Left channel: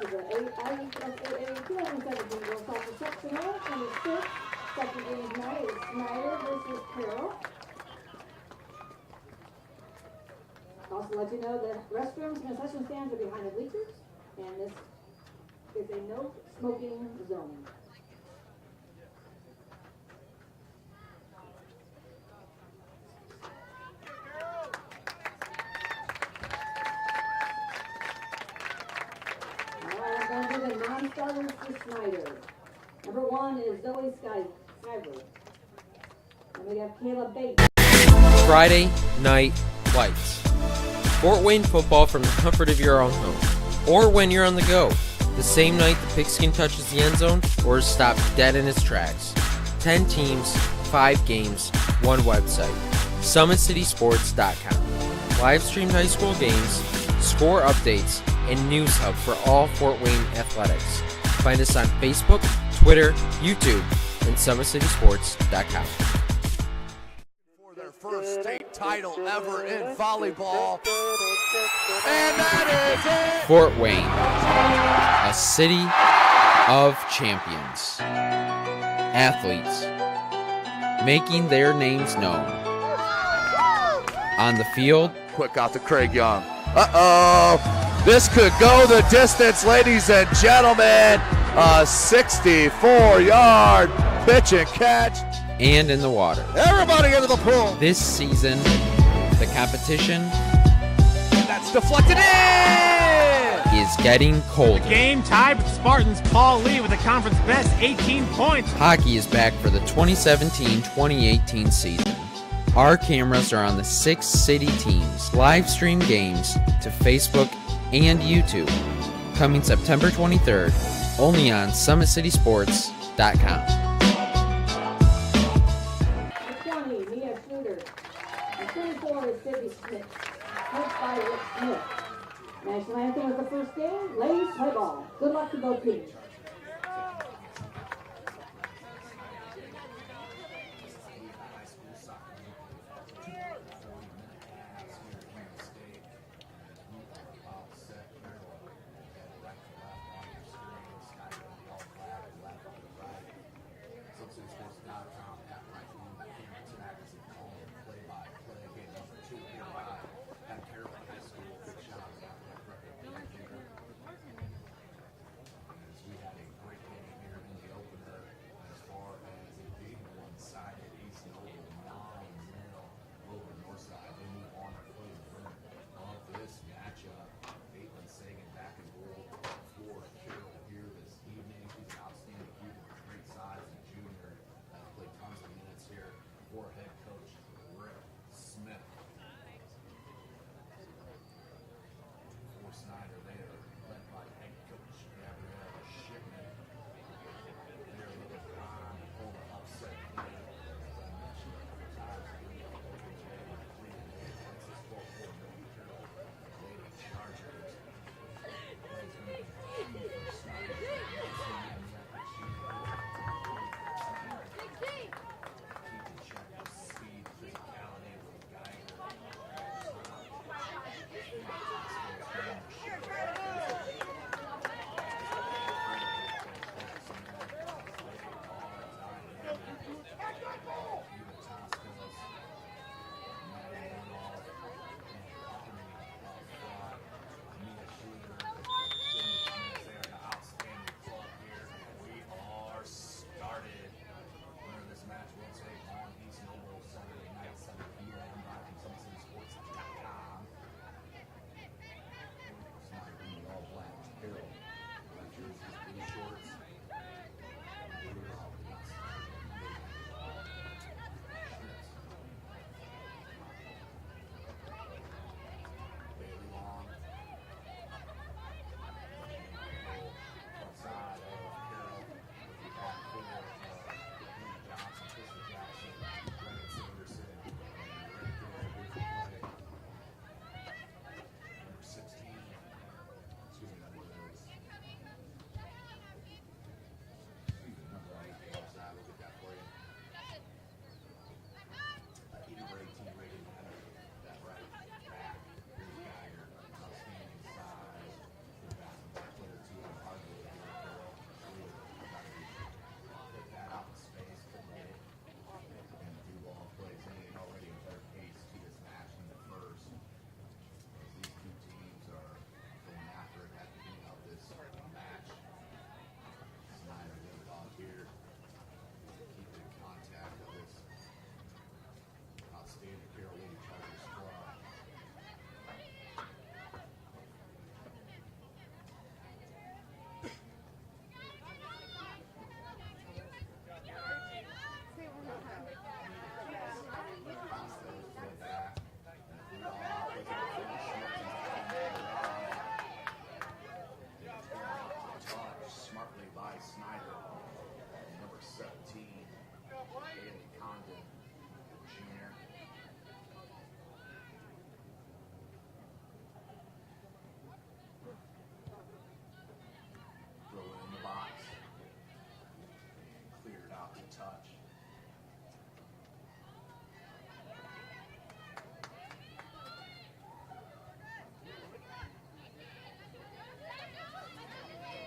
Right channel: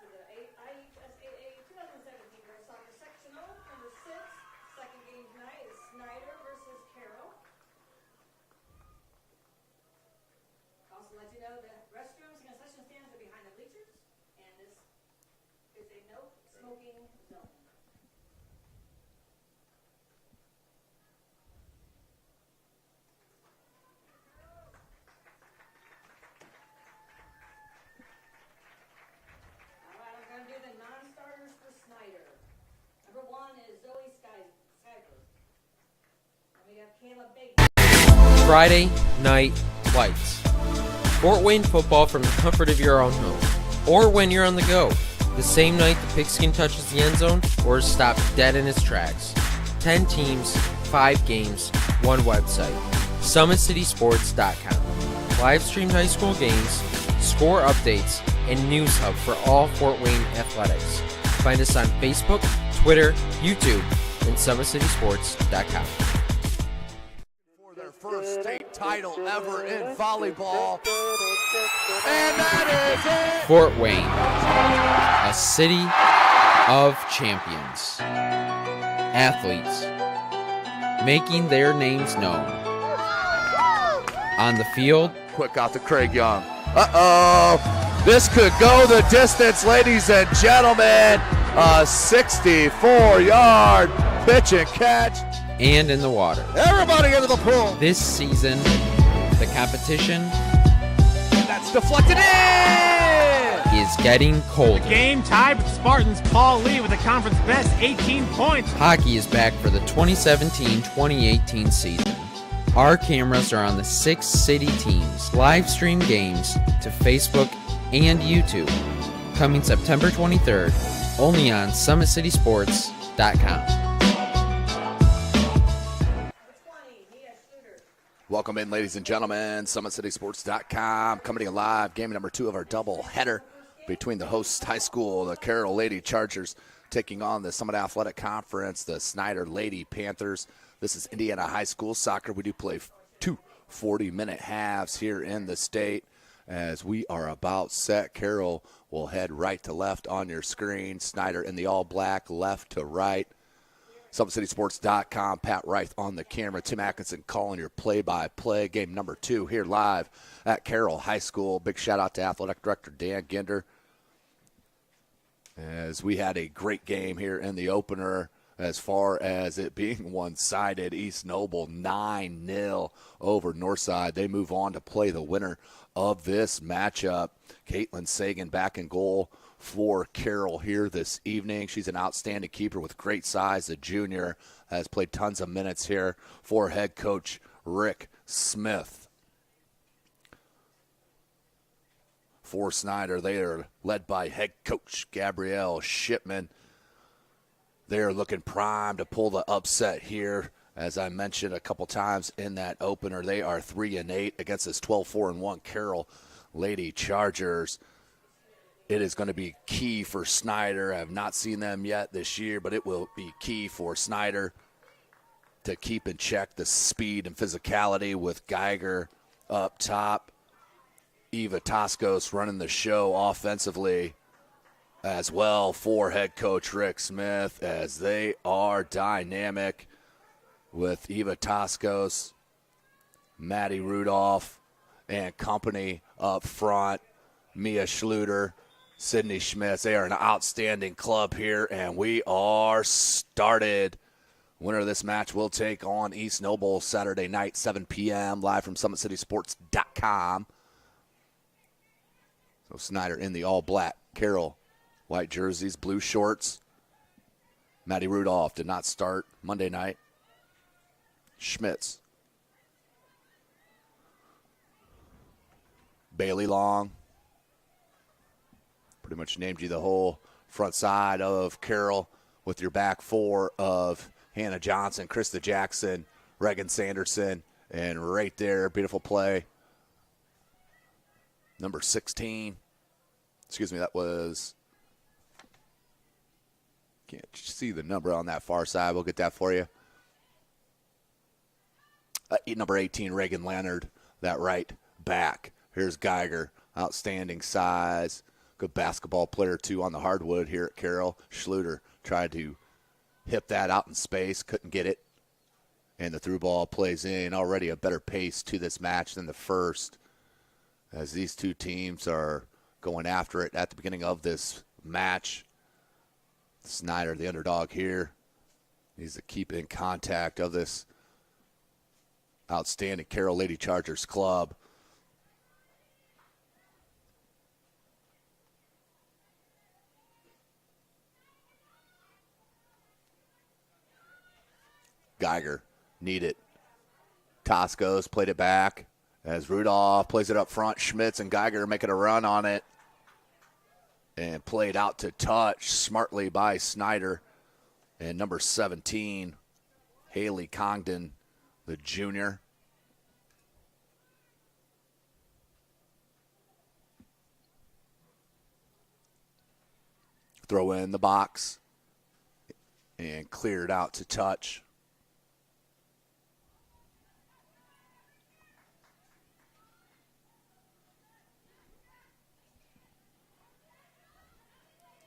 to the IHSAA 2017 Girls Soccer Sectional. Number 6, second game tonight is Snider versus Carroll. Also let you know that restrooms and concession stands are behind the bleachers, and this is a no smoking zone. I'm going to do the non-starters for Snider. Number 1 is Zoe Snider. And we have Kayla Bates. Friday Night Lights. Fort Wayne football from the comfort of your own home. Or when you're on the go. The same night the pigskin touches the end zone or is stopped dead in its tracks. 10 teams, 5 games, 1 website. SummitCitySports.com. Live streamed high school games, score updates, and news hub for all Fort Wayne athletics. Find us on Facebook, Twitter, YouTube, and SummitCitySports.com. For their first state title ever in volleyball. And that is it! Fort Wayne, a city of champions. Athletes making their names known. On the field, Quick out to Craig Young. Uh-oh! This could go the distance, ladies and gentlemen. A 64-yard pitch and catch. and in the water. Everybody into the pool. This season, the competition And that's deflected in. is getting colder. Game tied with Spartans Paul Lee with the conference best 18 points. Hockey is back for the 2017-2018 season. Our cameras are on the 6 city teams. Live stream games to Facebook and YouTube. Coming September 23rd, only on SummitCitySports.com. Welcome in, ladies and gentlemen. SummitCitySports.com coming to you live. Game number 2 of our double header between the host high school, the Carroll Lady Chargers, taking on the Summit Athletic Conference, the Snider Lady Panthers. This is Indiana High School soccer. We do play 2 40-minute halves here in the state. As we are about set, Carroll will head right to left on your screen. Snider in the all-black, left to right. SummitCitySports.com, Pat Reith on the camera. Tim Atkinson calling your play-by-play. Game number 2 here live at Carroll High School. Big shout-out to Athletic Director Dan Ginder, as we had a great game here in the opener as far as it being one-sided. East Noble 9-0 over Northside. They move on to play the winner of this matchup. Caitlin Sagan back in goal for Carroll here this evening. She's an outstanding keeper with great size. The junior has played tons of minutes here for head coach Rick Smith. For Snider, they are led by head coach Gabrielle Shipman. They are looking primed to pull the upset here. As I mentioned a couple times in that opener, they are 3-8 against this 12-4-1 Carroll Lady Chargers. It is going to be key for Snider. I have not seen them yet this year, but it will be key for Snider to keep in check the speed and physicality with Geiger up top. Eva Toscos running the show offensively as well for head coach Rick Smith, as they are dynamic with Eva Toscos, Maddie Rudolph, and company up front. Mia Schluter, Sydney Schmitz. They are an outstanding club here, and we are started. Winner of this match will take on East Noble Saturday night, 7 p.m., live from SummitCitySports.com. So Snider in the all-black. Carroll, white jerseys, blue shorts. Maddie Rudolph did not start Monday night. Schmitz. Bailey Long. Pretty much named you the whole front side of Carroll with your back 4 of Hannah Johnson, Krista Jackson, Reagan Sanderson, and right there, beautiful play. Number 16. Excuse me, that was, can't see the number on that far side. We'll get that for you. Number 18, Reagan Leonard, that right back. Here's Geiger, outstanding size, Good basketball player, too, on the hardwood here at Carroll. Schluter tried to hit that out in space, couldn't get it. And the through ball plays in. Already a better pace to this match than the first, as these two teams are going after it at the beginning of this match. Snider, the underdog here, needs to keep in contact of this outstanding Carroll Lady Chargers club. Geiger, need it. Toscos played it back as Rudolph plays it up front. Schmitz and Geiger making a run on it. And played out to touch smartly by Snider. And number 17, Haley Congdon, the junior. Throw in the box. And cleared out to touch.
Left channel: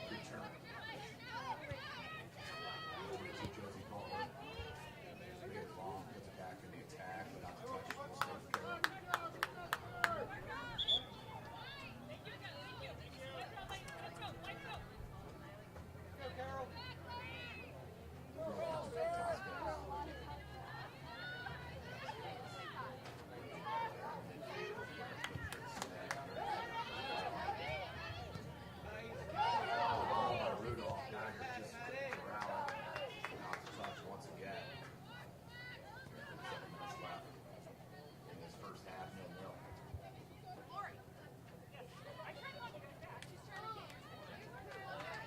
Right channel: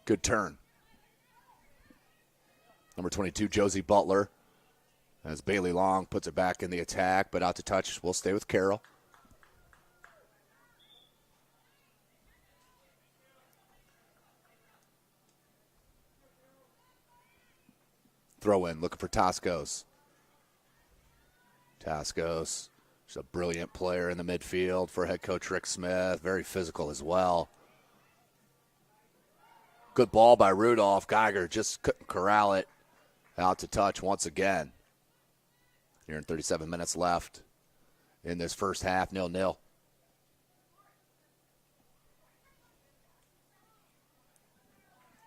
Good turn. Number 22, Josie Butler, as Bailey Long puts it back in the attack, but out to touch. We'll stay with Carroll. Throw in, looking for Toscos. Toscos is a brilliant player in the midfield for head coach Rick Smith. Very physical as well. Good ball by Rudolph. Geiger just couldn't corral it. Out to touch once again. Here in 37 minutes left in this first half, 0-0.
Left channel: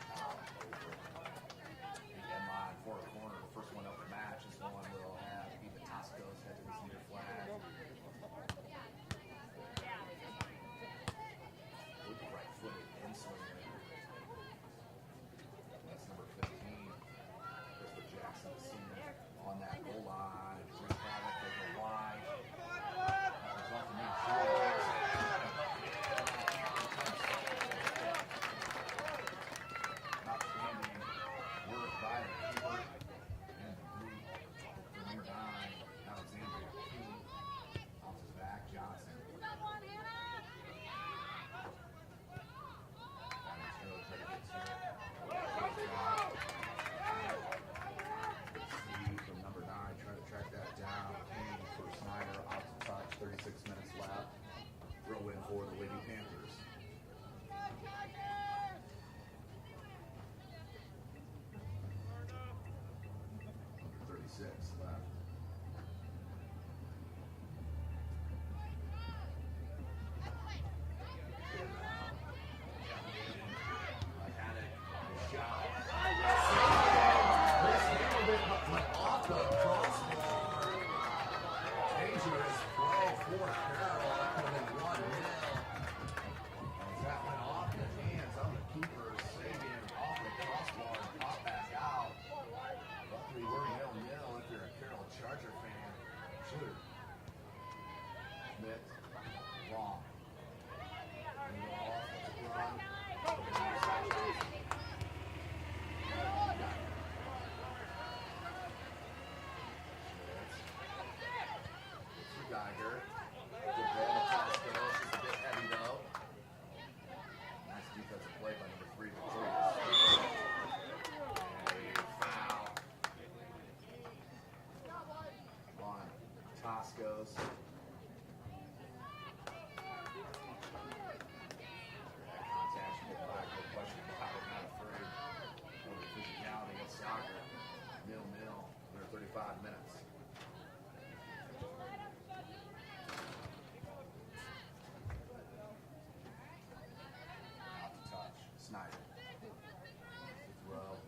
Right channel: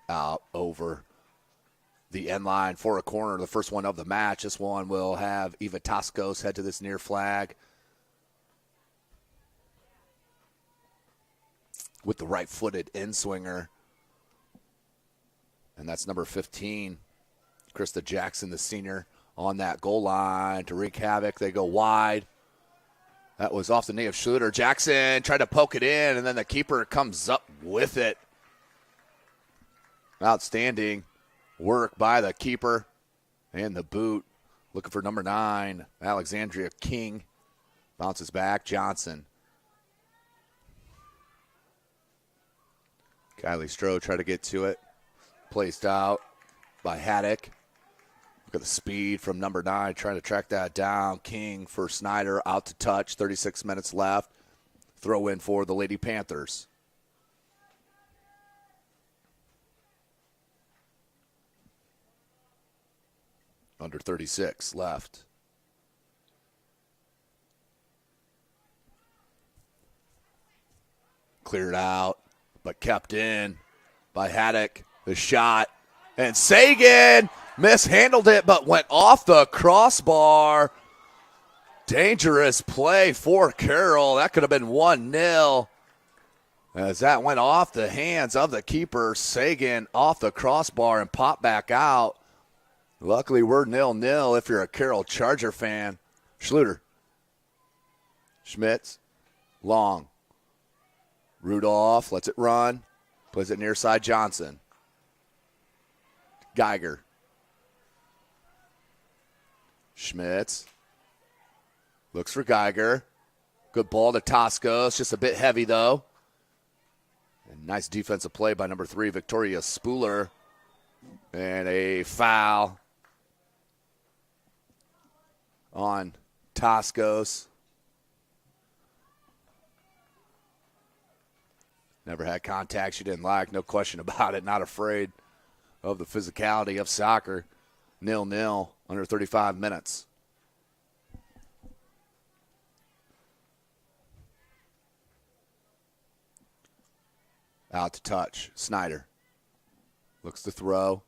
Out over the end line for a corner, the first one of the match. This one will have Eva Toscos head to this near flag with the right-footed in-swinger. And that's number 15, Krista Jackson, the senior, on that goal line to wreak havoc. They go wide. That was off the knee of Schluter. Jackson tried to poke it in, and then the keeper comes up with it. Outstanding work by the keeper. And the boot, looking for number 9, Alexandria King. Bounces back, Johnson. Kylie Stroh tried to get to it. Placed out by Haddock. Got the speed from number 9, trying to track that down. King for Snider, out to touch, 36 minutes left. Throw in for the Lady Panthers. Under 36 left. Cleared out, but kept in by Haddock. The shot, and Sagan mishandled it, but went off the crossbar. Dangerous play for Carroll. That could have been 1-0. As that went off the hands of the keeper, Sagan off the crossbar and popped back out. Luckily, we're 0-0 if you're a Carroll Charger fan. Schluter. Schmitz. Long. Rudolph lets it run. Puts it near side Johnson. Geiger. Schmitz. Looks for Geiger. Good ball to Toscos. Just a bit heavy, though. Nice defensive play by number 3, Victoria Spooler. And a foul on Toscos. Never had contact she didn't like, no question about it. Not afraid of the physicality of soccer. 0-0, under 35 minutes. Out to touch, Snider. Looks to throw.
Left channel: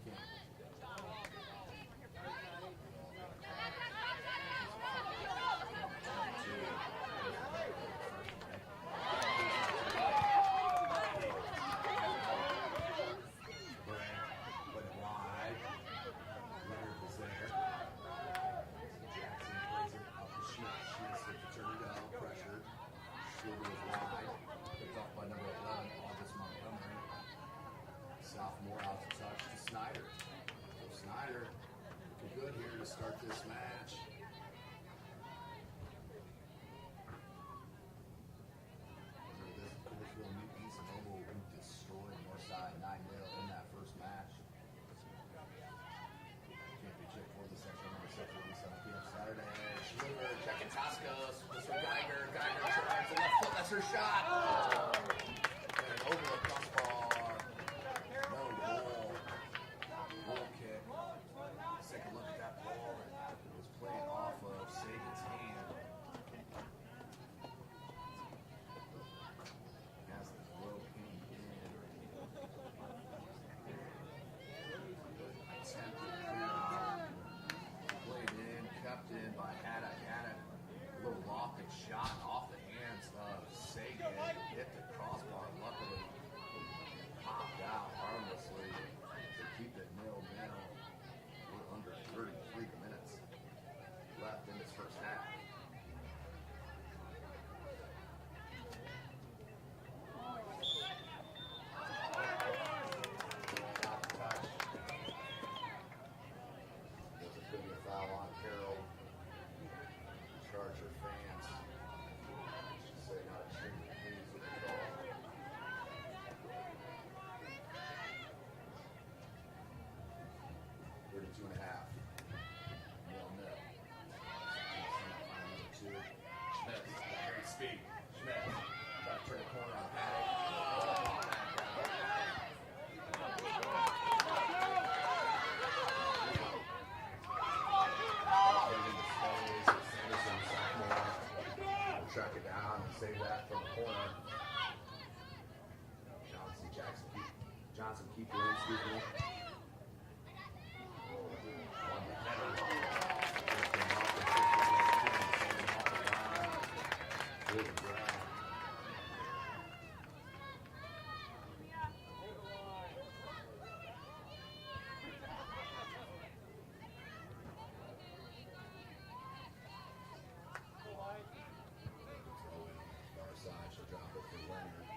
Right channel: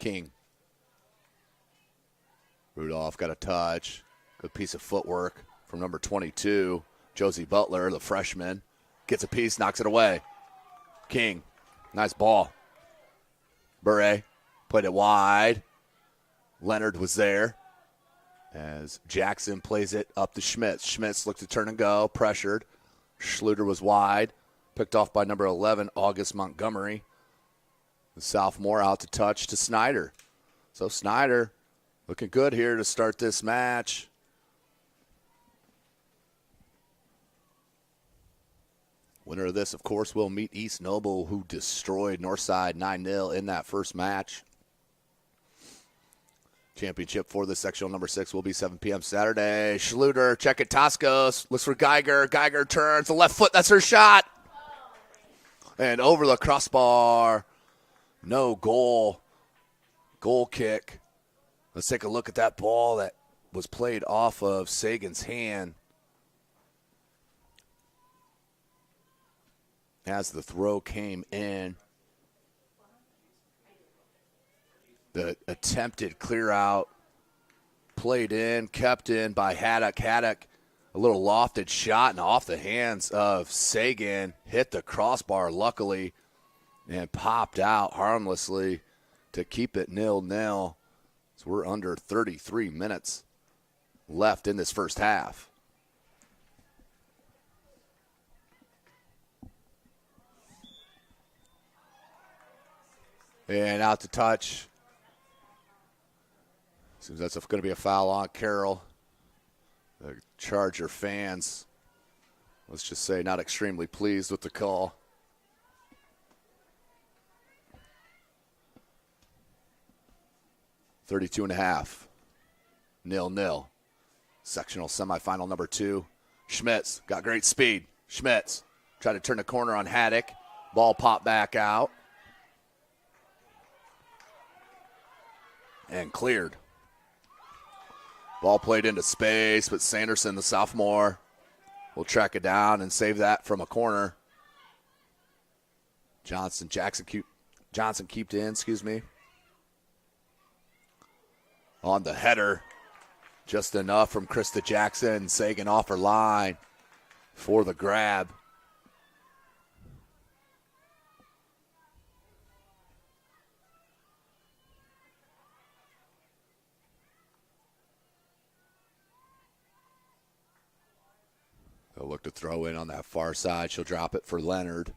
King. Rudolph got a touch. Good piece of footwork from number 22, Josie Butler, the freshman. Gets a piece, knocks it away. King, nice ball. Bure played it wide. Leonard was there as Jackson plays it up to Schmitz. Schmitz looked to turn and go, pressured. Schluter was wide. Picked off by number 11, August Montgomery. The sophomore out to touch to Snider. So Snider looking good here to start this match. Winner of this, of course, will meet East Noble, who destroyed Northside 9-0 in that first match. Championship for the sectional number 6 will be 7 p.m. Saturday. Schluter, check it, Toscos, looks for Geiger. Geiger turns, the left foot, that's her shot. And over the crossbar, no goal. Goal kick. Let's take a look at that ball that was played off of Sagan's hand. As the throw came in, the attempted clear out, played in, kept in by Haddock. Haddock, a little lofted shot and off the hands of Sagan, hit the crossbar luckily and popped out harmlessly to keep it 0-0. So we're under 33 minutes left in this first half. And out to touch. Seems that's going to be a foul on Carroll. The Charger fans, let's just say, not extremely pleased with the call. .32.5, 0-0. Sectional semifinal number 2. Schmitz got great speed. Schmitz tried to turn the corner on Haddock. Ball popped back out. And cleared. Ball played into space, but Sanderson, the sophomore, will track it down and save that from a corner. Johnson keeped in, excuse me. On the header, just enough from Krista Jackson. Sagan off her line for the grab. They'll look to throw in on that far side. She'll drop it for Leonard.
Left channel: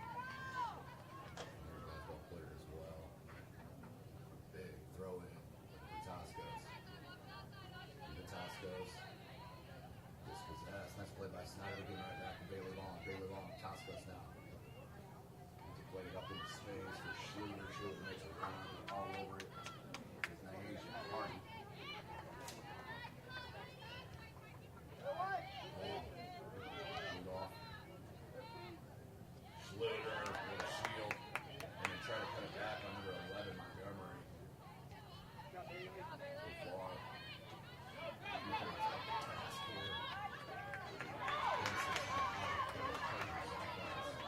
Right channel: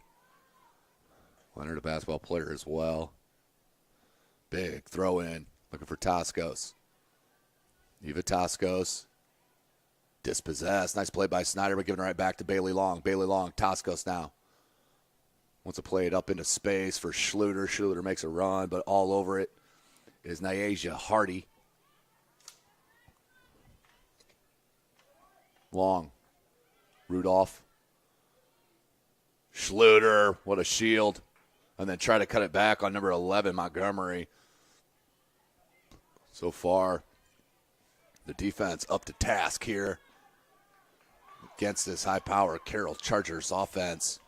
Leonard, a basketball player as well. Big throw in, looking for Toscos. Eva Toscos, dispossessed. Nice play by Snider, but giving it right back to Bailey Long. Bailey Long, Toscos now. Wants to play it up into space for Schluter. Schluter makes a run, but all over it is Nyasia Hardy. Long. Rudolph. Schluter, what a shield. And then try to cut it back on number 11, Montgomery. So far, the defense up to task here against this high-powered Carroll Chargers offense.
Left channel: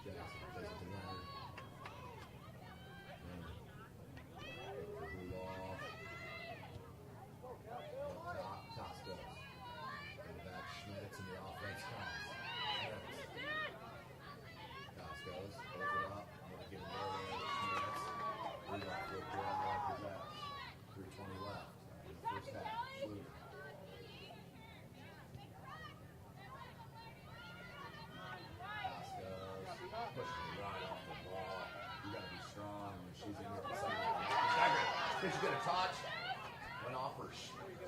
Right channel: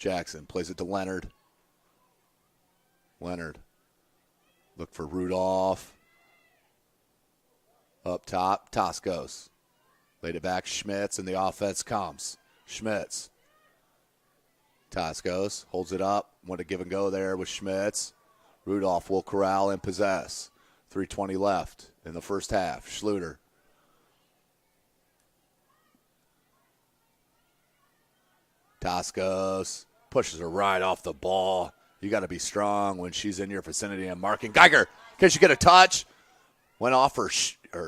Jackson plays it to Leonard. Leonard, look for Rudolph. Up top, Toscos. Laid it back, Schmitz, and the offense comes. Schmitz. Toscos holds it up. Want to give and go there with Schmitz. Rudolph will corral and possess. 3:20 left in the first half. Schluter. Toscos pushes her right off the ball. You got to be strong when she's in your vicinity and marking. Geiger, can she get a touch? Went off her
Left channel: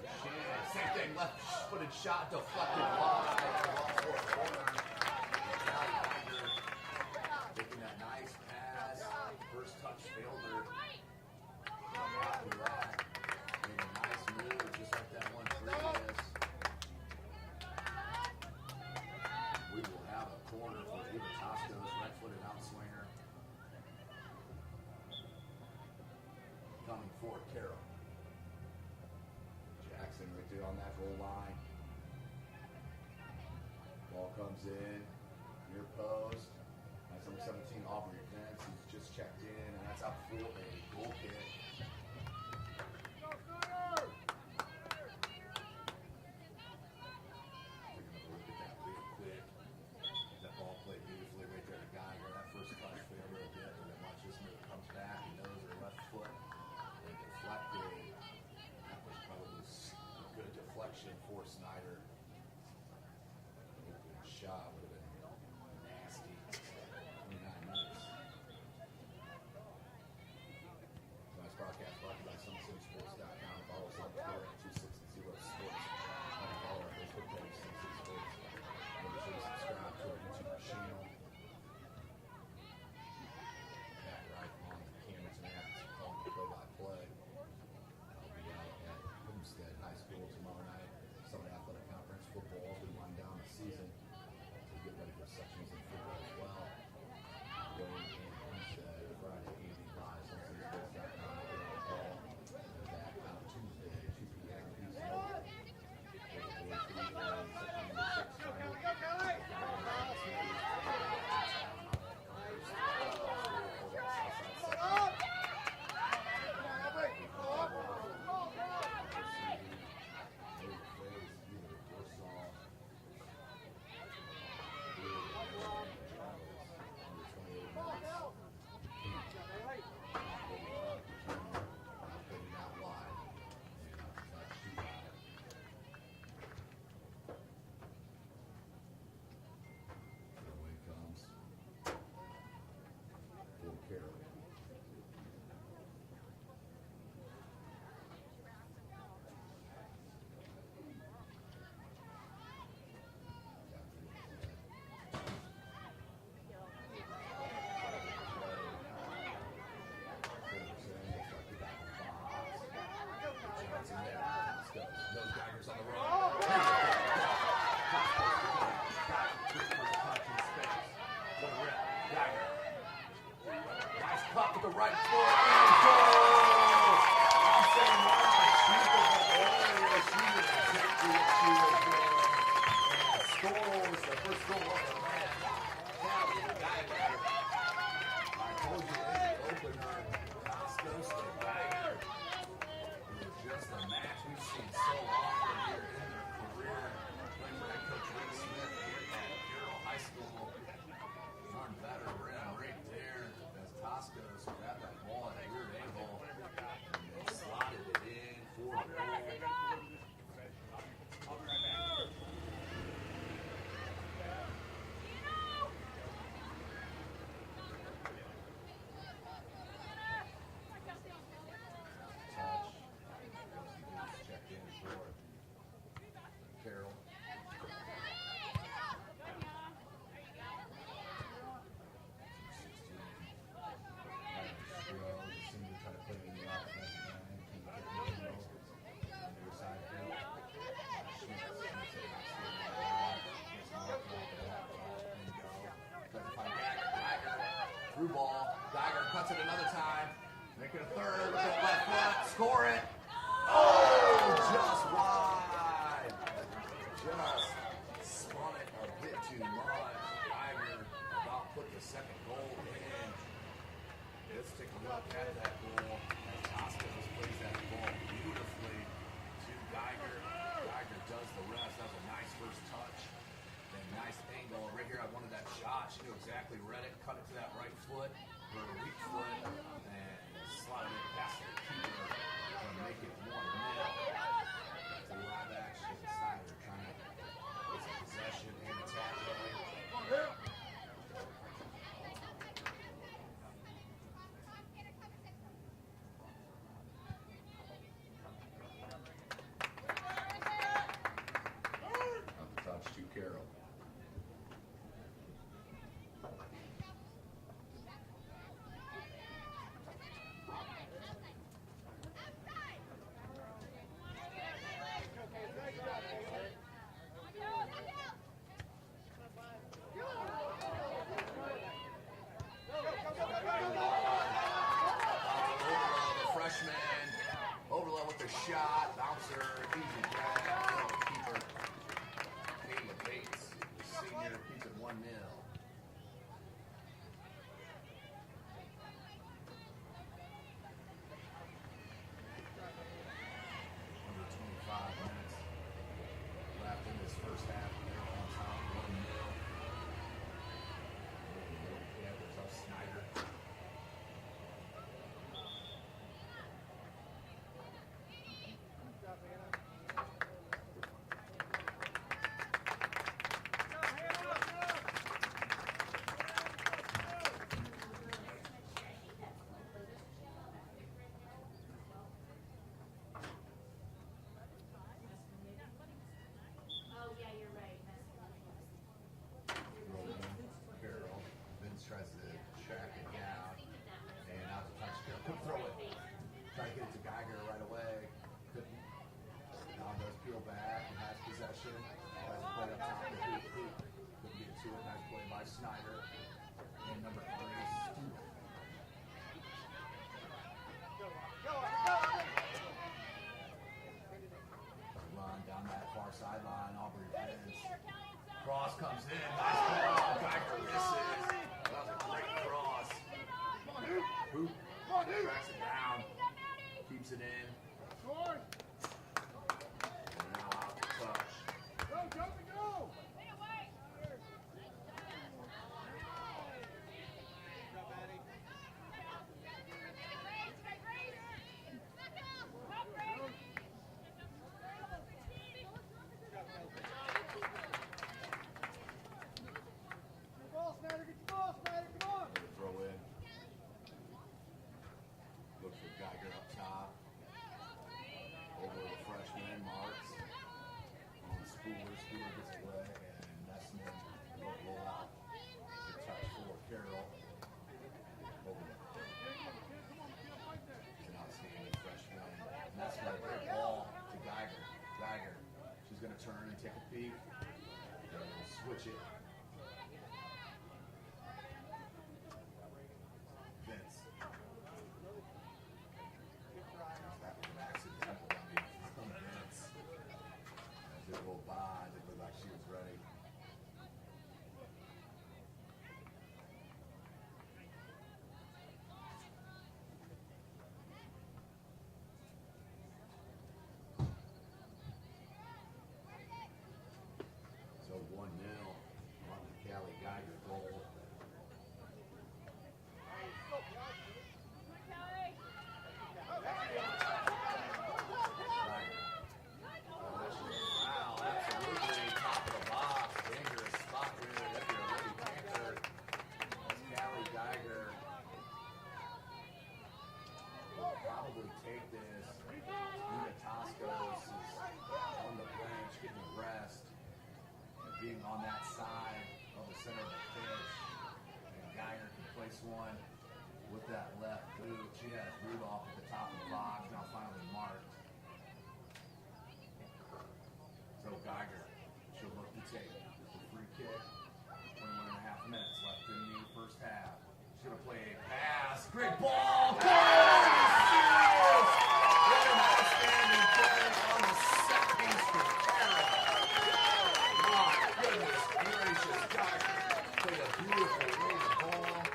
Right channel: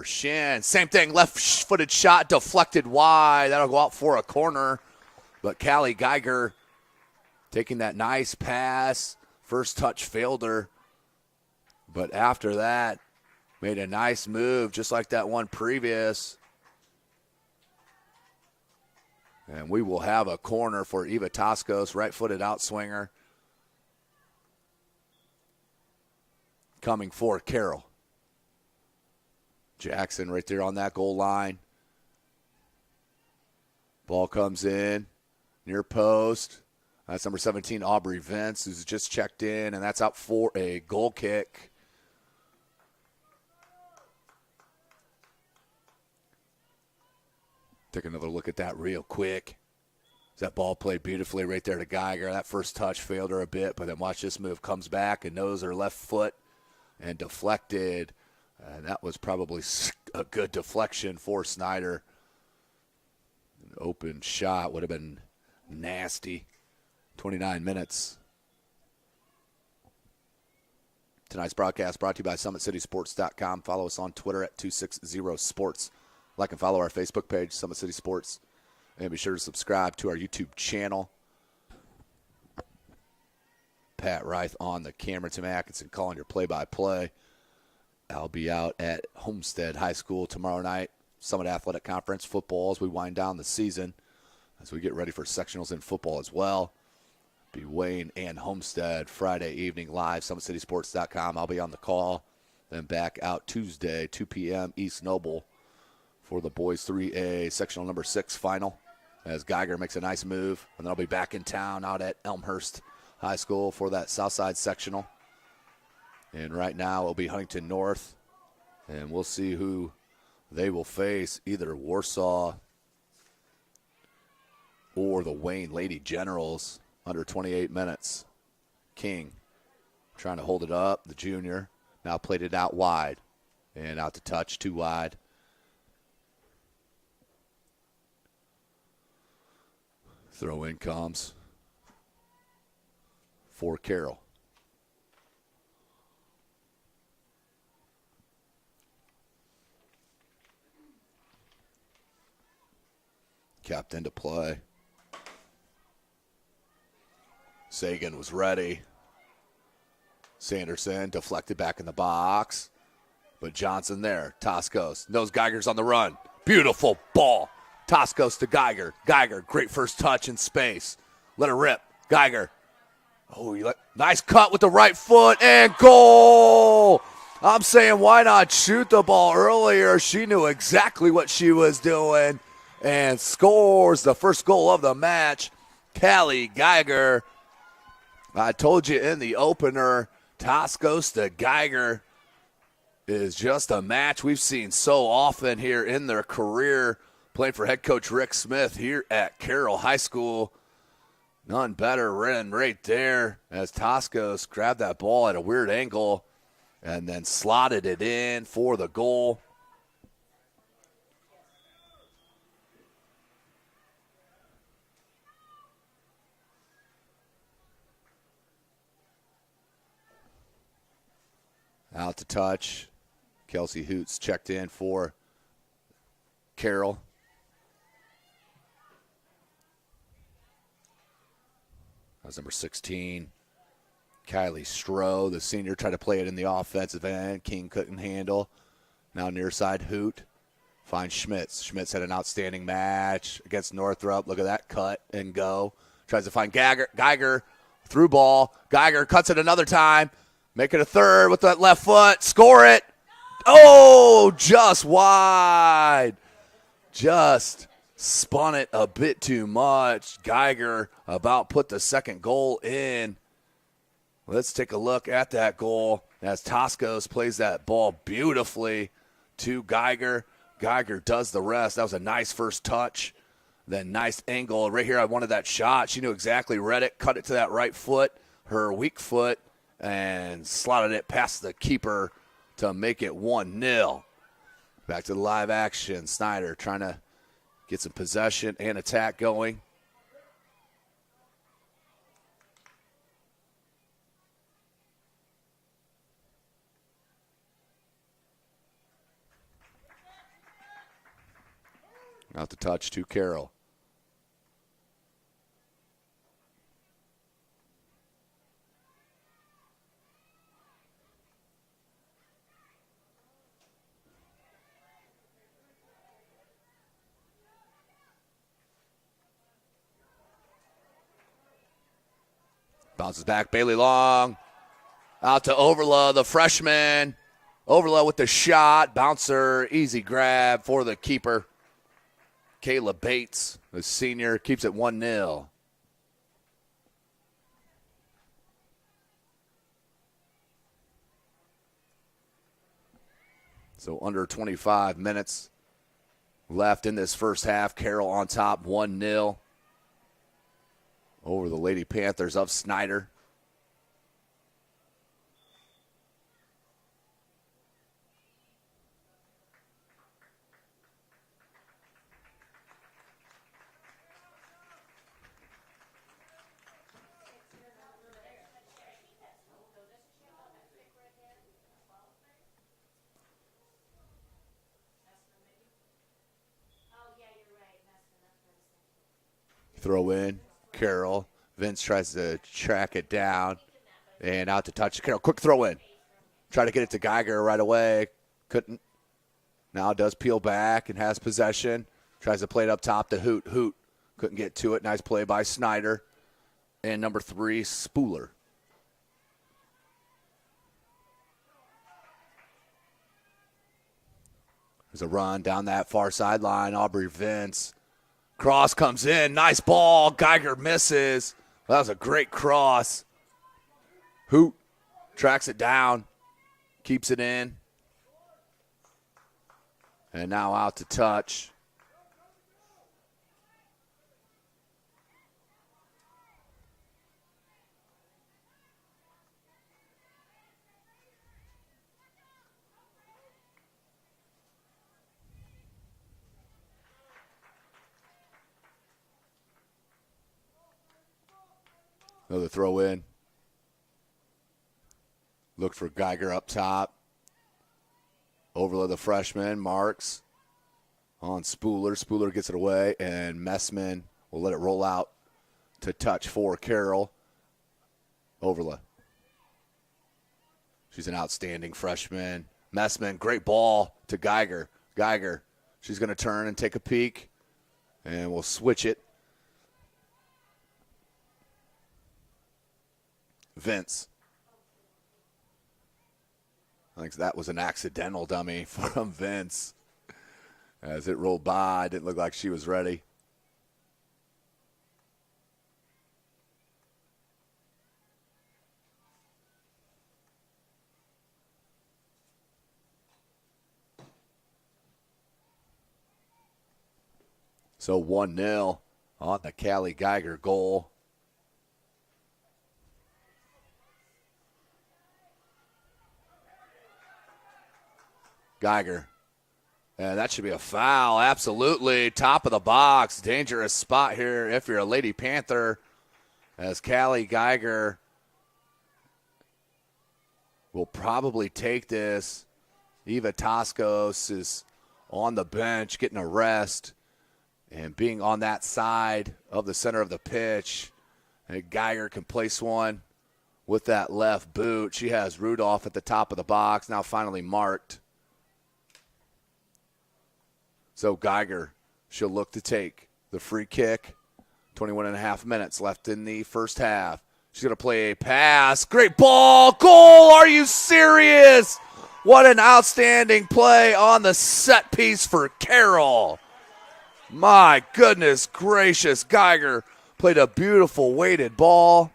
shin. Same thing, left-footed shot deflected wide. That'll go out for a corner. But Callie Geiger taking that nice pass. First touch failed her. But after that, made a nice move, just like that one previous. And we will have a corner for Eva Toscos, right-footed outswinger. Coming for Carroll. Jackson right there on that goal line. Ball comes in, near post. That's number 17, Aubrey Vince, who's just checked in, and that's out for a goal kick. Take another look at that real quick. That ball played beautifully right there to Geiger. That first touch failed her a bit, but then watch this move. Comes back and knows her left foot and deflected. And that was probably a good deflection for Snider. Open shot would have been nasty. 29 minutes. Tonight's broadcast brought to you by SummitCitySports.com. Follow us on Twitter at 260sports. Like and follow our Facebook page, Summit City Sports. And be sure to subscribe to our YouTube channel. Pat Reith on the camera. Tim Atkinson calling your play-by-play. I'll be out at Homestead High School tomorrow night. Summit Athletic Conference football as we wind down the season. As we get ready for sectionals in football as well. Be Wayne and Homestead Friday evening live, SummitCitySports.com. I'll be on the call. Then back out Tuesday, 2 p.m. East Noble for the boys 3A sectional number 6 final. As Geiger makes a nice move. And I'll be back in town out at Elmhurst High School for that Southside sectional. And right now it'll be Huntington North. And we'll see who they will face, either Warsaw or the Wayne Lady Generals under 28 minutes. King trying to hold it up, the junior. Now played it out wide. And out to touch, too wide. Throw in comes for Carroll. Kept into play. Sagan was ready. Sanderson deflected back in the box. But Johnson there. Toscos knows Geiger's on the run. Beautiful ball. Toscos to Geiger. Geiger, great first touch in space. Let her rip. Geiger. Oh, nice cut with the right foot and goal. I'm saying why not shoot the ball earlier? She knew exactly what she was doing and scores the first goal of the match. Callie Geiger. I told you in the opener, Toscos to Geiger is just a match we've seen so often here in their career. Playing for head coach Rick Smith here at Carroll High School. None better than right there as Toscos grabbed that ball at a weird angle and then slotted it in for the goal. Out to touch. Kelsey Hoots checked in for Carroll. That's number 16. Kylie Stroh, the senior, tried to play it in the offensive end. King couldn't handle. Now near side Hoot. Finds Schmitz. Schmitz had an outstanding match against Northrop. Look at that cut and go. Tries to find Geiger. Through ball. Geiger cuts it another time. Make it a third with that left foot. Score it. Oh, just wide. Just spun it a bit too much. Geiger about put the second goal in. Let's take a look at that goal as Toscos plays that ball beautifully to Geiger. Geiger does the rest. That was a nice first touch. Then nice angle. Right here I wanted that shot. She knew exactly, read it, cut it to that right foot, her weak foot, and slotted it past the keeper to make it 1-0. Back to the live action. Snider trying to get some possession and attack going. Out the touch to Carroll. Bounces back, Bailey Long. Out to Overla, the freshman. Overla with the shot. Bouncer, easy grab for the keeper. Kayla Bates, the senior, keeps it 1-0. So under 25 minutes left in this first half. Carroll on top, 1-0 over the Lady Panthers of Snider. Throw in, Carroll. Vince tries to track it down and out to touch. Carroll, quick throw in. Try to get it to Geiger right away. Couldn't. Now does peel back and has possession. Tries to play it up top to Hoot. Hoot couldn't get to it. Nice play by Snider. And number 3, Spooler. There's a run down that far sideline. Aubrey Vince. Cross comes in. Nice ball. Geiger misses. That was a great cross. Hoot tracks it down. Keeps it in. And now out to touch. Another throw in. Look for Geiger up top. Overload the freshman, marks on Spooler. Spooler gets it away, and Messman will let it roll out to touch for Carroll. Overload. She's an outstanding freshman. Messman, great ball to Geiger. Geiger, she's going to turn and take a peek, and we'll switch it. Vince. I think that was an accidental dummy from Vince. As it rolled by, didn't look like she was ready. So 1-0 on the Callie Geiger goal. Geiger. And that should be a foul, absolutely. Top of the box, dangerous spot here if you're a Lady Panther, as Callie Geiger will probably take this. Eva Toscos is on the bench getting a rest, and being on that side of the center of the pitch, and Geiger can place one with that left boot. She has Rudolph at the top of the box, now finally marked. So Geiger, she'll look to take the free kick. 21 and a half minutes left in the first half. She's going to play a pass. Great ball. Goal. Are you serious? What an outstanding play on the set piece for Carroll. My goodness gracious. Geiger played a beautiful weighted ball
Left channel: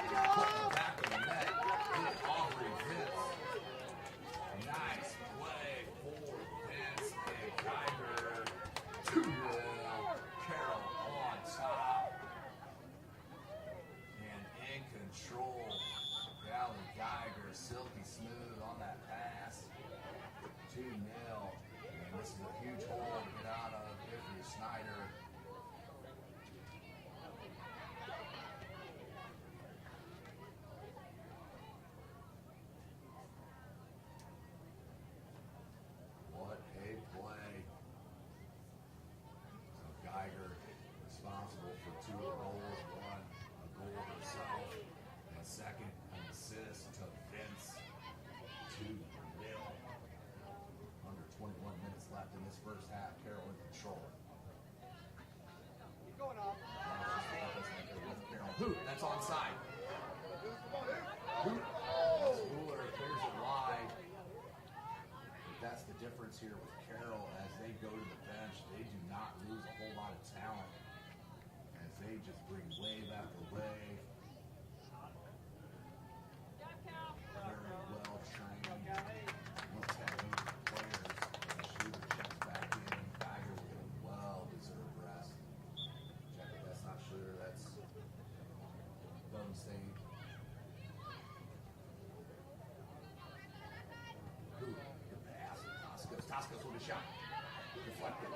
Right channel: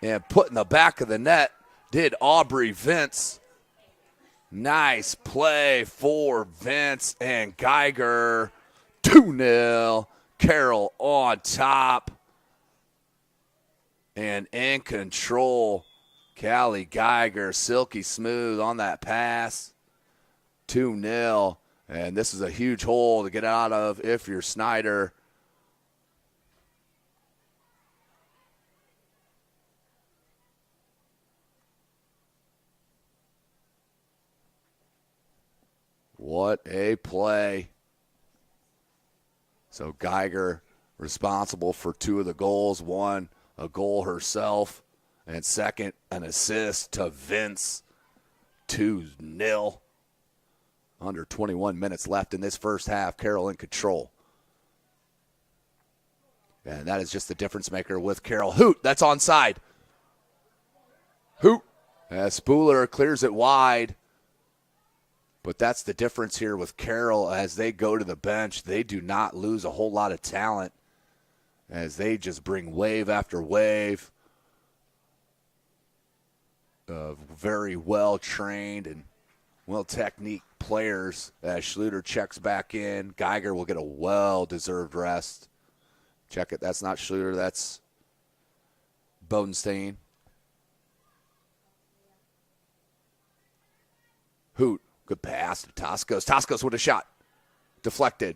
and put in the back of the net did Aubrey Vince. Nice play for Vince and Geiger. 2-0. Carroll on top. And in control. Callie Geiger, silky smooth on that pass. 2-0. And this is a huge hole to get out of if you're Snider. What a play. So Geiger responsible for 2 of the goals. 1, a goal herself. And second, an assist to Vince. 2-0. Under 21 minutes left in this first half. Carroll in control. And that is just the difference maker with Carroll. Hoot, that's onside. Hoot. As Spooler clears it wide. But that's the difference here with Carroll. As they go to the bench, they do not lose a whole lot of talent, as they just bring wave after wave of very well-trained and well-techniqued players. As Schluter checks back in, Geiger will get a well-deserved rest. Check it, that's not Schluter, that's Bodenstein. Hoot. Good pass to Toscos. Toscos with a shot. Deflected.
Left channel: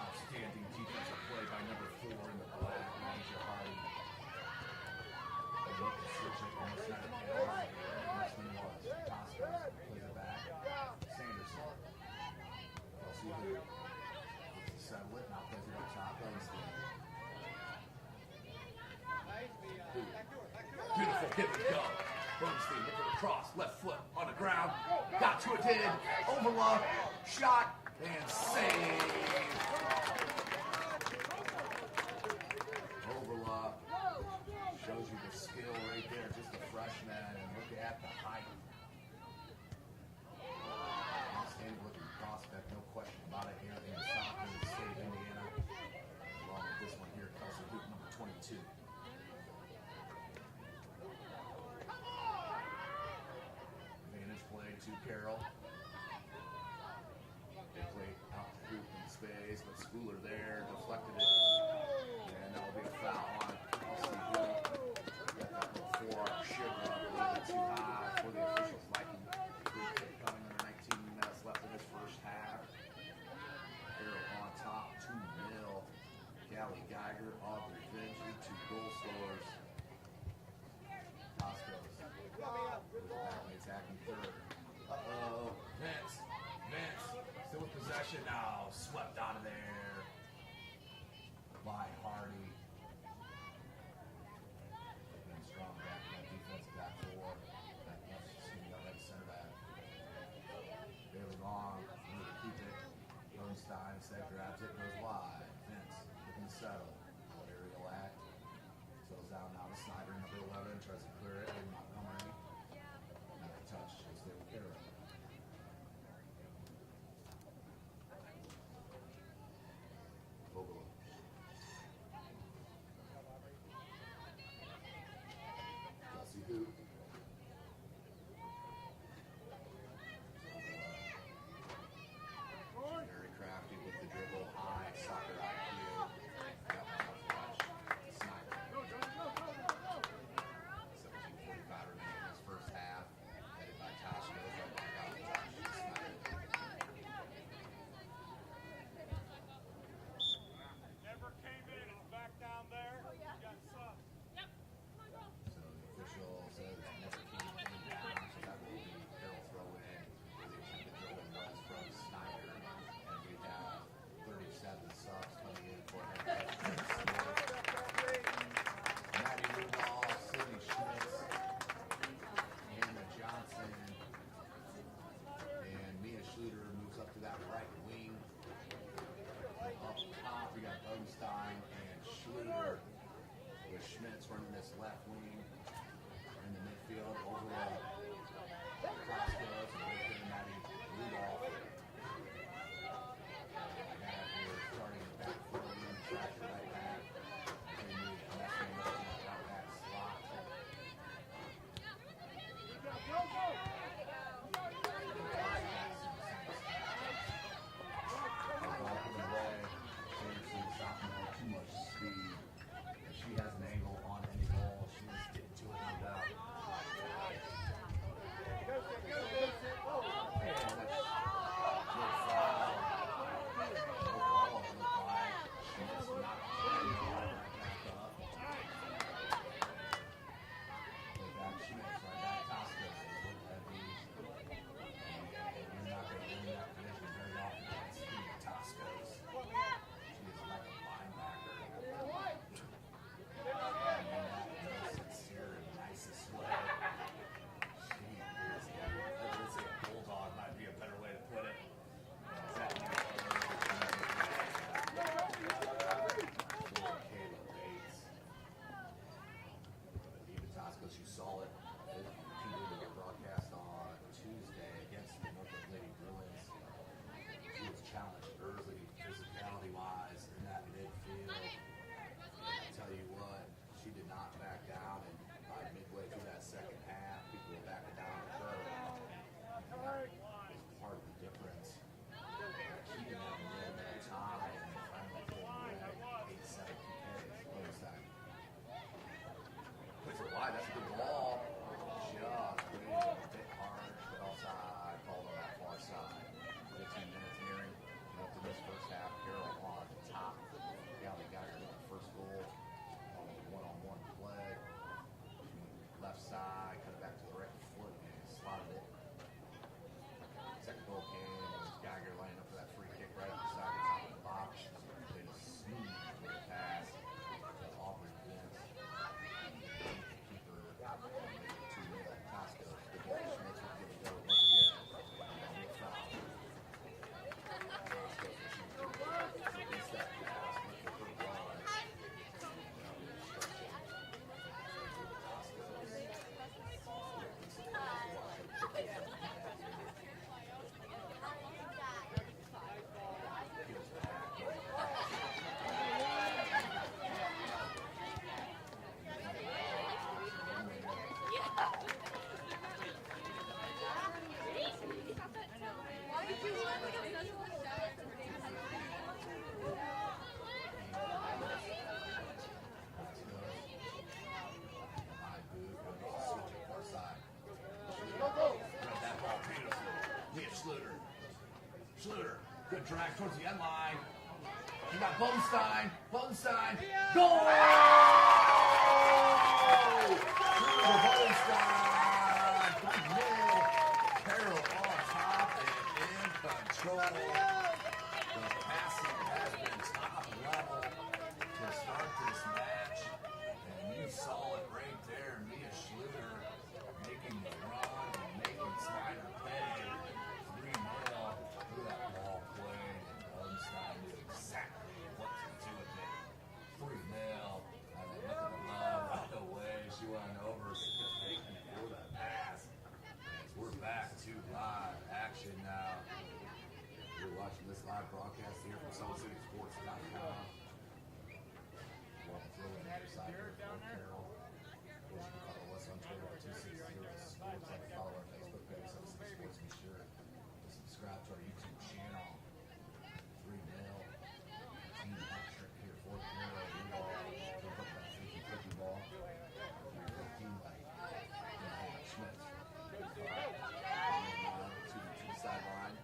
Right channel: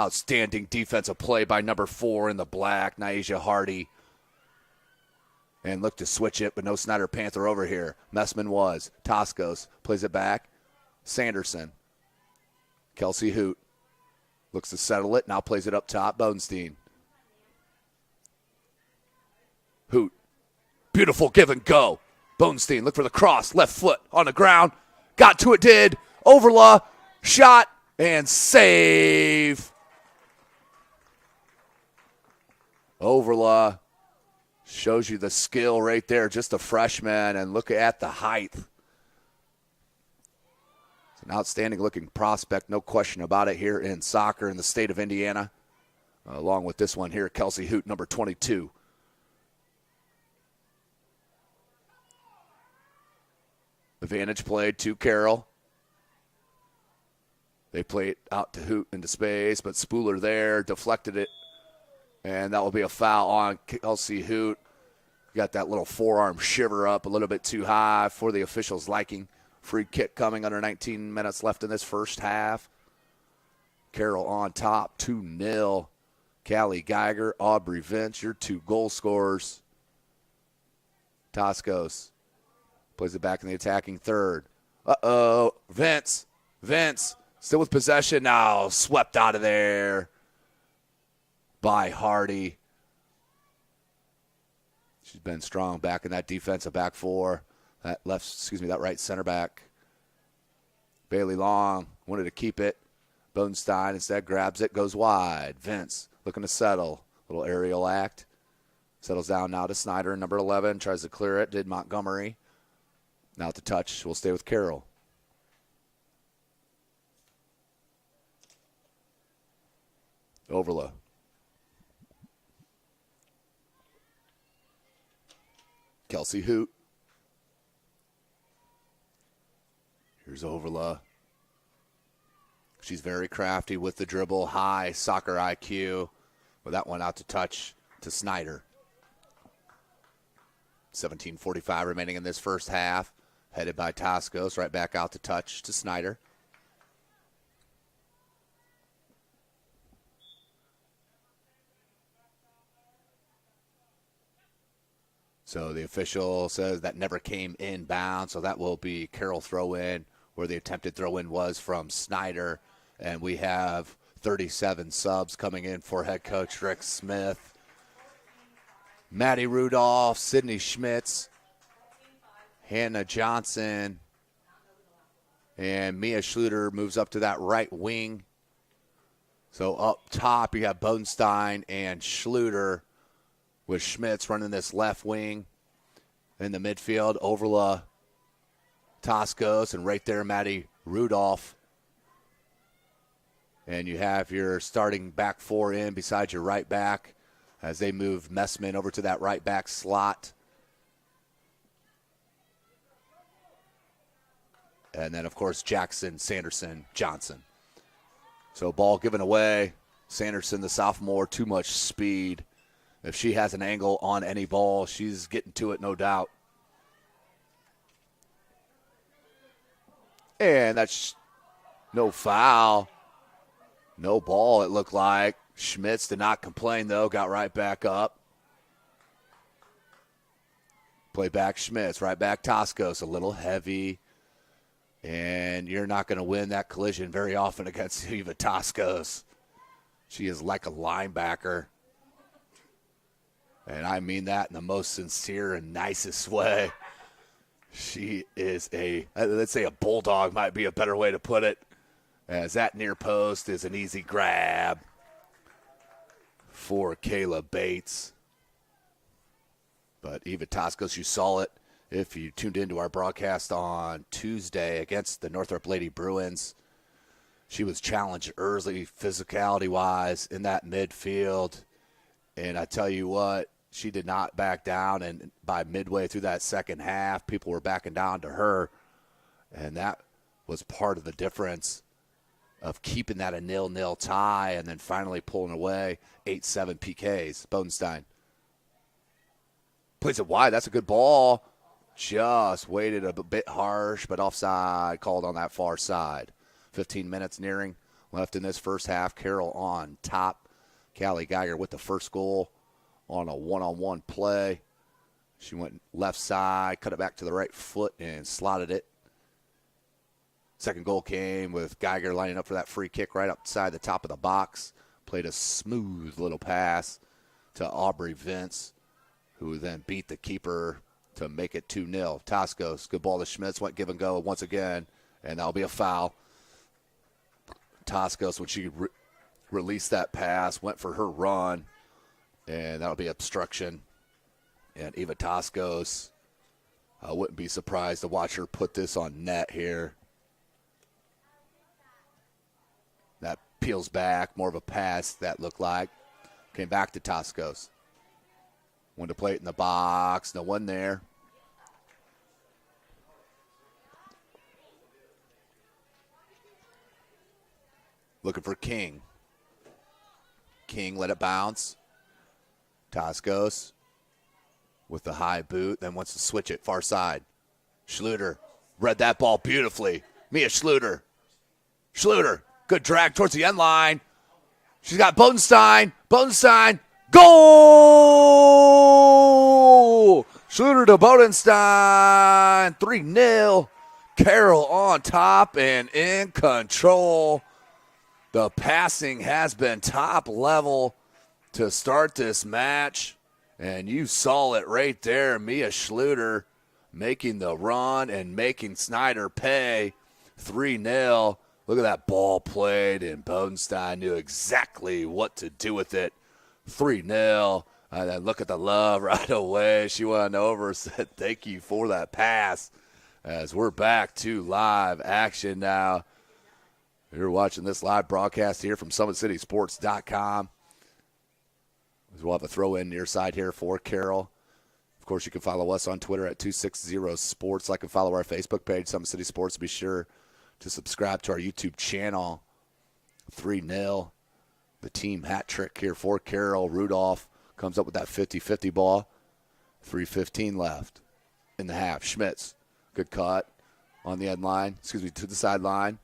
Outstanding defensive play by number 4 in the black, Naisha Hardy. And look to switch it, but no Snider Panther over here. Messman was. Toscos plays it back. Sanderson. Kelsey Hoot looks to settle it. Now plays it up top. Bodenstein. Hoot. Beautiful give and go. Bonestein, look for the cross. Left foot on the ground. Got to it, did. Overlaw. Shot and save. Overlaw shows you the skill right there. Just a freshman, and look at the height. An outstanding looking prospect, no question about it, here in soccer in the state of Indiana. Along with this one here, Kelsey Hoot, number 22. Advantage play to Carroll. They play it out to Hoot into space, but Spooler there deflected it. And that will be a foul on Kelsey Hoot. Got that little forearm shiver up a little bit too high for the officials' liking. Free kick coming under 19 minutes left in this first half. Carroll on top, 2-0. Callie Geiger, Aubrey Vince, your 2 goal scorers. Toscos plays it back in the attacking third. Uh-oh, Vince still with possession now, swept out of there by Hardy. She's been strong back in that defensive back four. That right center back. Bailey Long wanted to keep it. Bonestein instead grabs it, goes wide. Vince looking to settle. Little aerial act. Settles down now to Snider, number 11. Tries to clear it, did Montgomery. Now to touch, we'll stay with Carroll. Overla. Kelsey Hoot. Here's Overla. She's very crafty with the dribble, high soccer IQ. With that one out to touch to Snider. 17:45 remaining in this first half. Headed by Toscos, right back out to touch to Snider. So the official says that never came inbound, so that will be Carroll throw-in, where the attempted throw-in was from Snider. And we have 37 subs coming in for head coach Rick Smith. Maddie Rudolph, Sydney Schmitz, Hannah Johnson, and Mia Schluter moves up to that right wing. So up top you have Bonestein and Schluter, with Schmitz running this left wing. In the midfield, Overla, Toscos, and right there Maddie Rudolph. And you have your starting back four in beside your right back as they move Messman over to that right back slot. And then, of course, Jackson, Sanderson, Johnson. So ball given away. Sanderson, the sophomore, too much speed. If she has an angle on any ball, she's getting to it, no doubt. And that's no foul. No ball, it looked like. Schmitz did not complain, though. Got right back up. Play back Schmitz. Right back Toscos. A little heavy. And you're not going to win that collision very often against Eva Toscos. She is like a linebacker. And I mean that in the most sincere and nicest way. She is let's say a bulldog might be a better way to put it. As that near post is an easy grab for Kayla Bates. But Eva Toscos, you saw it if you tuned into our broadcast on Tuesday against the Northrop Lady Bruins. She was challenged early physicality-wise in that midfield. And I tell you what, she did not back down, and by midway through that second half, people were backing down to her. And that was part of the difference of keeping that a 0-0 tie and then finally pulling away 8-7 PKs. Bonestein plays it wide. That's a good ball. Just waited a bit harsh, but offside called on that far side. 15 minutes nearing left in this first half. Carroll on top. Callie Geiger with the first goal on a one-on-one play. She went left side, cut it back to the right foot, and slotted it. Second goal came with Geiger lining up for that free kick right outside the top of the box. Played a smooth little pass to Aubrey Vince. who then beat the keeper to make it 2-0. Toscos, good ball to Schmitz, went give and go once again, and that'll be a foul. Toscos, when she released that pass, went for her run, and that'll be obstruction. And Eva Toscos, I wouldn't be surprised to watch her put this on net here. That peels back, more of a pass that looked like. Came back to Toscos. Went to play it in the box, no one there. Looking for King. King let it bounce. Toscos with the high boot, then wants to switch it far side. Schluter read that ball beautifully. Mia Schluter. Schluter, good drag towards the end line. She's got Bodenstein. Bodenstein, goal! Schluter to Bodenstein, 3-0. Carroll on top and in control. The passing has been top level to start this match. And you saw it right there. Mia Schluter making the run and making Snider pay. 3-0. Look at that ball played, and Bodenstein knew exactly what to do with it. 3-0. And then look at the love right away. She went over, said thank you for that pass. As we're back to live action now. You're watching this live broadcast here from SummitCitySports.com. We'll have a throw in near side here for Carroll. Of course, you can follow us on Twitter at 260sports. Like and follow our Facebook page, Summit City Sports. Be sure to subscribe to our YouTube channel. 3-0. The team hat trick here for Carroll. Rudolph comes up with that 50-50 ball. 3:15 left in the half. Schmitz, good cut on the end line. To the sideline.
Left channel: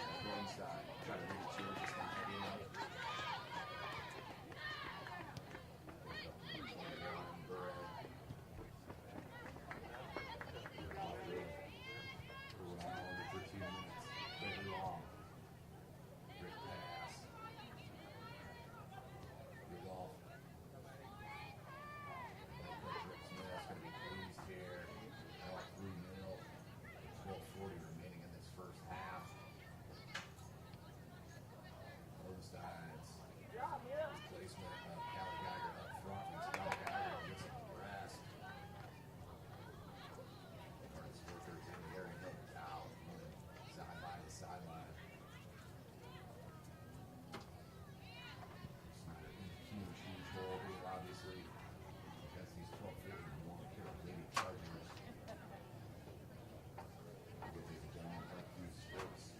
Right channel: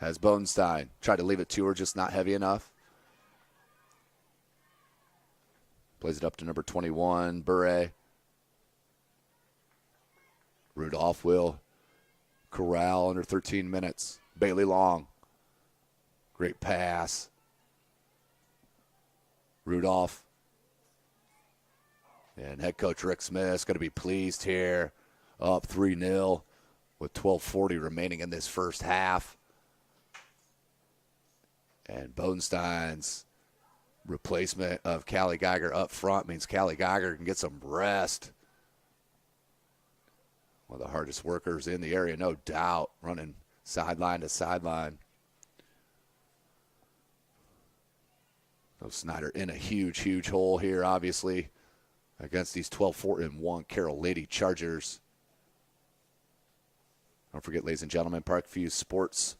Has Bodenstein. Tried to leave it to her, just not heavy enough. Plays it up to number 21, Bure. Rudolph will corral under 13 minutes. Bailey Long. Great pass. Rudolph. And head coach Rick Smith's going to be pleased here. Up 3-0 with 12:40 remaining in this first half. And Bodenstein's replacement of Callie Geiger up front means Callie Geiger can get some rest. One of the hardest workers in the area, no doubt, running sideline to sideline. So Snider in a huge, huge hole here, obviously, against these 12-4-1 Carroll Lady Chargers. Don't forget, ladies and gentlemen, Parkview Sports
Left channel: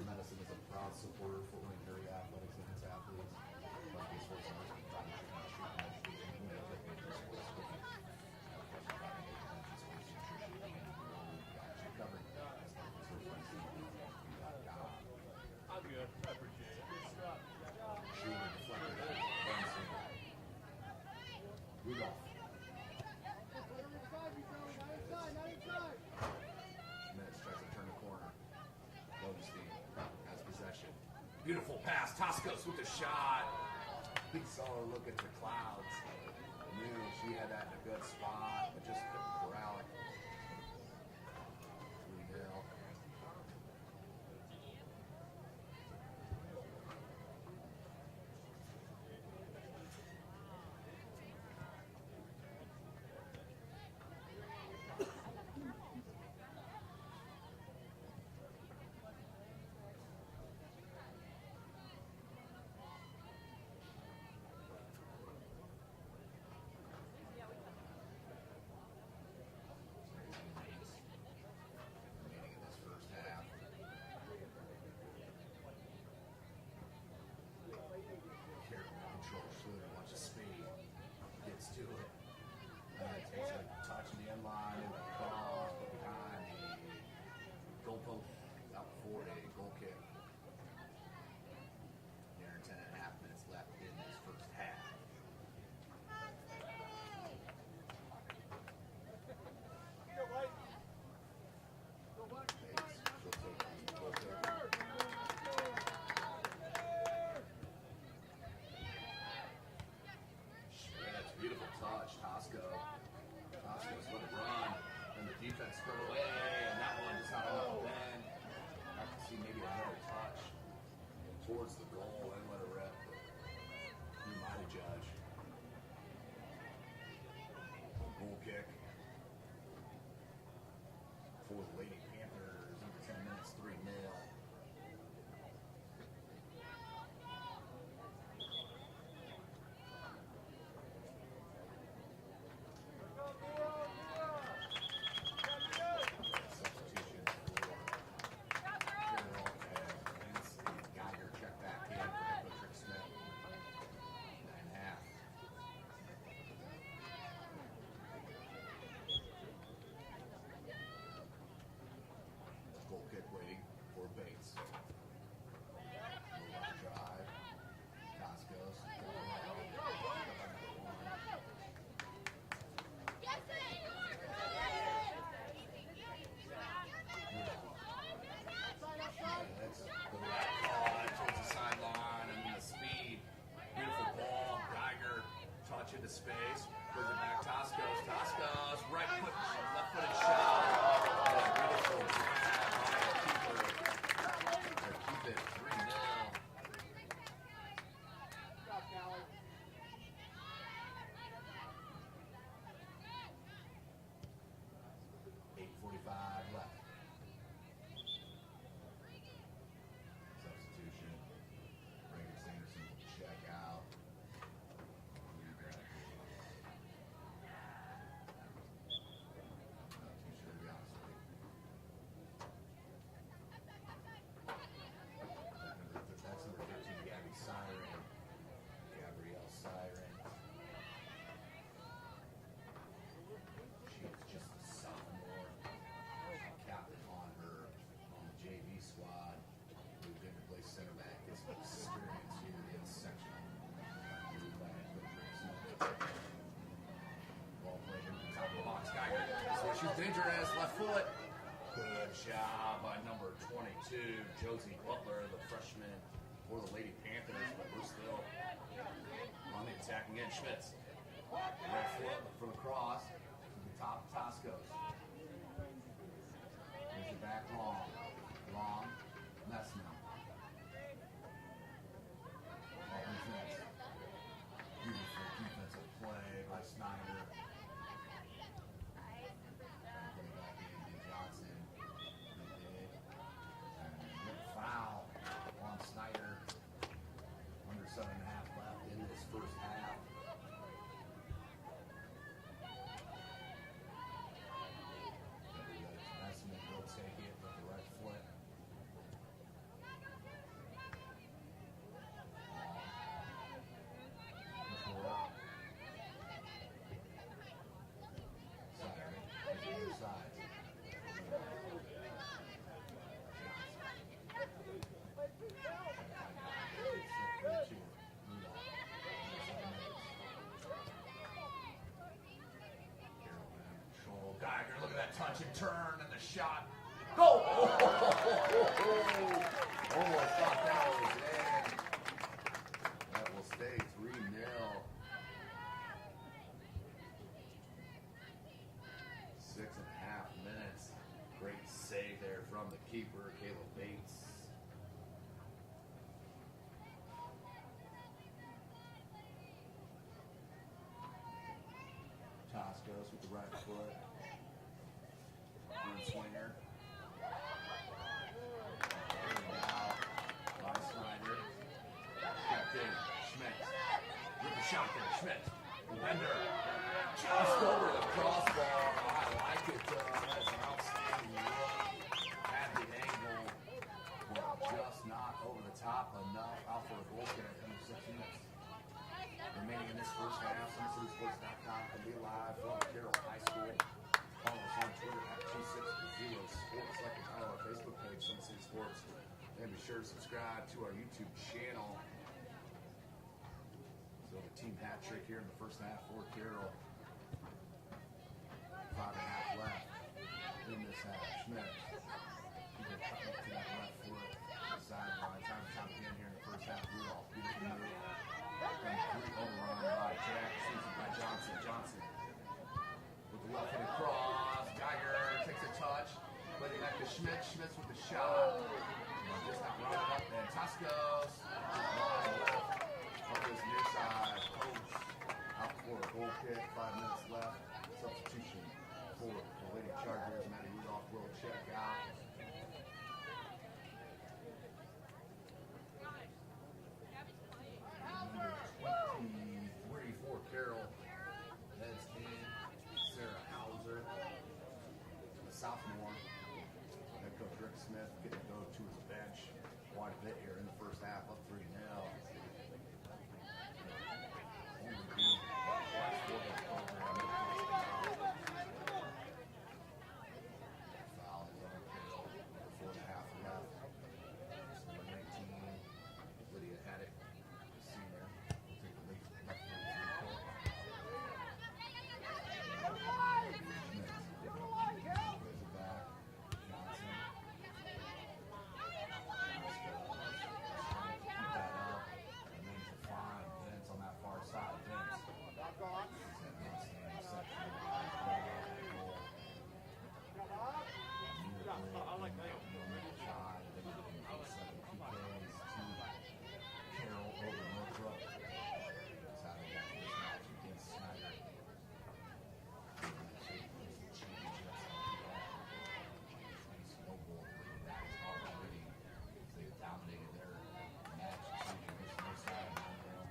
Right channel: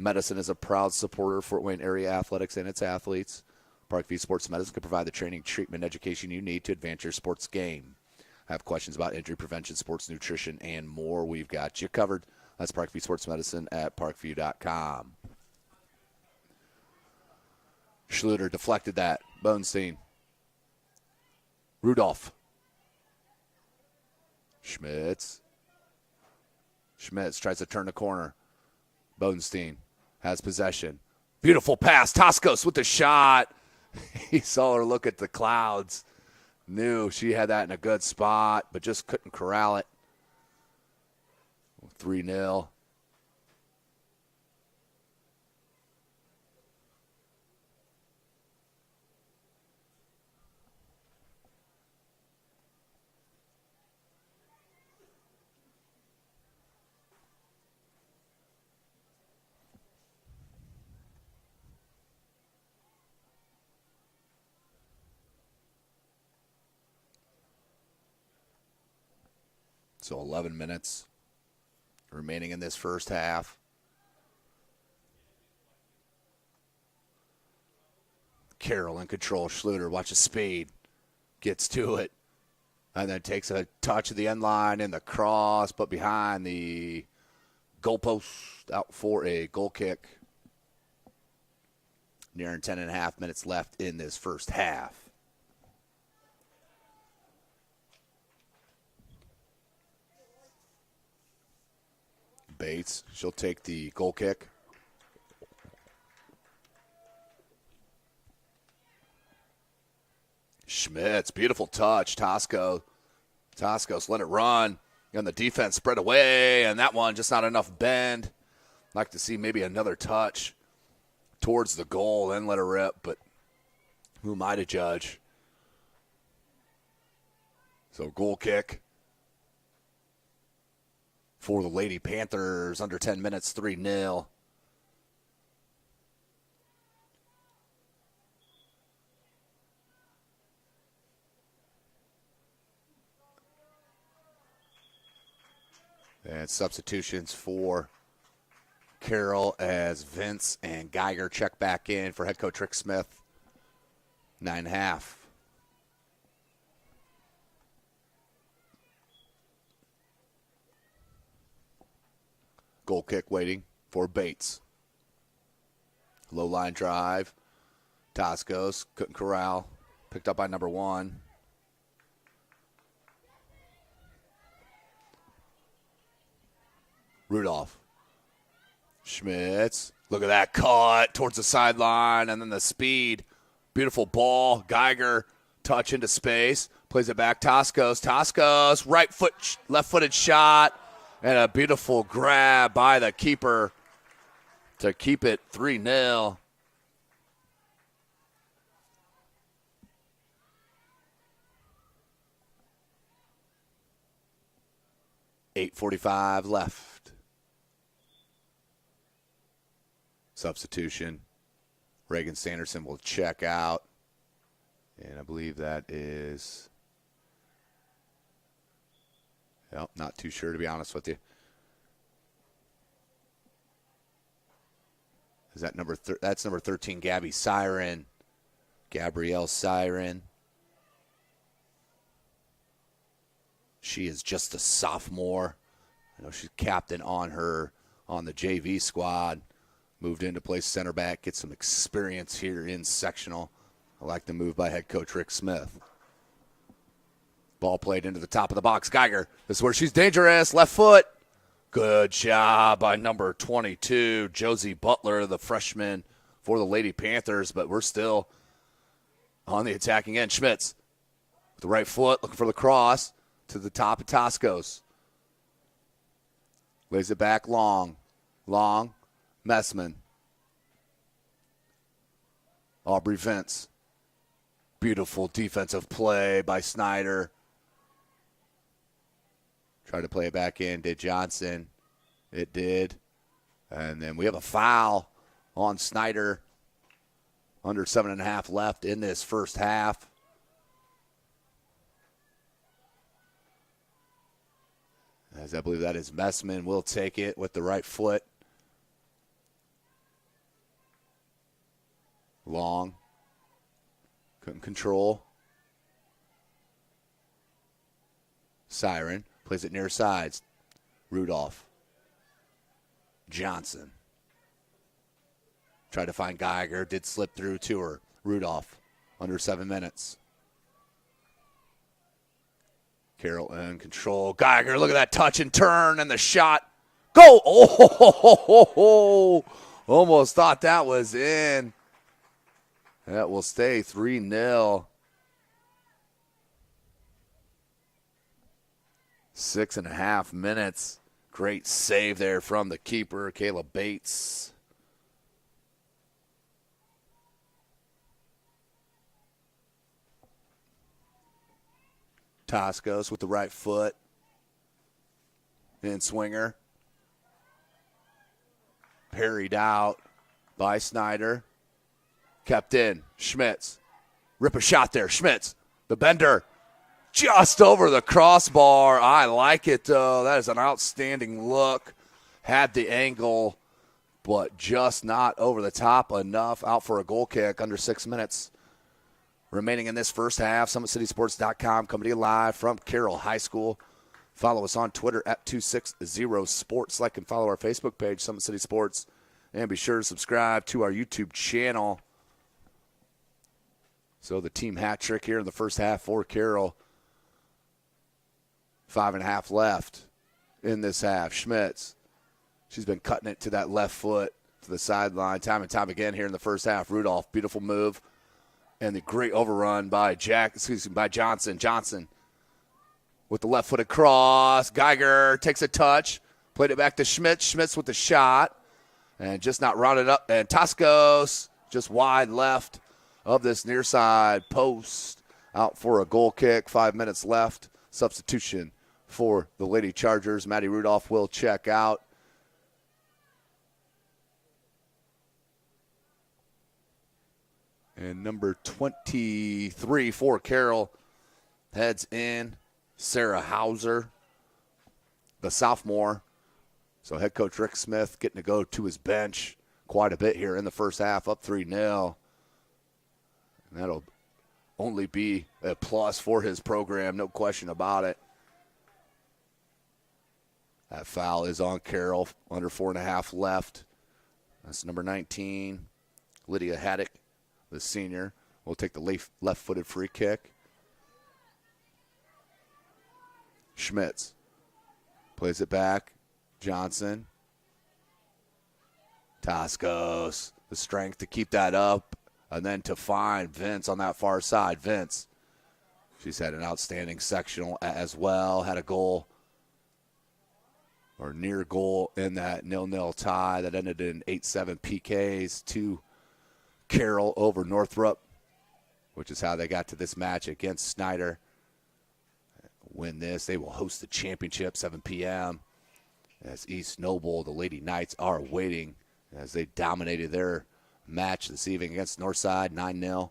Medicine is a proud supporter of Fort Wayne area athletics and its athletes. Parkview Sports Medicine can provide the training, treatment, education you need to advance your sports game. Have questions about injury prevention, sports nutrition, and more? We've got you covered. That's Parkview Sports Medicine at parkview.com. Schluter deflected that. Bonestein. Rudolph. Schmitz. Schmitz tries to turn the corner. Bodenstein has possession. Beautiful pass. Toscos with the shot. He saw her look at the clouds. Knew she had that in a good spot, but just couldn't corral it. 3-0. So 11 minutes remaining in this first half. Carroll in control. Schluter, watch his speed. Gets to it. And then takes a touch of the end line in the cross, but behind the goalpost, out for a goal kick. Nearing 10.5 minutes left in this first half. Bates, she'll take the goal kick. Schmitz, beautiful touch. Toscos let it run. And the defense spread away, and that one just not enough bend. Like to see maybe another touch towards the goal, then let it rip, but who am I to judge? So goal kick for the Lady Panthers, under 10 minutes, 3-0. And substitutions for Carroll as Vince and Geiger check back in for head coach Rick Smith. 9.5. Goal kick waiting for Bates. Low line drive. Toscos couldn't corral. Picked up by number 1. Rudolph. Schmitz. Look at that cut towards the sideline, and then the speed. Beautiful ball. Geiger touch into space. Plays it back. Toscos. Right foot, left-footed shot. And a beautiful grab by the keeper to keep it 3-0. .8:45 left. Substitution. Reagan Sanderson will check out. And I believe that is... Well, not too sure, to be honest with you. Is that that's number 13, Gabby Siren. Gabrielle Siren. She is just a sophomore. You know, she's captain on the JV squad. Moved in to play center back, get some experience here in sectional. I like the move by head coach Rick Smith. Ball played into the top of the box. Geiger, this is where she's dangerous. Left foot. Good job by number 22, Josie Butler, the freshman for the Lady Panthers, but we're still on the attacking end. Schmitz, the right foot, looking for the cross to the top of Toscos. Lays it back long. Messman. Aubrey Vince. Beautiful defensive play by Snider. Tried to play it back in, did Johnson. It did. And then we have a foul on Snider. Under 7.5 left in this first half. As I believe that is Messman, will take it with the right foot. Long. Couldn't control. Siren plays it near sides. Rudolph. Johnson. Tried to find Geiger. Did slip through to her. Rudolph. Under 7 minutes. Carroll in control. Geiger, look at that touch and turn and the shot. Go! Oh! Almost thought that was in. That will stay 3-0. 6.5 minutes. Great save there from the keeper, Kayla Bates. Toscos with the right foot. In swinger. Parried out by Snider. Kept in. Schmitz. Rip a shot there. Schmitz. The bender. Just over the crossbar. I like it, though. That is an outstanding look. Had the angle, but just not over the top enough. Out for a goal kick under 6 minutes. Remaining in this first half. SummitCitySports.com coming to you live from Carroll High School. Follow us on Twitter at 260sports. Like and follow our Facebook page, Summit City Sports. And be sure to subscribe to our YouTube channel. So the team hat trick here in the first half for Carroll. 5.5 left in this half. Schmitz. She's been cutting it to that left foot to the sideline time and time again here in the first half. Rudolph, beautiful move. And the great overrun by by Johnson. Johnson with the left-footed cross. Geiger takes a touch. Played it back to Schmitz. Schmitz with the shot. And just not rounded up. And Toscos just wide left of this near side post. Out for a goal kick. 5 minutes left. Substitution for the Lady Chargers. Maddie Rudolph will check out. And number 23 for Carroll heads in. Sarah Hauser, the sophomore. So head coach Rick Smith getting to go to his bench quite a bit here in the first half, up 3-0. That'll only be a plus for his program, no question about it. That foul is on Carroll, under 4.5 left. That's number 19, Lydia Haddock, the senior, will take the left-footed free kick. Schmitz plays it back. Johnson. Toscos, the strength to keep that up, and then to find Vince on that far side. Vince, she's had an outstanding sectional as well, had a goal or near goal in that 0-0 tie that ended in 8-7 PKs to Carroll over Northrop, which is how they got to this match against Snider. Win this, they will host the championship, 7 p.m. as East Noble, the Lady Knights, are waiting as they dominated their match this evening against Northside, 9-0,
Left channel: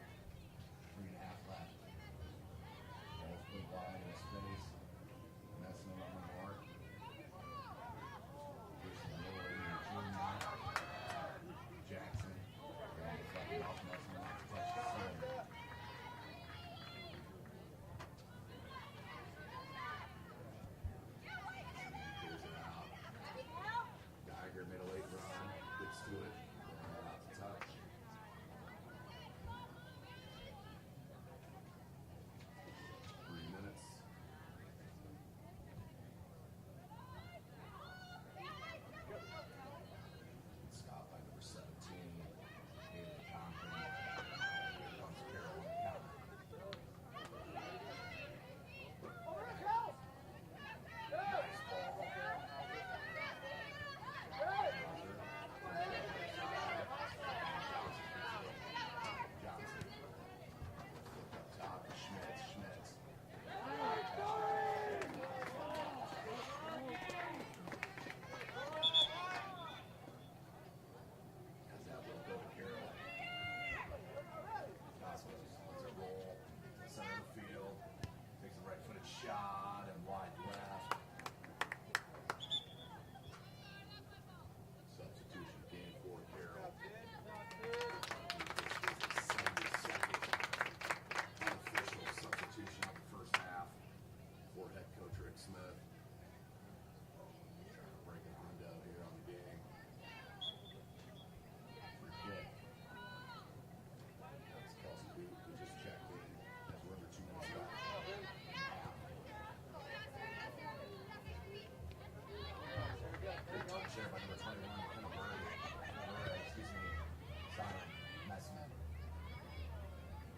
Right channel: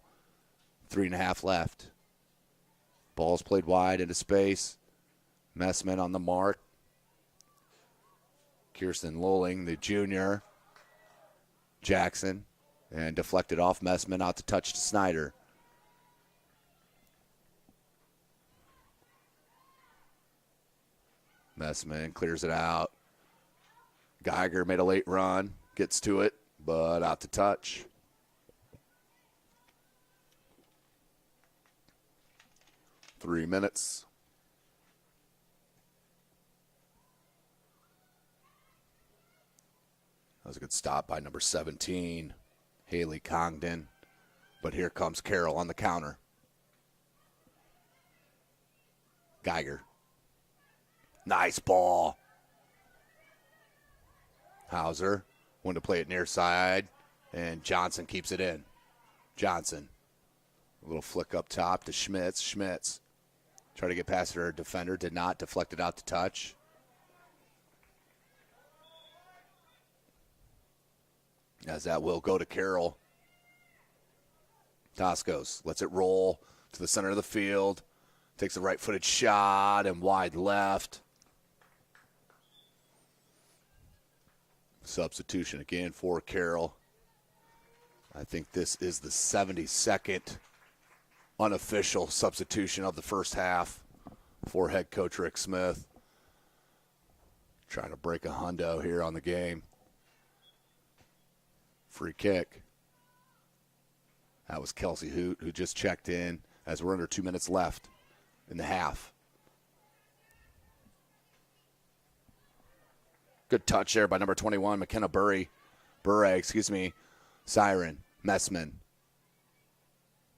3.5 left. Ball's played wide into space. Messman on the mark. Kirsten Lolling, the junior. Jackson, and deflected off Messman, out to touch to Snider. Messman clears it out. Geiger made a late run, gets to it, but out to touch. Three minutes. That was a good stop by number 17, Haley Congdon. But here comes Carroll on the counter. Geiger. Nice ball. Hauser wanted to play it near side, and Johnson keeps it in. Johnson, a little flick up top to Schmitz. Schmitz tried to get past her defender, did not, deflected out to touch. As that will go to Carroll. Toscos lets it roll to the center of the field. Takes a right-footed shot and wide left. Substitution again for Carroll. I think this is the 72nd unofficial substitution of the first half for head coach Rick Smith. Trying to break a hundo here on the game. Free kick. That was Kelsey Hoot, who just checked in as we're under 2 minutes left in the half. Good touch there by number 21, McKenna Bure, Siren, Messman.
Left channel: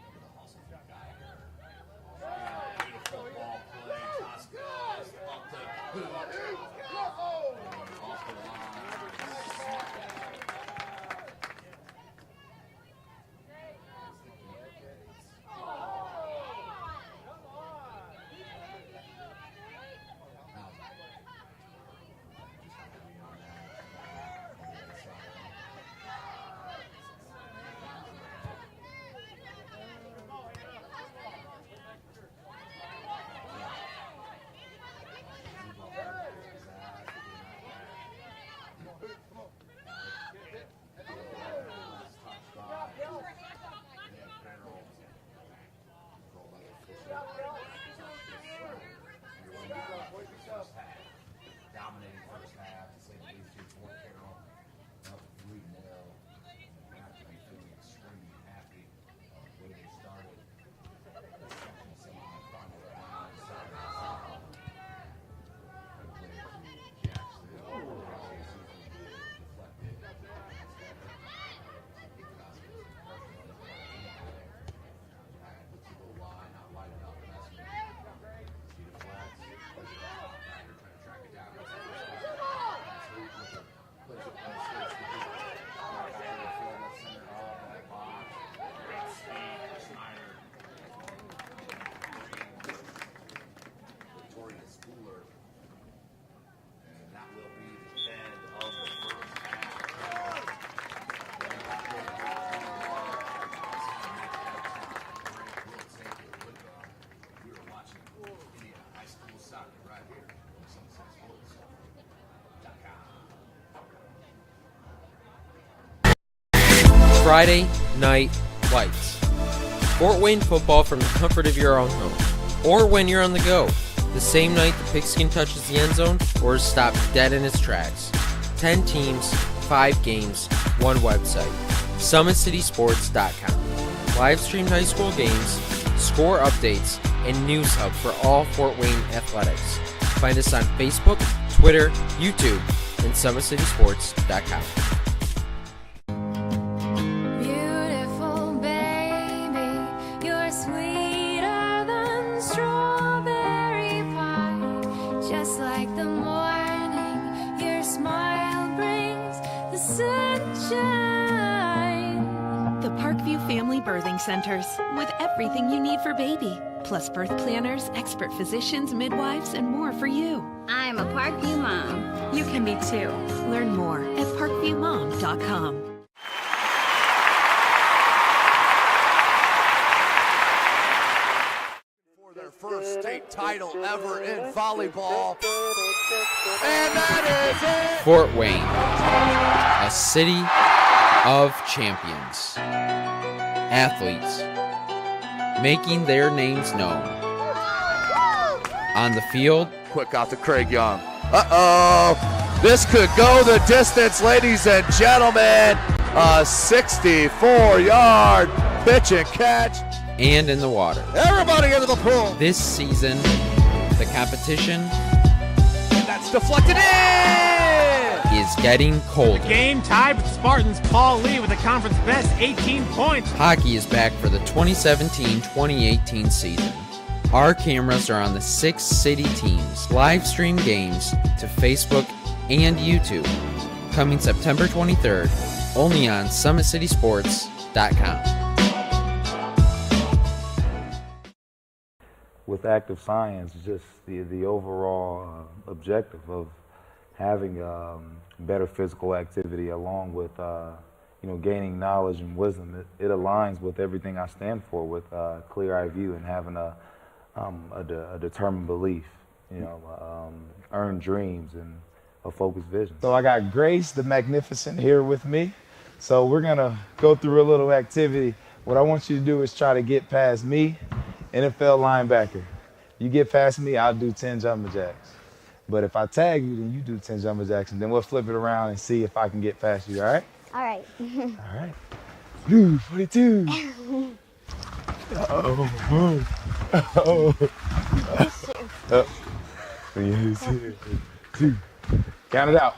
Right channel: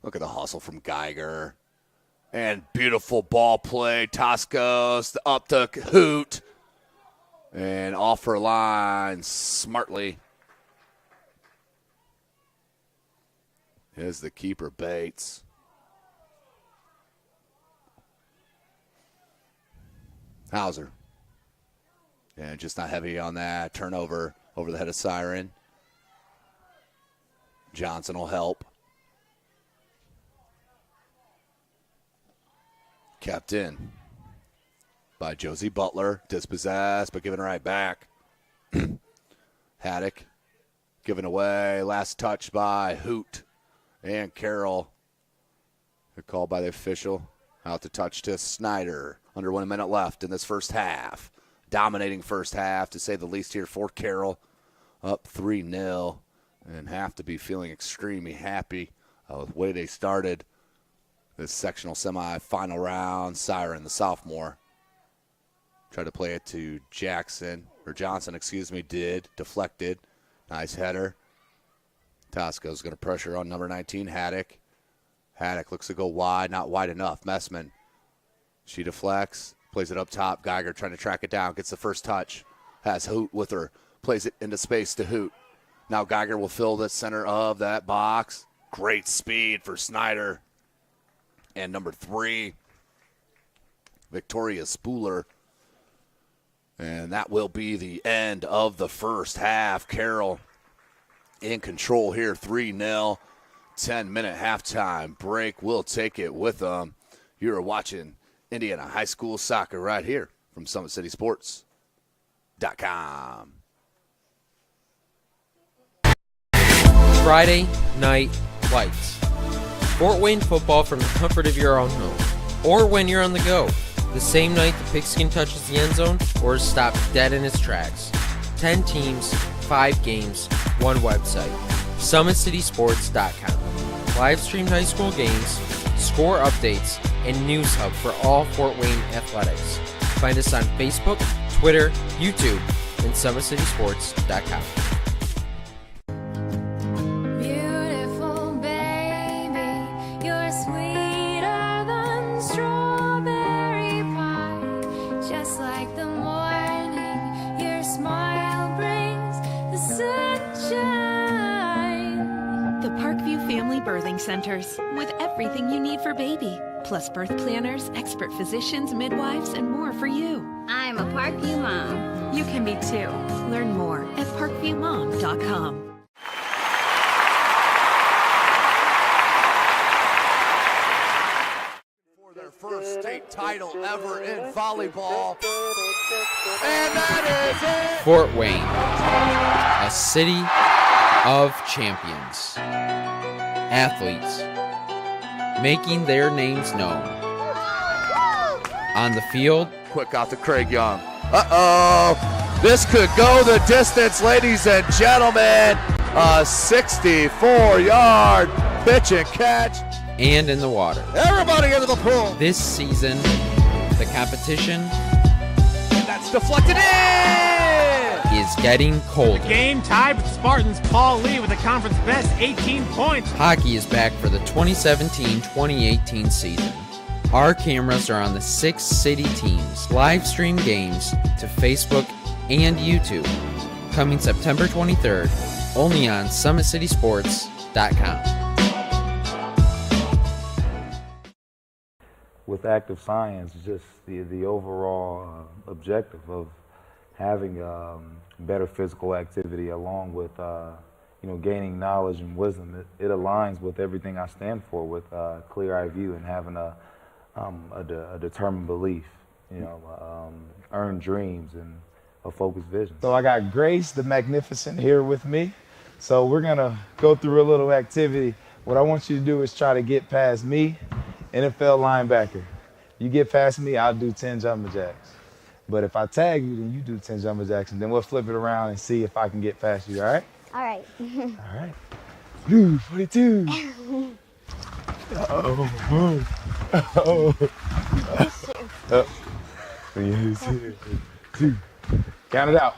Look at the hustle from Geiger. And beautiful ball play. Toscos up to Hoot. And off her line smartly is the keeper, Bates. Hauser. And just not heavy on that. Turnover over the head of Siren. Johnson will help. Kept in by Josie Butler. Dispossessed, but given right back. Haddock given away. Last touch by Hoot and Carroll. Good call by the official. Out to touch to Snider. Under 1 minute left in this first half. Dominating first half, to say the least here for Carroll. Up 3-0, and have to be feeling extremely happy with the way they started this sectional semi-final round. Siren, the sophomore, tried to play it to Johnson, did. Deflected. Nice header. Tosco's going to pressure on number 19, Haddock. Haddock looks to go wide, not wide enough. Messman, she deflects, plays it up top. Geiger trying to track it down, gets the first touch. Has Hoot with her, plays it into space to Hoot. Now Geiger will fill the center of that box. Great speed for Snider. And number 3, Victoria Spooler. And that will be the end of the first half. Carroll in control here, 3-0. 10-minute halftime break. We'll take it with them. You are watching Indiana High School Soccer right here from SummitCitySports.com. Friday Night Lights. Fort Wayne football from the comfort of your own home. Or when you're on the go. The same night the pigskin touches the end zone or is stopped dead in its tracks. 10 teams, 5 games, 1 website. SummitCitySports.com. Live streamed high school games, score updates, and news hub for all Fort Wayne athletics. Find us on Facebook, Twitter, YouTube, and SummitCitySports.com. Beautiful baby, you're sweeter than strawberry pie. Just like the morning, your smile brings the sunshine. The Parkview Family Birthing Centers, with everything you need for baby, plus birth planners, expert physicians, midwives, and more for you. I'm a Parkview mom. You can be too. Learn more at parkviewmom.com. For their first state title ever in volleyball. And that is it! Fort Wayne, a city of champions. Athletes making their names known. On the field, Quick out to Craig Young. Uh-oh! This could go the distance, ladies and gentlemen. A 64-yard pitch and catch. and in the water. Everybody into the pool. This season, the competition And that's deflected in. is getting colder. Game tied with the Spartans. Paul Lee with the conference best 18 points. Hockey is back for the 2017-2018 season. Our cameras are on the 6 city teams. Live stream games to Facebook and YouTube. Coming September 23rd, only on SummitCitySports.com. With active science, just the overall objective of having better physical activity along with gaining knowledge and wisdom, it aligns with everything I stand for, with clear-eye view and having a determined belief, earned dreams and a focused vision. So I got Grace the Magnificent here with me. So we're gonna go through a little activity. What I want you to do is try to get past me, NFL linebacker. You get past me, I'll do 10 jumping jacks. But if I tag you, then you do 10 jumping jacks, and then we'll flip it around and see if I can get past you, all right? All right. All right. Blue 42. Uh-oh. Uh-oh. Uh-oh. 2. Count it out.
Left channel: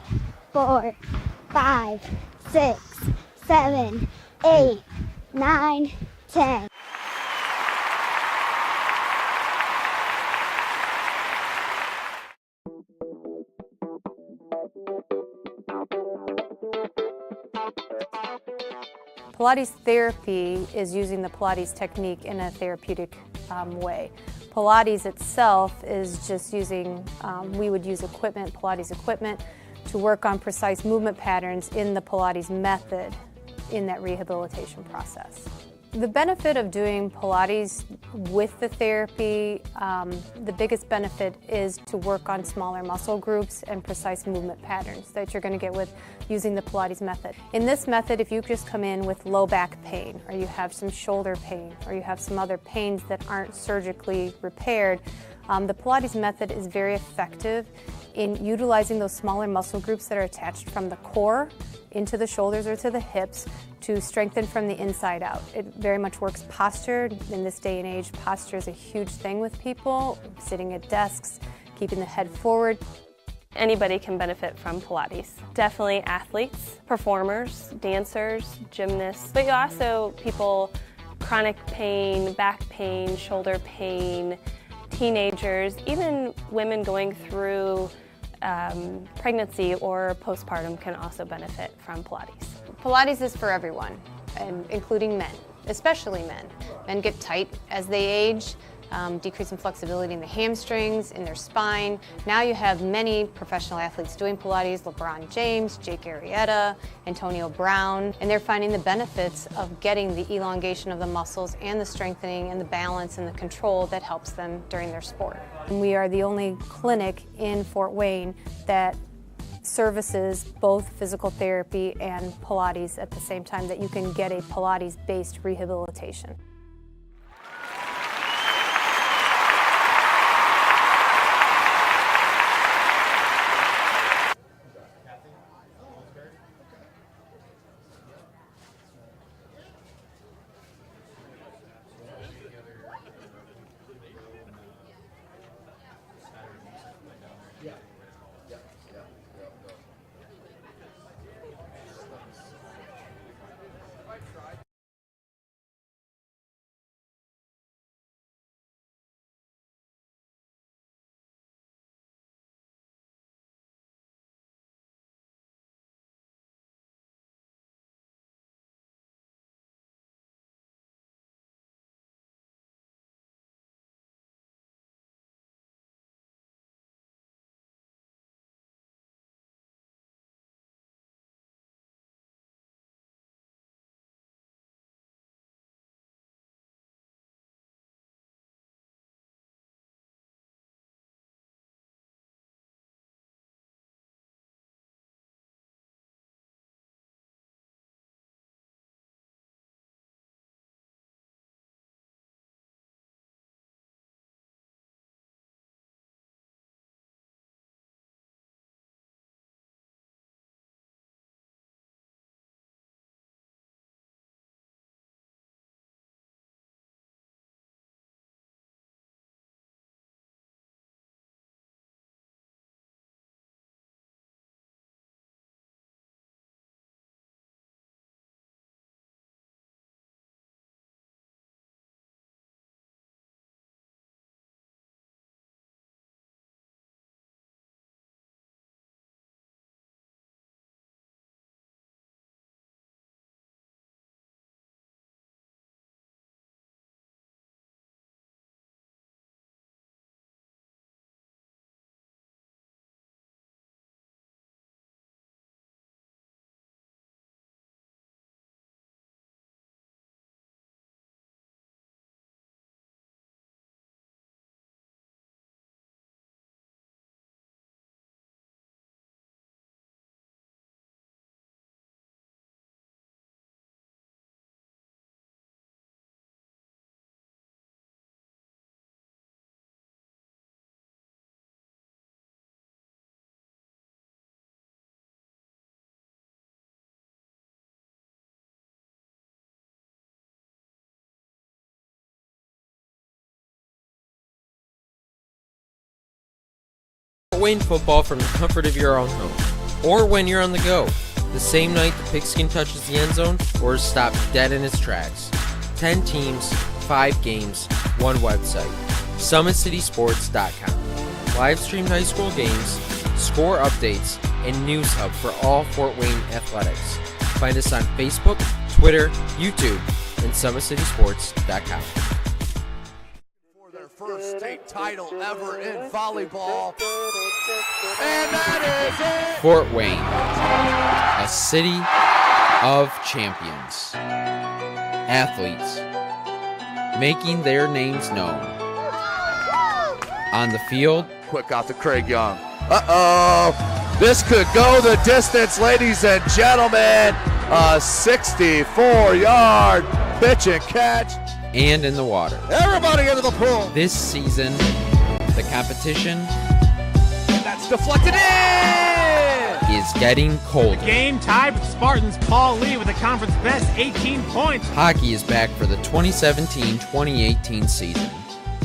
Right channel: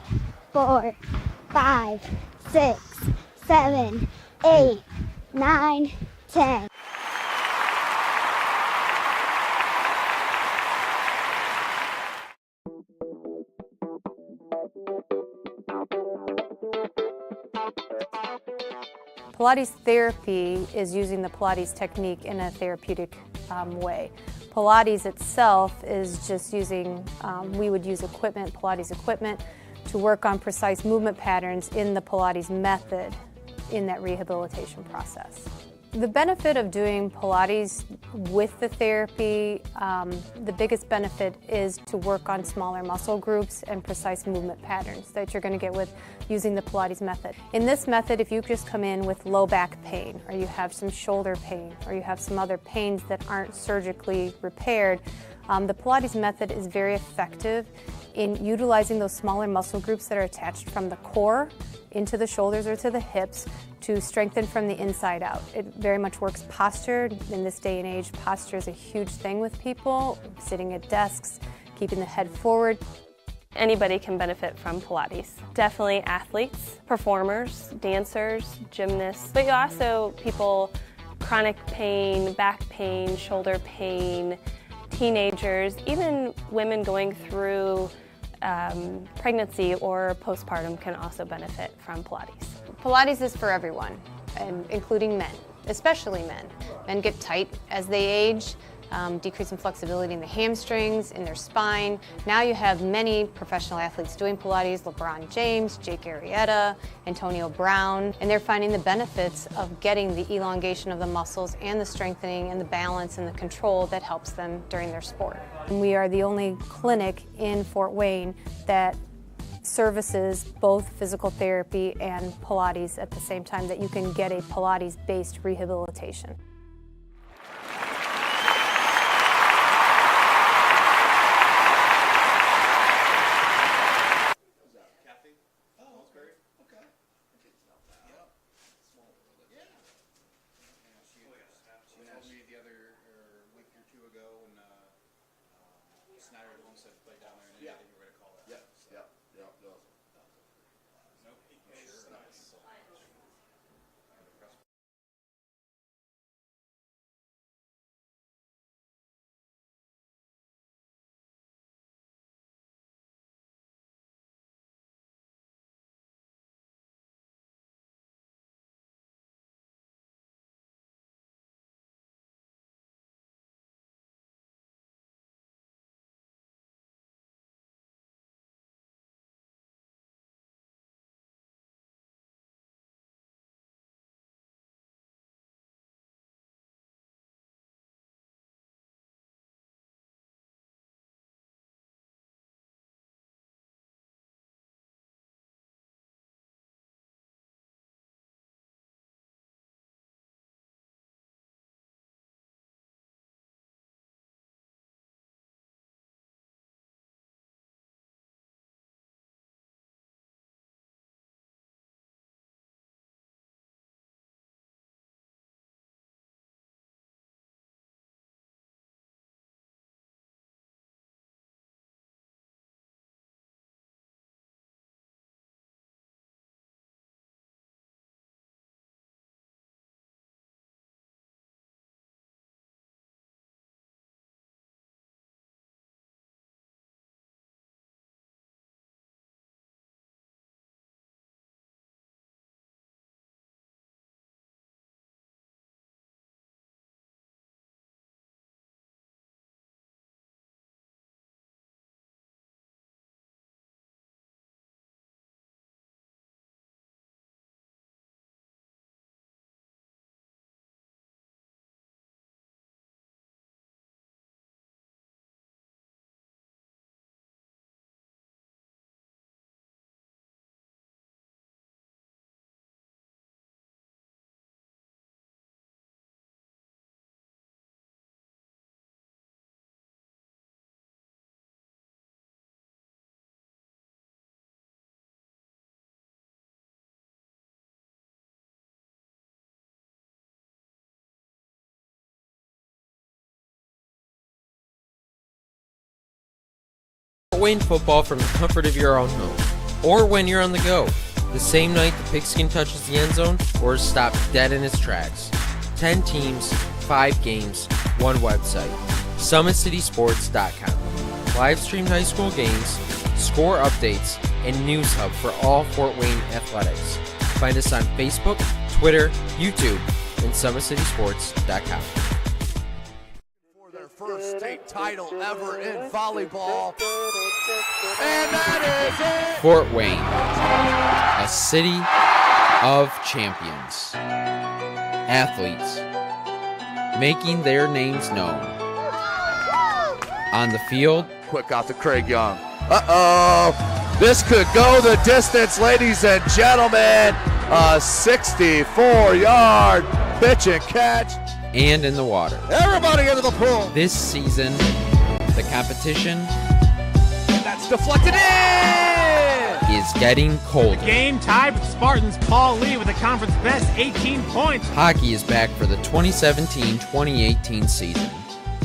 4, 5, 6, 7, 8, 9, 10. Pilates therapy is using the Pilates technique in a therapeutic way. Pilates itself is just using, we would use equipment, Pilates equipment, to work on precise movement patterns in the Pilates method in that rehabilitation process. The benefit of doing Pilates with the therapy, the biggest benefit is to work on smaller muscle groups and precise movement patterns that you're going to get with using the Pilates method. In this method, if you just come in with low back pain, or you have some shoulder pain, or you have some other pains that aren't surgically repaired, the Pilates method is very effective in utilizing those smaller muscle groups that are attached from the core into the shoulders or to the hips to strengthen from the inside out. It very much works posture. In this day and age, posture is a huge thing with people, sitting at desks, keeping the head forward. Anybody can benefit from Pilates. Definitely athletes, performers, dancers, gymnasts, but also people chronic pain, back pain, shoulder pain, teenagers, even women going through pregnancy or postpartum can also benefit from Pilates. Pilates is for everyone, and including men, especially men. Men get tight as they age, decrease in flexibility in the hamstrings, in their spine. Now you have many professional athletes doing Pilates, LeBron James, Jake Arrieta, Antonio Brown, and they're finding the benefits of getting the elongation of the muscles and the strengthening and the balance and the control that helps them during their sport. And we are the only clinic in Fort Wayne that services both physical therapy and Pilates at the same time, that you can get a Pilates-based rehabilitation. Fort Wayne football from the comfort of your own home, or when you're on the go, the same night the pigskin touches the end zone or is stopped dead in its tracks. 10 teams, 5 games, 1 website. SummitCitySports.com. Live streamed high school games, score updates, and news hub for all Fort Wayne athletics. Find us on Facebook, Twitter, YouTube, and SummitCitySports.com. First state title ever in volleyball. And that is it! Fort Wayne, a city of champions. Athletes making their names known. On the field, quick out to Craig Young. Uh-oh! This could go the distance, ladies and gentlemen. A 64-yard pitch and catch. And in the water. Everybody into the pool. This season, the competition that's deflected in is getting colder. The game tied with Spartans. Paul Lee with the conference best 18 points. Hockey is back for the 2017-2018 season.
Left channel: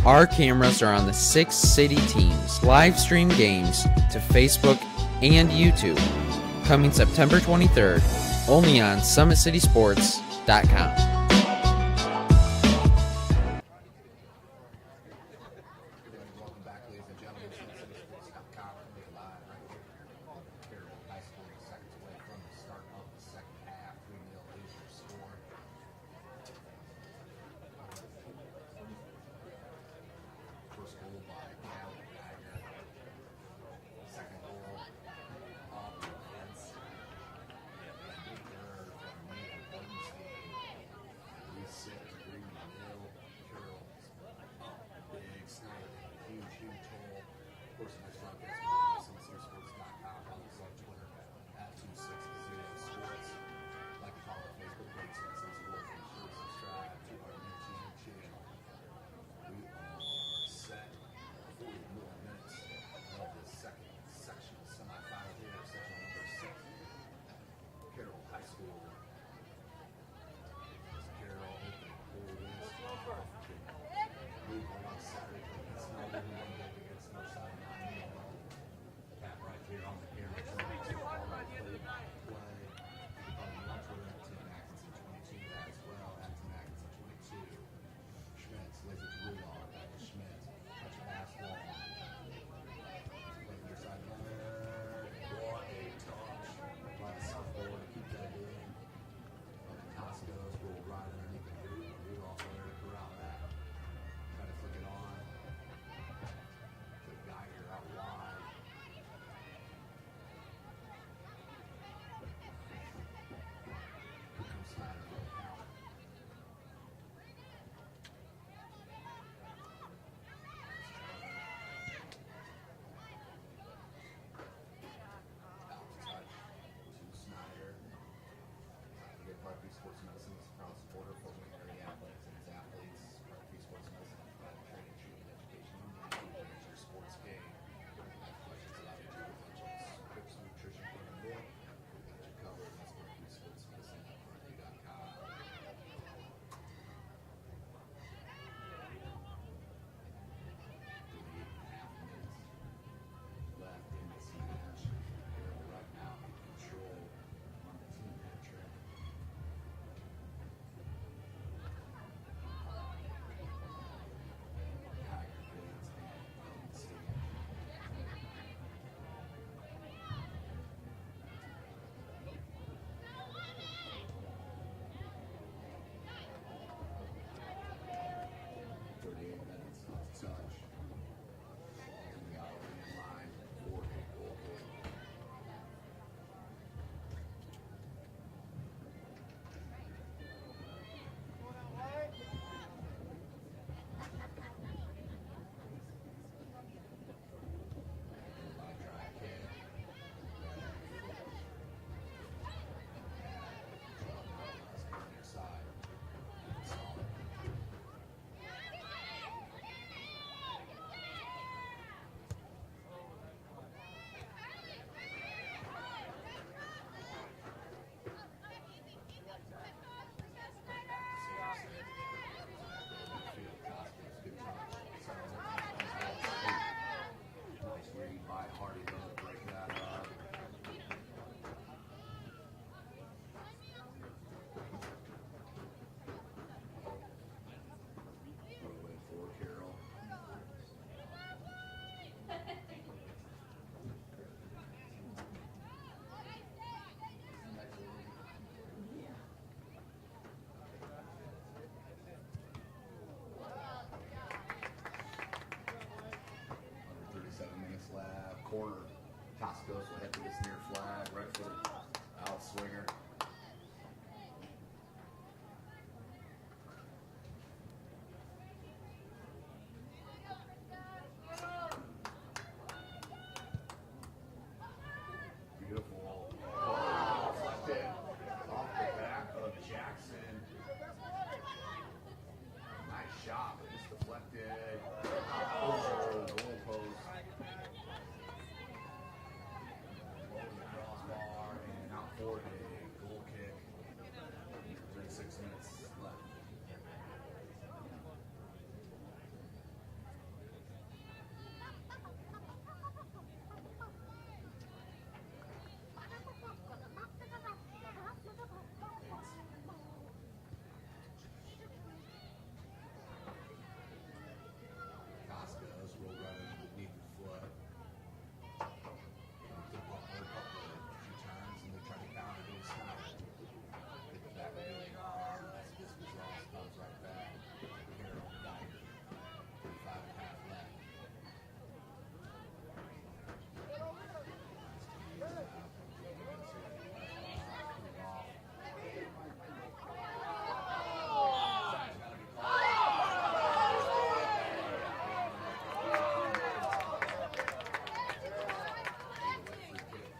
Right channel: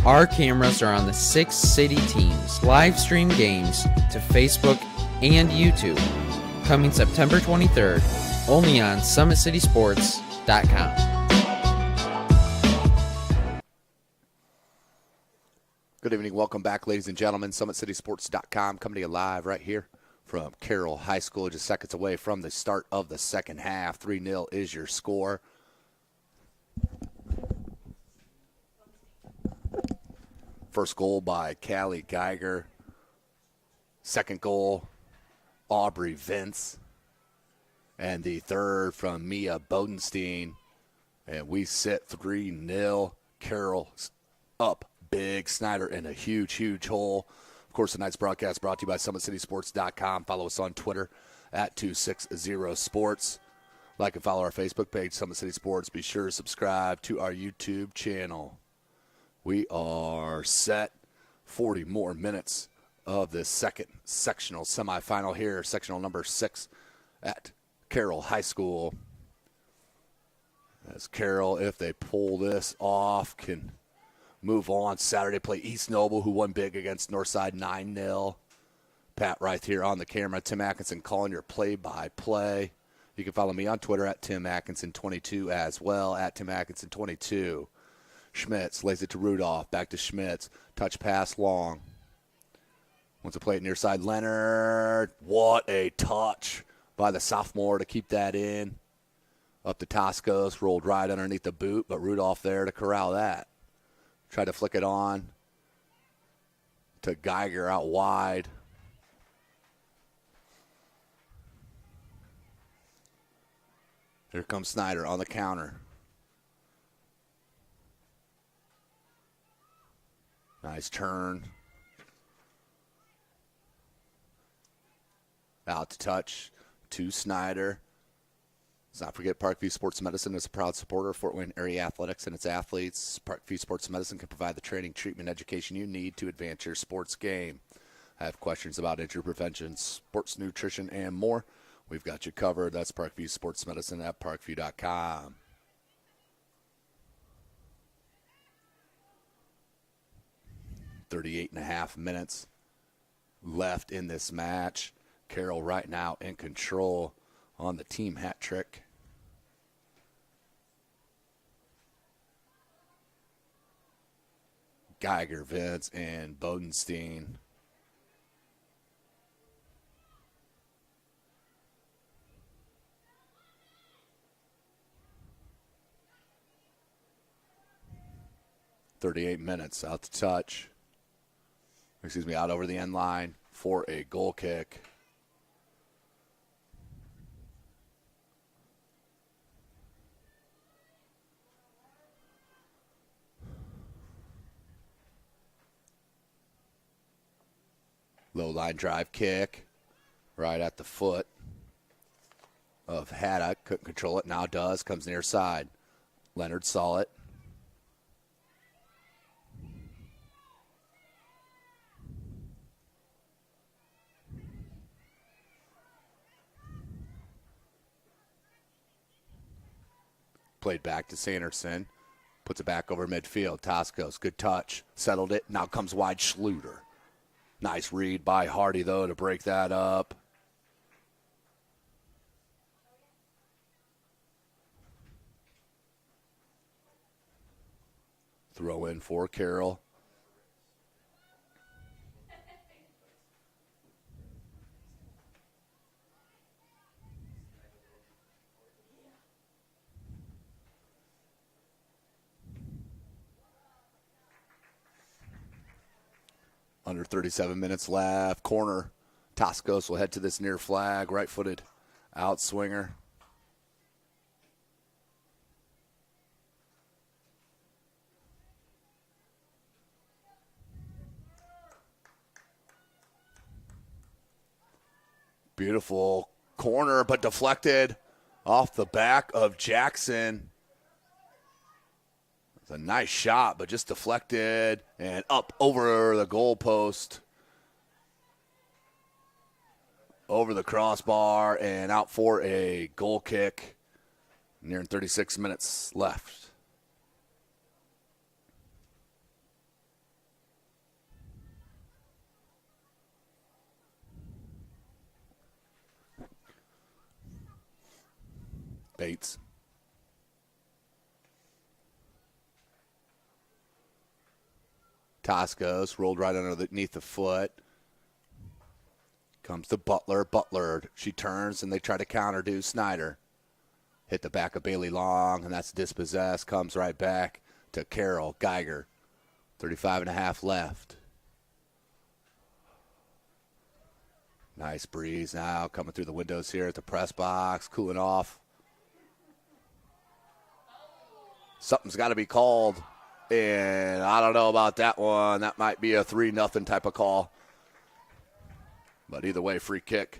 Our cameras are on the 6 city teams. Live stream games to Facebook and YouTube. Coming September 23rd, only on SummitCitySports.com. Good evening. Welcome back, ladies and gentlemen. SummitCitySports.com coming to you live right here from Carroll High School, just seconds away from the start of the second half. 3-0 is your score. First goal by Callie Geiger. Second goal, Aubrey Vince. And the third from Mia Bodenstein. And we sit 3-0. Carroll up big. Snider in a huge, huge hole. Of course, tonight's broadcast brought to you by SummitCitySports.com. Follow us on Twitter at 260sports. Like and follow our Facebook page, Summit City Sports. Be sure to subscribe to our YouTube channel. We are set 40 more minutes of this second sectional semifinal here, sectional number 6 at Carroll High School. As Carroll, if they pull this off, can move on. Saturday play East Noble, who won big against Northside 9-0. Pat right here on the camera. Tim Atkinson calling your play-by-play. You can follow me on Twitter at Tim Atkinson22 as well, at Tim Atkinson22. Schmitz lays it to Rudolph, back to Schmitz. Touch pass long. Wants to play it near side. Leonard, what a touch by the sophomore to keep that in. Up to Toscos, rolled right underneath the boot, but Rudolph there to corral that. Tried to flick it on to Geiger out wide. Here comes Snider on the counter. Nice turn. Out to touch to Snider. Let's not forget Parkview Sports Medicine is a proud supporter of Fort Wayne area athletics and its athletes. Parkview Sports Medicine can provide the training, treatment, education you need to advance your sports game. Have questions about injury prevention, sports nutrition, and more? We've got you covered. That's Parkview Sports Medicine at parkview.com. .38.5 minutes left in this match. Carroll right now in control on the team hat trick. Geiger, Vince, and Bodenstein. .38 minutes out to touch. Excuse me, out over the end line for a goal kick. Low line drive kick right at the foot of Haddock. Couldn't control it, now does. Comes near side. Leonard saw it. Played back to Sanderson. Puts it back over midfield. Toscos, good touch. Settled it. Now comes wide Schluter. Nice read by Hardy, though, to break that up. Throw in for Carroll. Under 37 minutes left. Corner. Toscos will head to this near flag. Right-footed outswinger. Beautiful corner, but deflected off the back of Jackson. It's a nice shot, but just deflected and up over the goal post. Over the crossbar and out for a goal kick. Nearing 36 minutes left. Bates. Toscos rolled right underneath the foot. Comes to Butler. Butler, she turns and they try to counter to Snider. Hit the back of Bailey Long, and that's dispossessed. Comes right back to Carroll. Geiger, 35.5 left. Nice breeze now coming through the windows here at the press box, cooling off. Something's got to be called, and I don't know about that one. That might be a 3-0 type of call. But either way, free kick.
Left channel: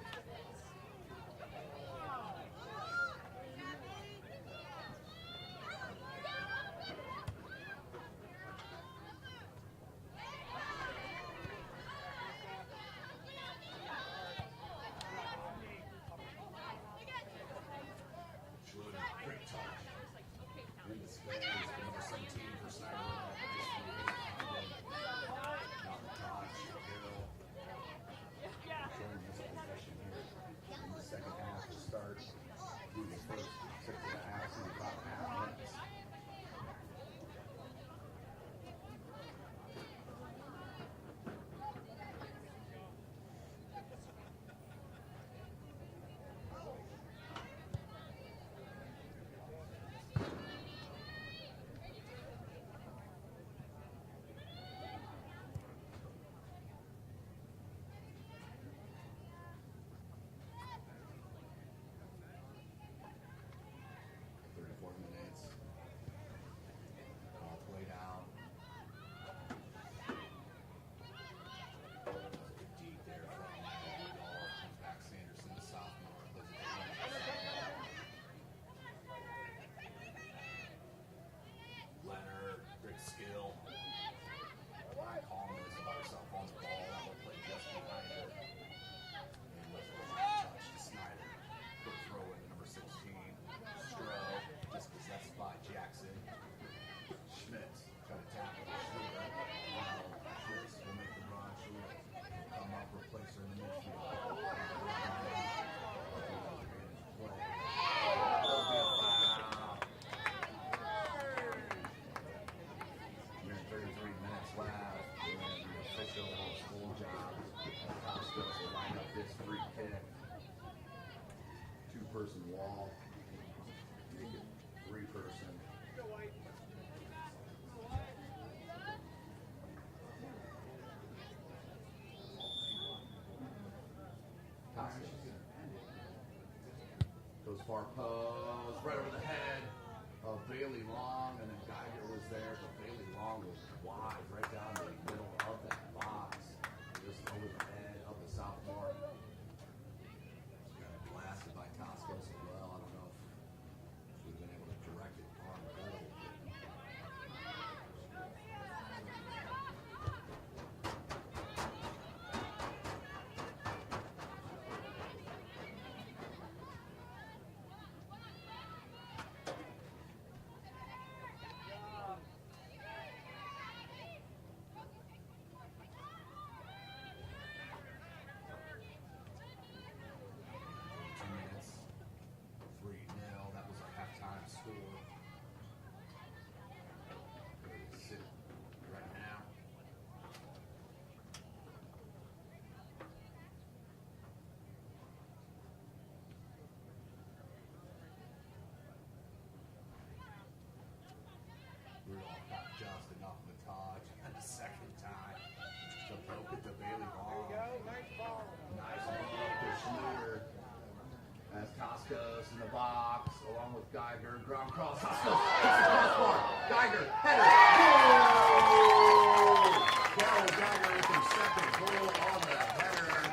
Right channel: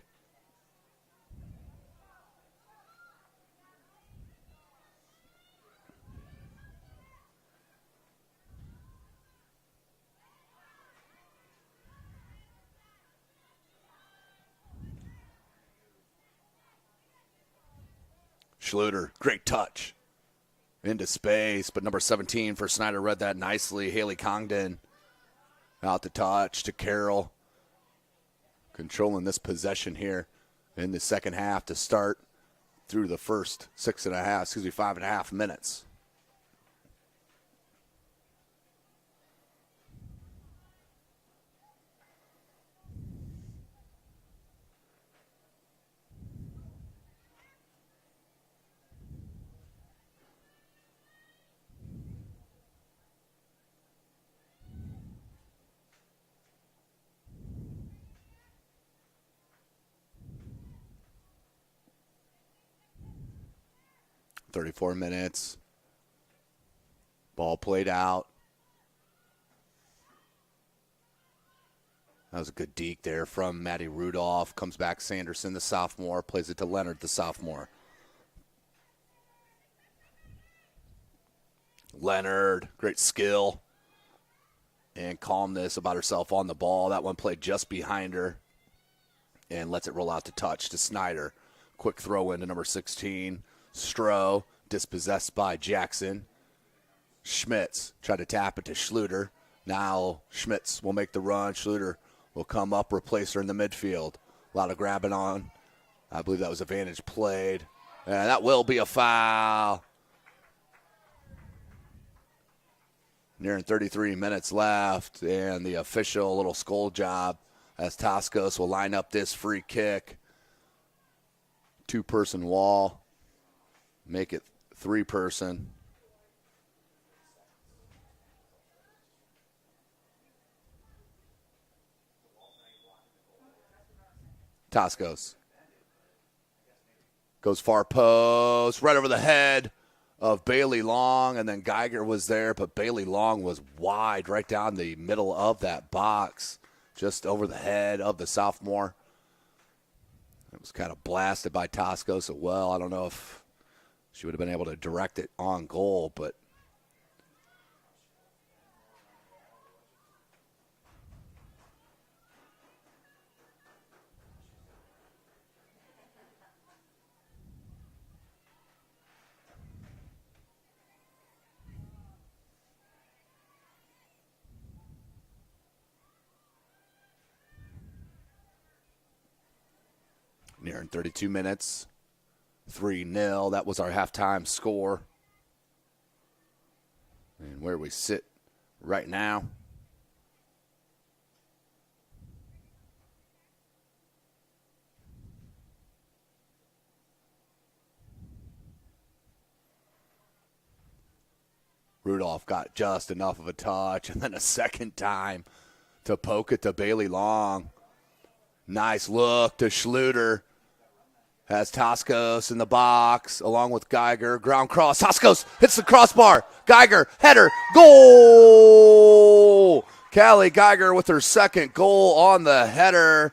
Schluter, great touch. Into space, but number 17 for Snider read that nicely. Haley Congdon out the touch to Carroll. Controlling this possession here in the second half to start through the first 5.5 minutes. .34 minutes. Ball played out. That was a good deke there from Maddie Rudolph. Comes back Sanderson, the sophomore. Plays it to Leonard, the sophomore. Leonard, great skill and calmness about herself on the ball. That one played just behind her and lets it roll out to touch to Snider. Quick throw into number 16. Stroh, dispossessed by Jackson. Schmitz tried to tap it to Schluter. Now Schmitz will make the run. Schluter will come up, replace her in the midfield. A lot of grabbing on. I believe that was advantage played. And that will be a foul. Nearing 33 minutes left, and the official little skull job as Toscos will line up this free kick. 2-person wall. Make it 3-person. Toscos goes far post, right over the head of Bailey Long, and then Geiger was there, but Bailey Long was wide right down the middle of that box, just over the head of the sophomore. It was kind of blasted by Toscos as well. I don't know if she would have been able to direct it on goal, but nearing 32 minutes. 3-0. That was our halftime score. And where we sit right now. Rudolph got just enough of a touch, and then a second time to poke it to Bailey Long. Nice look to Schluter. Has Toscos in the box along with Geiger. Ground cross. Toscos hits the crossbar. Geiger, header, goal! Callie Geiger with her second goal on the header.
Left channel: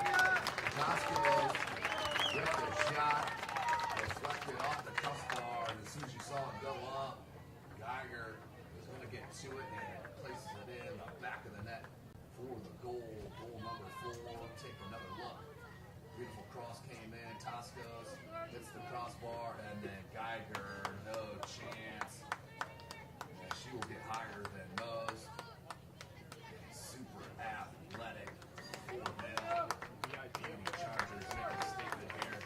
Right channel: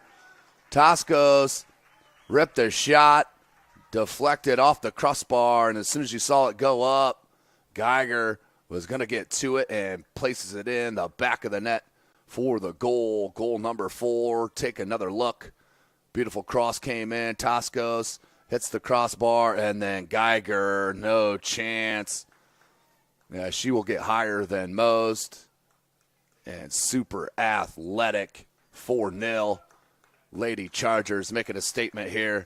Toscos ripped a shot, deflected off the crossbar, and as soon as you saw it go up, Geiger was going to get to it and places it in the back of the net for the goal. Goal number 4. Take another look. Beautiful cross came in. Toscos hits the crossbar, and then Geiger, no chance. Yeah, she will get higher than most. And super athletic, 4-0. Lady Chargers making a statement here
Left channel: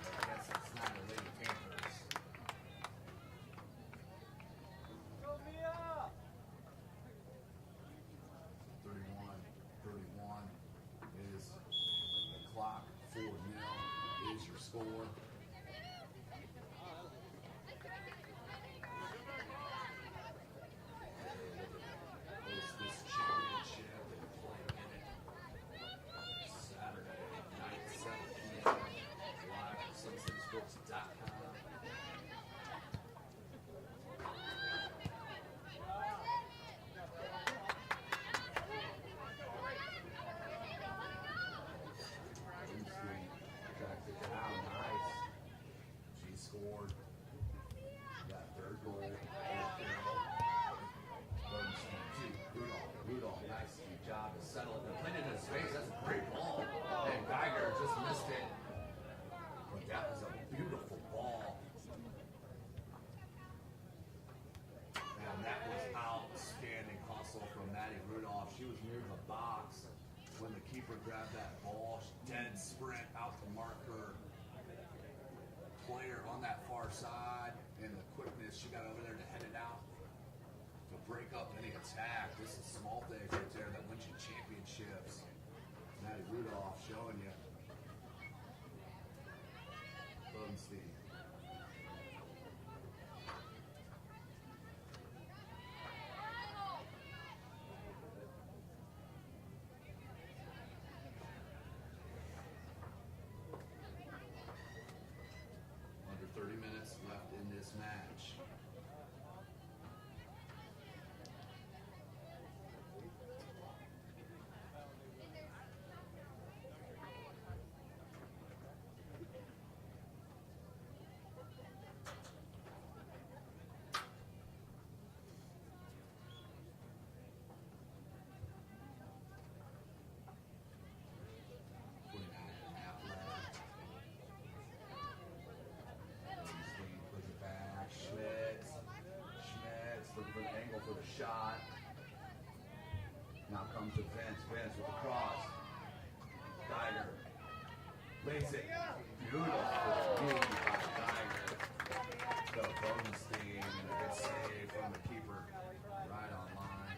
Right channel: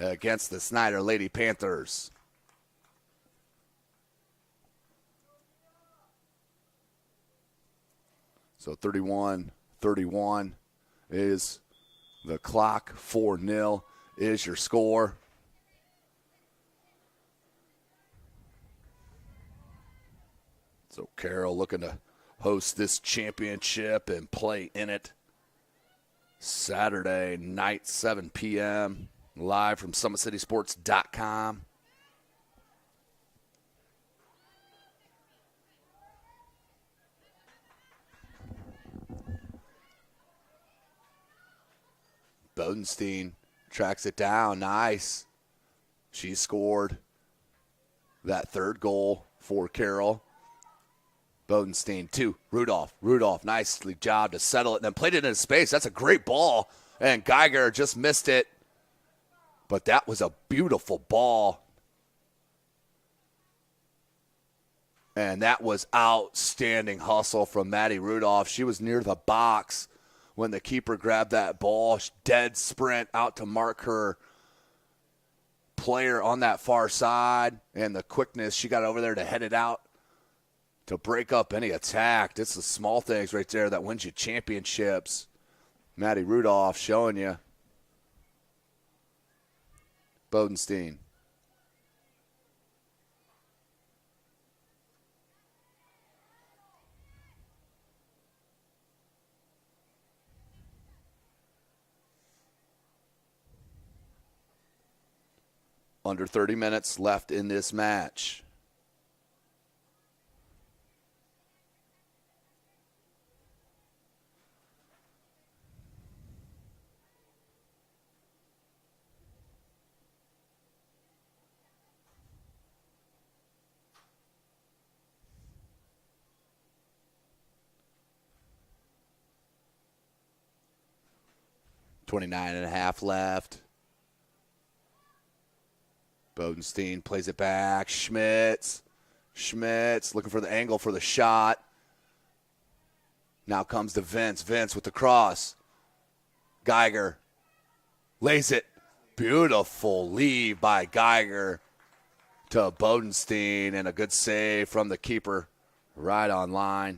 against the Snider Lady Panthers. So 31-31 is the clock. 4-0 is your score. So Carroll looking to host this championship and play in it Saturday night, 7 p.m., live from SummitCitySports.com. Bodenstein tracks it down. Nice. She scored that third goal for Carroll. Bodenstein, 2. Rudolph, nicely job to settle it and then played it into space. That's a great ball. And Geiger just missed it. But that was a beautiful ball. And that was outstanding hustle from Maddie Rudolph. She was near the box when the keeper grabbed that ball. Dead sprint out to mark her player on that far side. And the quickness, she got over there to head it out to break up any attack. It's the small things right there that wins you championships. Maddie Rudolph showing you. Bodenstein. Under 30 minutes left in this match. .29.5 left. Bodenstein plays it back. Schmitz looking for the angle for the shot. Now comes to Vince. Vince with the cross. Geiger lays it. Beautiful lead by Geiger to Bodenstein, and a good save from the keeper right on line.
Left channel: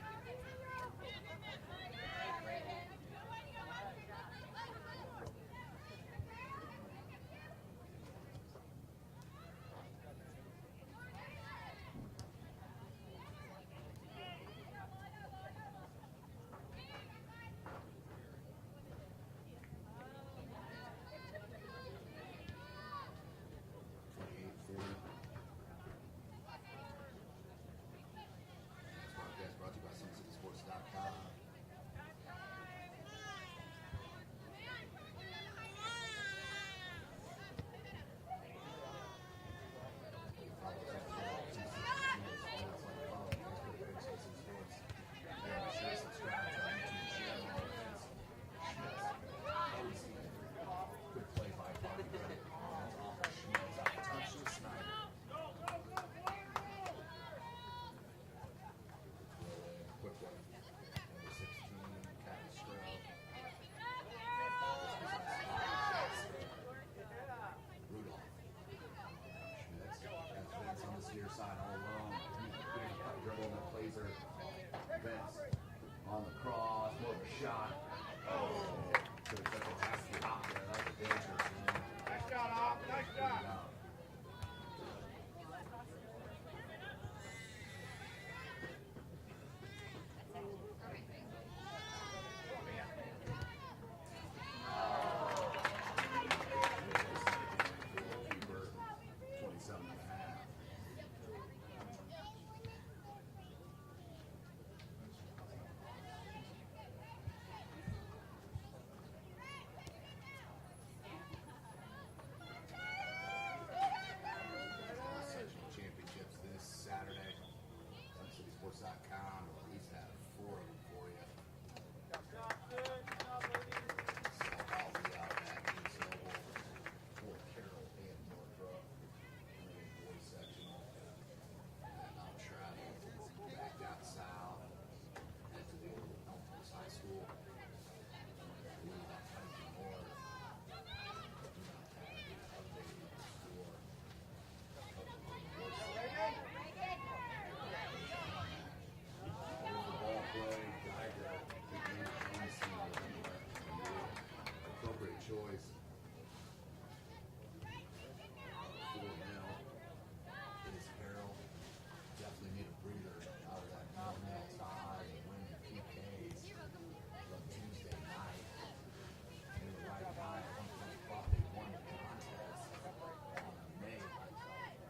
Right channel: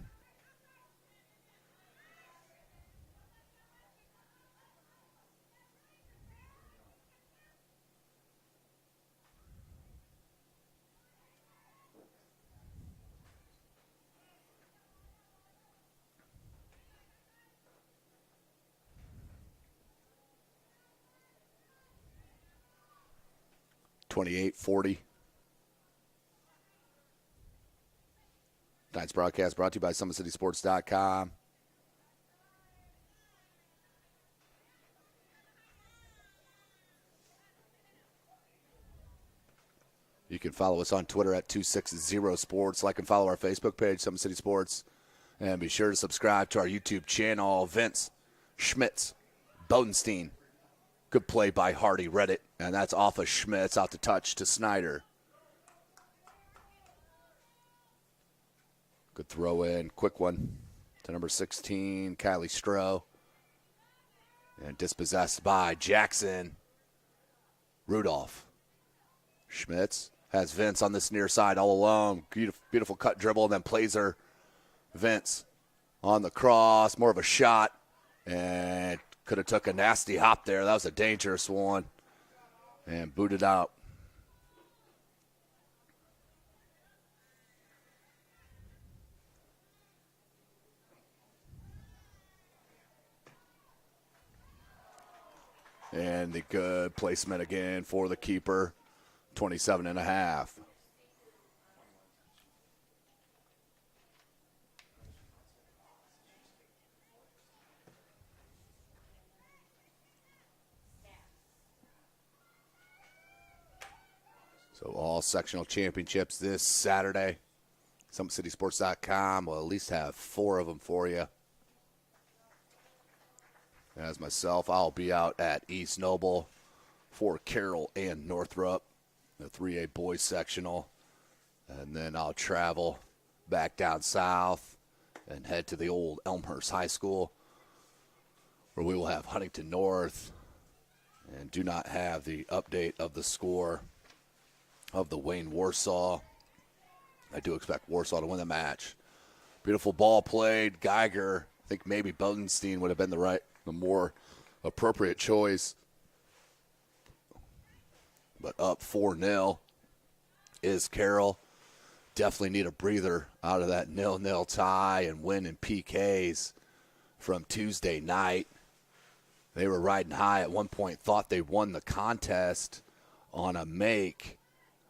.28-40. Tonight's broadcast brought to you by SummitCitySports.com. You can follow us on Twitter at 260sports. Like and follow our Facebook page, Summit City Sports. And be sure to subscribe to our YouTube channel. Vince, Schmitz, Bodenstein. Good play by Hardy, read it, and that's off of Schmitz, out to touch to Snider. Good throw in, quick one to number 16, Kylie Stroh. And dispossessed by Jackson. Rudolph. Schmitz has Vince on this near side all alone. Beautiful cut dribble, and then plays her. Vince on the cross, more of a shot, and could have took a nasty hop there. That was a dangerous one. And booted out. And the good placement again for the keeper. 27.5. All sectional championships this Saturday. SummitCitySports.com will at least have 4 of them for you. As myself, I'll be out at East Noble for Carroll and Northrop, the 3A boys sectional. And then I'll travel back down south and head to the old Elmhurst High School, where we will have Huntington North. And do not have the update of the score of the Wayne Warsaw. I do expect Warsaw to win the match. Beautiful ball played. Geiger, I think maybe Bodenstein would have been the more appropriate choice. But up 4-0 is Carroll. Definitely need a breather out of that 0-0 tie and win in PKs from Tuesday night. They were riding high at one point, thought they won the contest on a make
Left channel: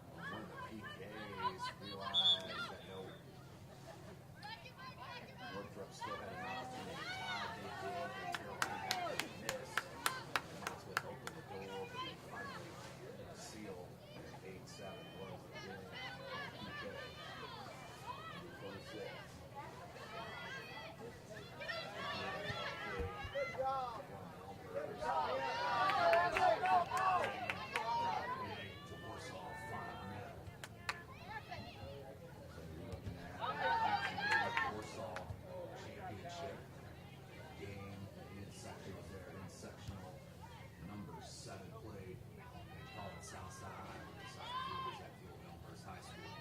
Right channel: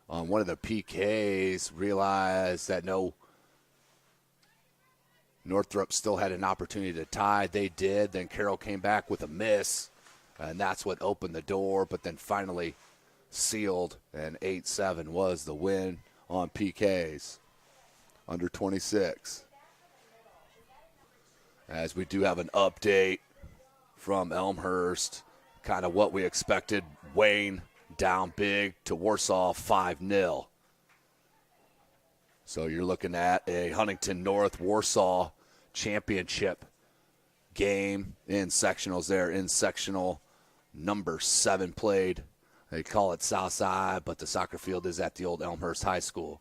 on one of the PKs, realized that no, Northrop still had an opportunity to tie. They did. Then Carroll came back with a miss, and that's what opened the door, but then finally sealed, and 8-7 was the win on PKs. Under 26. As we do have an update from Elmhurst, kind of what we expected. Wayne down big to Warsaw, 5-0. So you're looking at a Huntington North Warsaw championship game in sectionals there. In sectional number 7 played. They call it Southside, but the soccer field is at the old Elmhurst High School.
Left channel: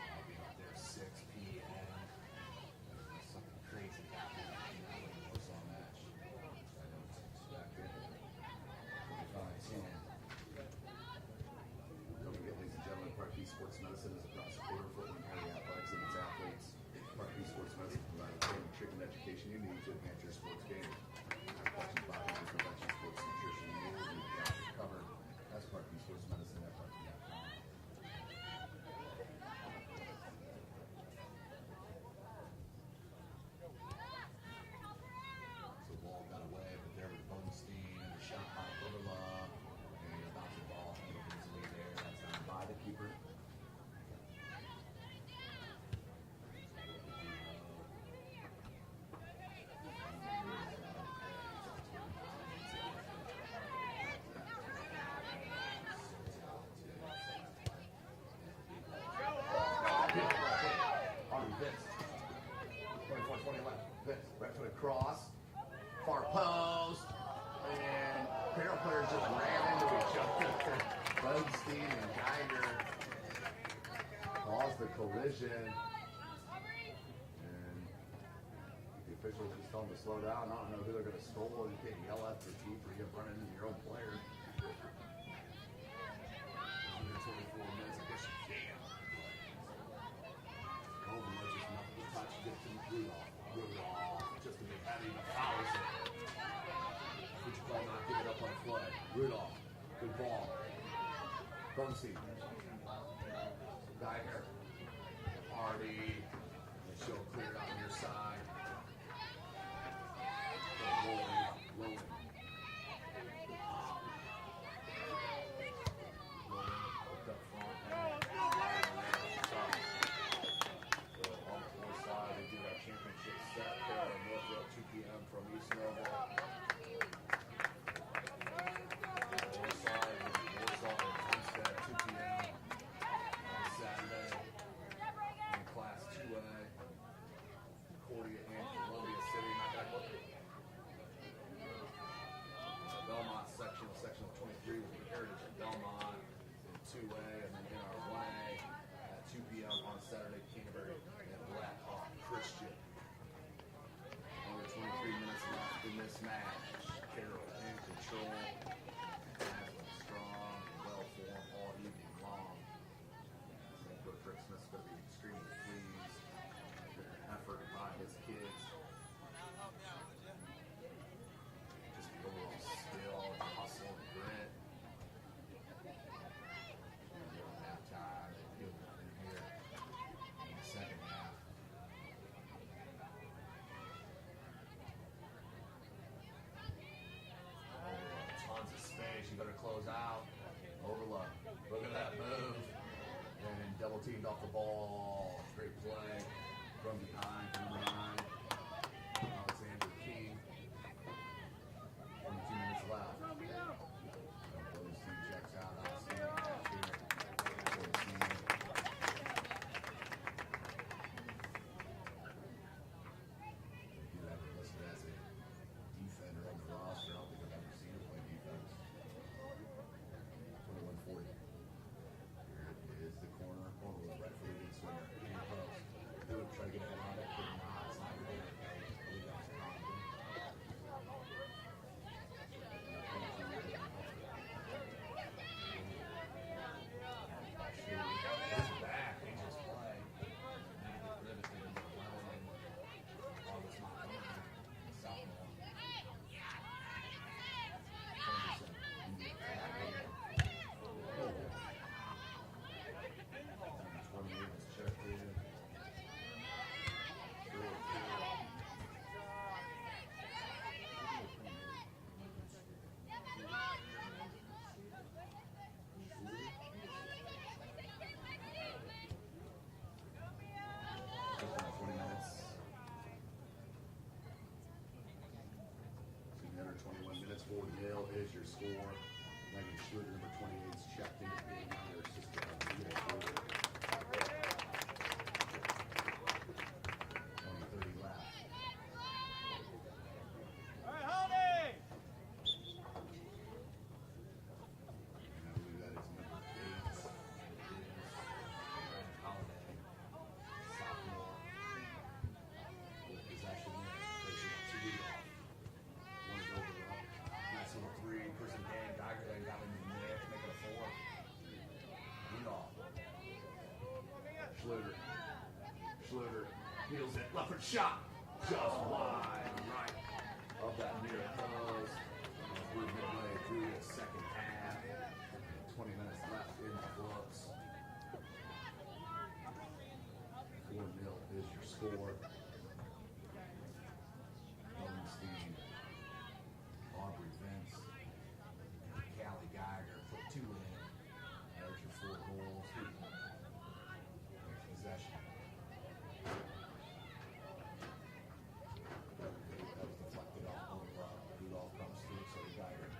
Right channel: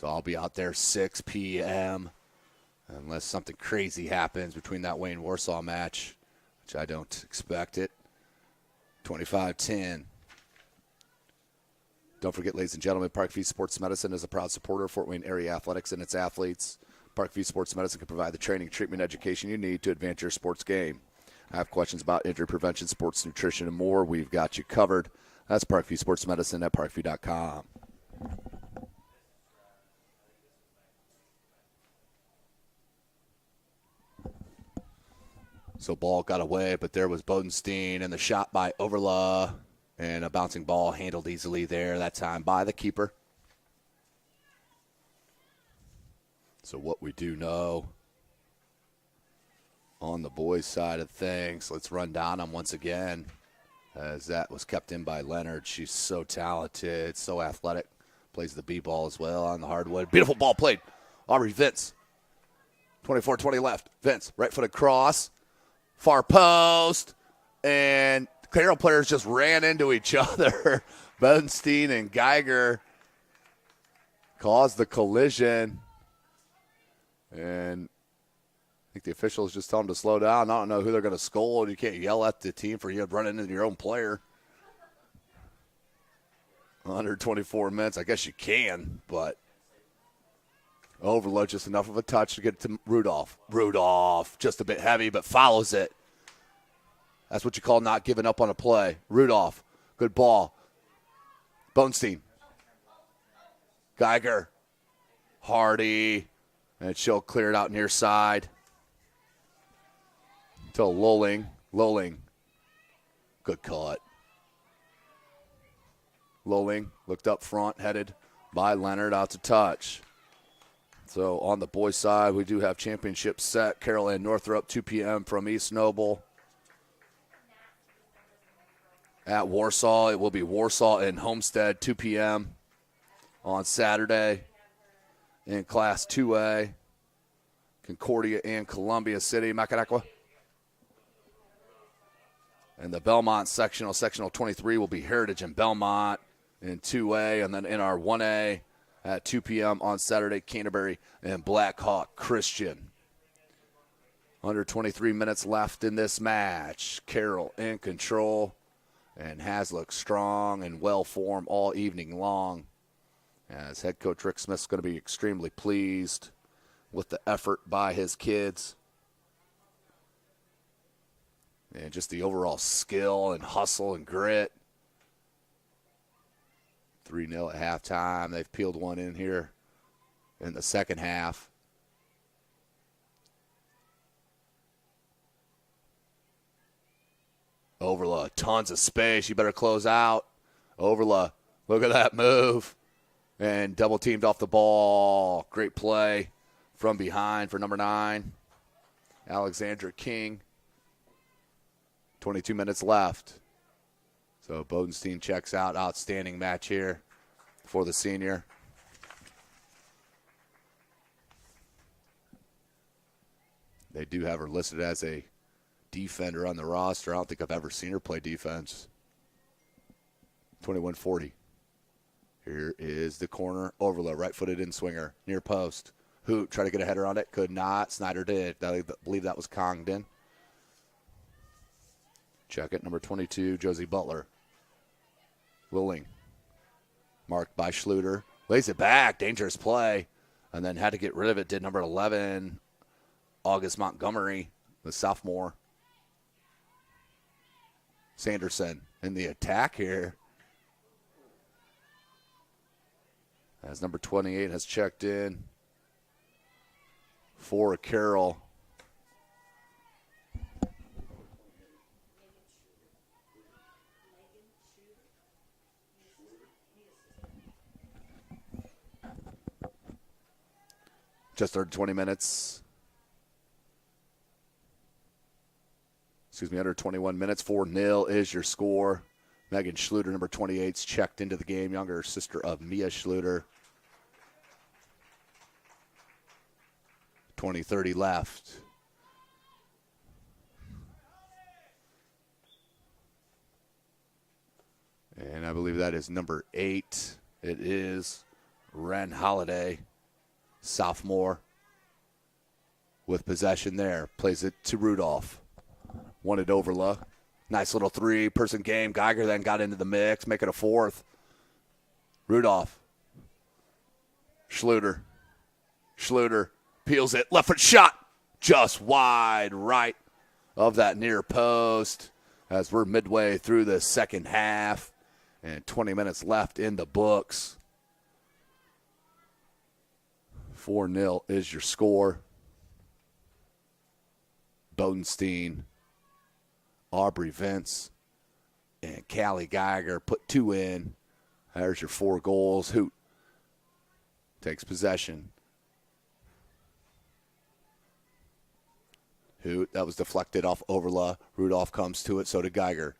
So I'll be out there 6 p.m. unless something crazy happens between that Wayne-Warsaw match, which I don't expect it. 25-10. Don't forget, ladies and gentlemen, Parkview Sports Medicine is a proud supporter of Fort Wayne area athletics and its athletes. Parkview Sports Medicine can provide the training, treatment, education you need to advance your sports game. Have questions about injury prevention, sports nutrition, and more, we've got you covered. That's Parkview Sports Medicine at parkview.com. So ball got away, but there was Bodenstein, and the shot by Overla, and a bouncing ball handled easily there that time by the keeper. So what we do know on the boys' side of things, let's run down them once again, as that was kept in by Leonard. She's so talented, so athletic, plays the B-ball as well on the hardwood. Beautiful ball played. Aubrey Vince, 24-20 left. Vince, right foot across, far post, and Carroll players just ran into each other. Bodenstein and Geiger caused the collision, and I think the officials just tell them to slow down. I don't know who they're going to scold. You can't yell at the team for you running into your own player. Under 24 minutes, I guess you can, but overload just enough of a touch to get to Rudolph. Rudolph, just a bit heavy, but follows it. That's what you call not giving up on a play. Rudolph, good ball. Bodenstein. Geiger. Hardy. And she'll clear it out near side. To Lolling. Lolling. Good cut. Lolling looked up front, headed by Leonard, out to touch. So on the boys' side, we do have championship set. Carroll and Northrop, 2 p.m. from East Noble. At Warsaw, it will be Warsaw and Homestead, 2 p.m. on Saturday. In Class 2A, Concordia and Columbia City, Mackinac. And the Belmont sectional, sectional 23, will be Heritage and Belmont in 2A. And then in our 1A at 2 p.m. on Saturday, Canterbury and Blackhawk Christian. Under 23 minutes left in this match. Carroll in control and has looked strong and well-formed all evening long. As head coach Rick Smith's going to be extremely pleased with the effort by his kids. And just the overall skill and hustle and grit. 3-0 at halftime. They've peeled one in here in the second half. Overla, tons of space. You better close out. Overla, look at that move. And double teamed off the ball. Great play from behind for number 9, Alexandra King. 22 minutes left. So Bodenstein checks out. Outstanding match here for the senior. They do have her listed as a defender on the roster. I don't think I've ever seen her play defense. 21-40. Here is the corner. Overload, right-footed in-swinger, near post. Hoot, try to get a header on it, could not. Snider did. I believe that was Congdon. Check it, number 22, Josie Butler. Willing. Marked by Schluter. Lays it back, dangerous play. And then had to get rid of it, did number 11, August Montgomery, the sophomore. Sanderson in the attack here. As number 28 has checked in for Carroll. Just under 20 minutes. Excuse me, under 21 minutes. 4-0 is your score. Megan Schluter, number 28's checked into the game. Younger sister of Mia Schluter. 20-30 left. And I believe that is number 8. It is Ren Holiday, sophomore, with possession there. Plays it to Rudolph. Wanted Overla. Nice little three-person game. Geiger then got into the mix, make it a fourth. Rudolph. Schluter. Schluter peels it. Left foot shot. Just wide right of that near post as we're midway through the second half and 20 minutes left in the books. 4-0 is your score. Bodenstein, Aubrey Vince, and Callie Geiger put 2 in. There's your 4 goals. Hoot takes possession. Hoot, that was deflected off Overla. Rudolph comes to it, so did Geiger.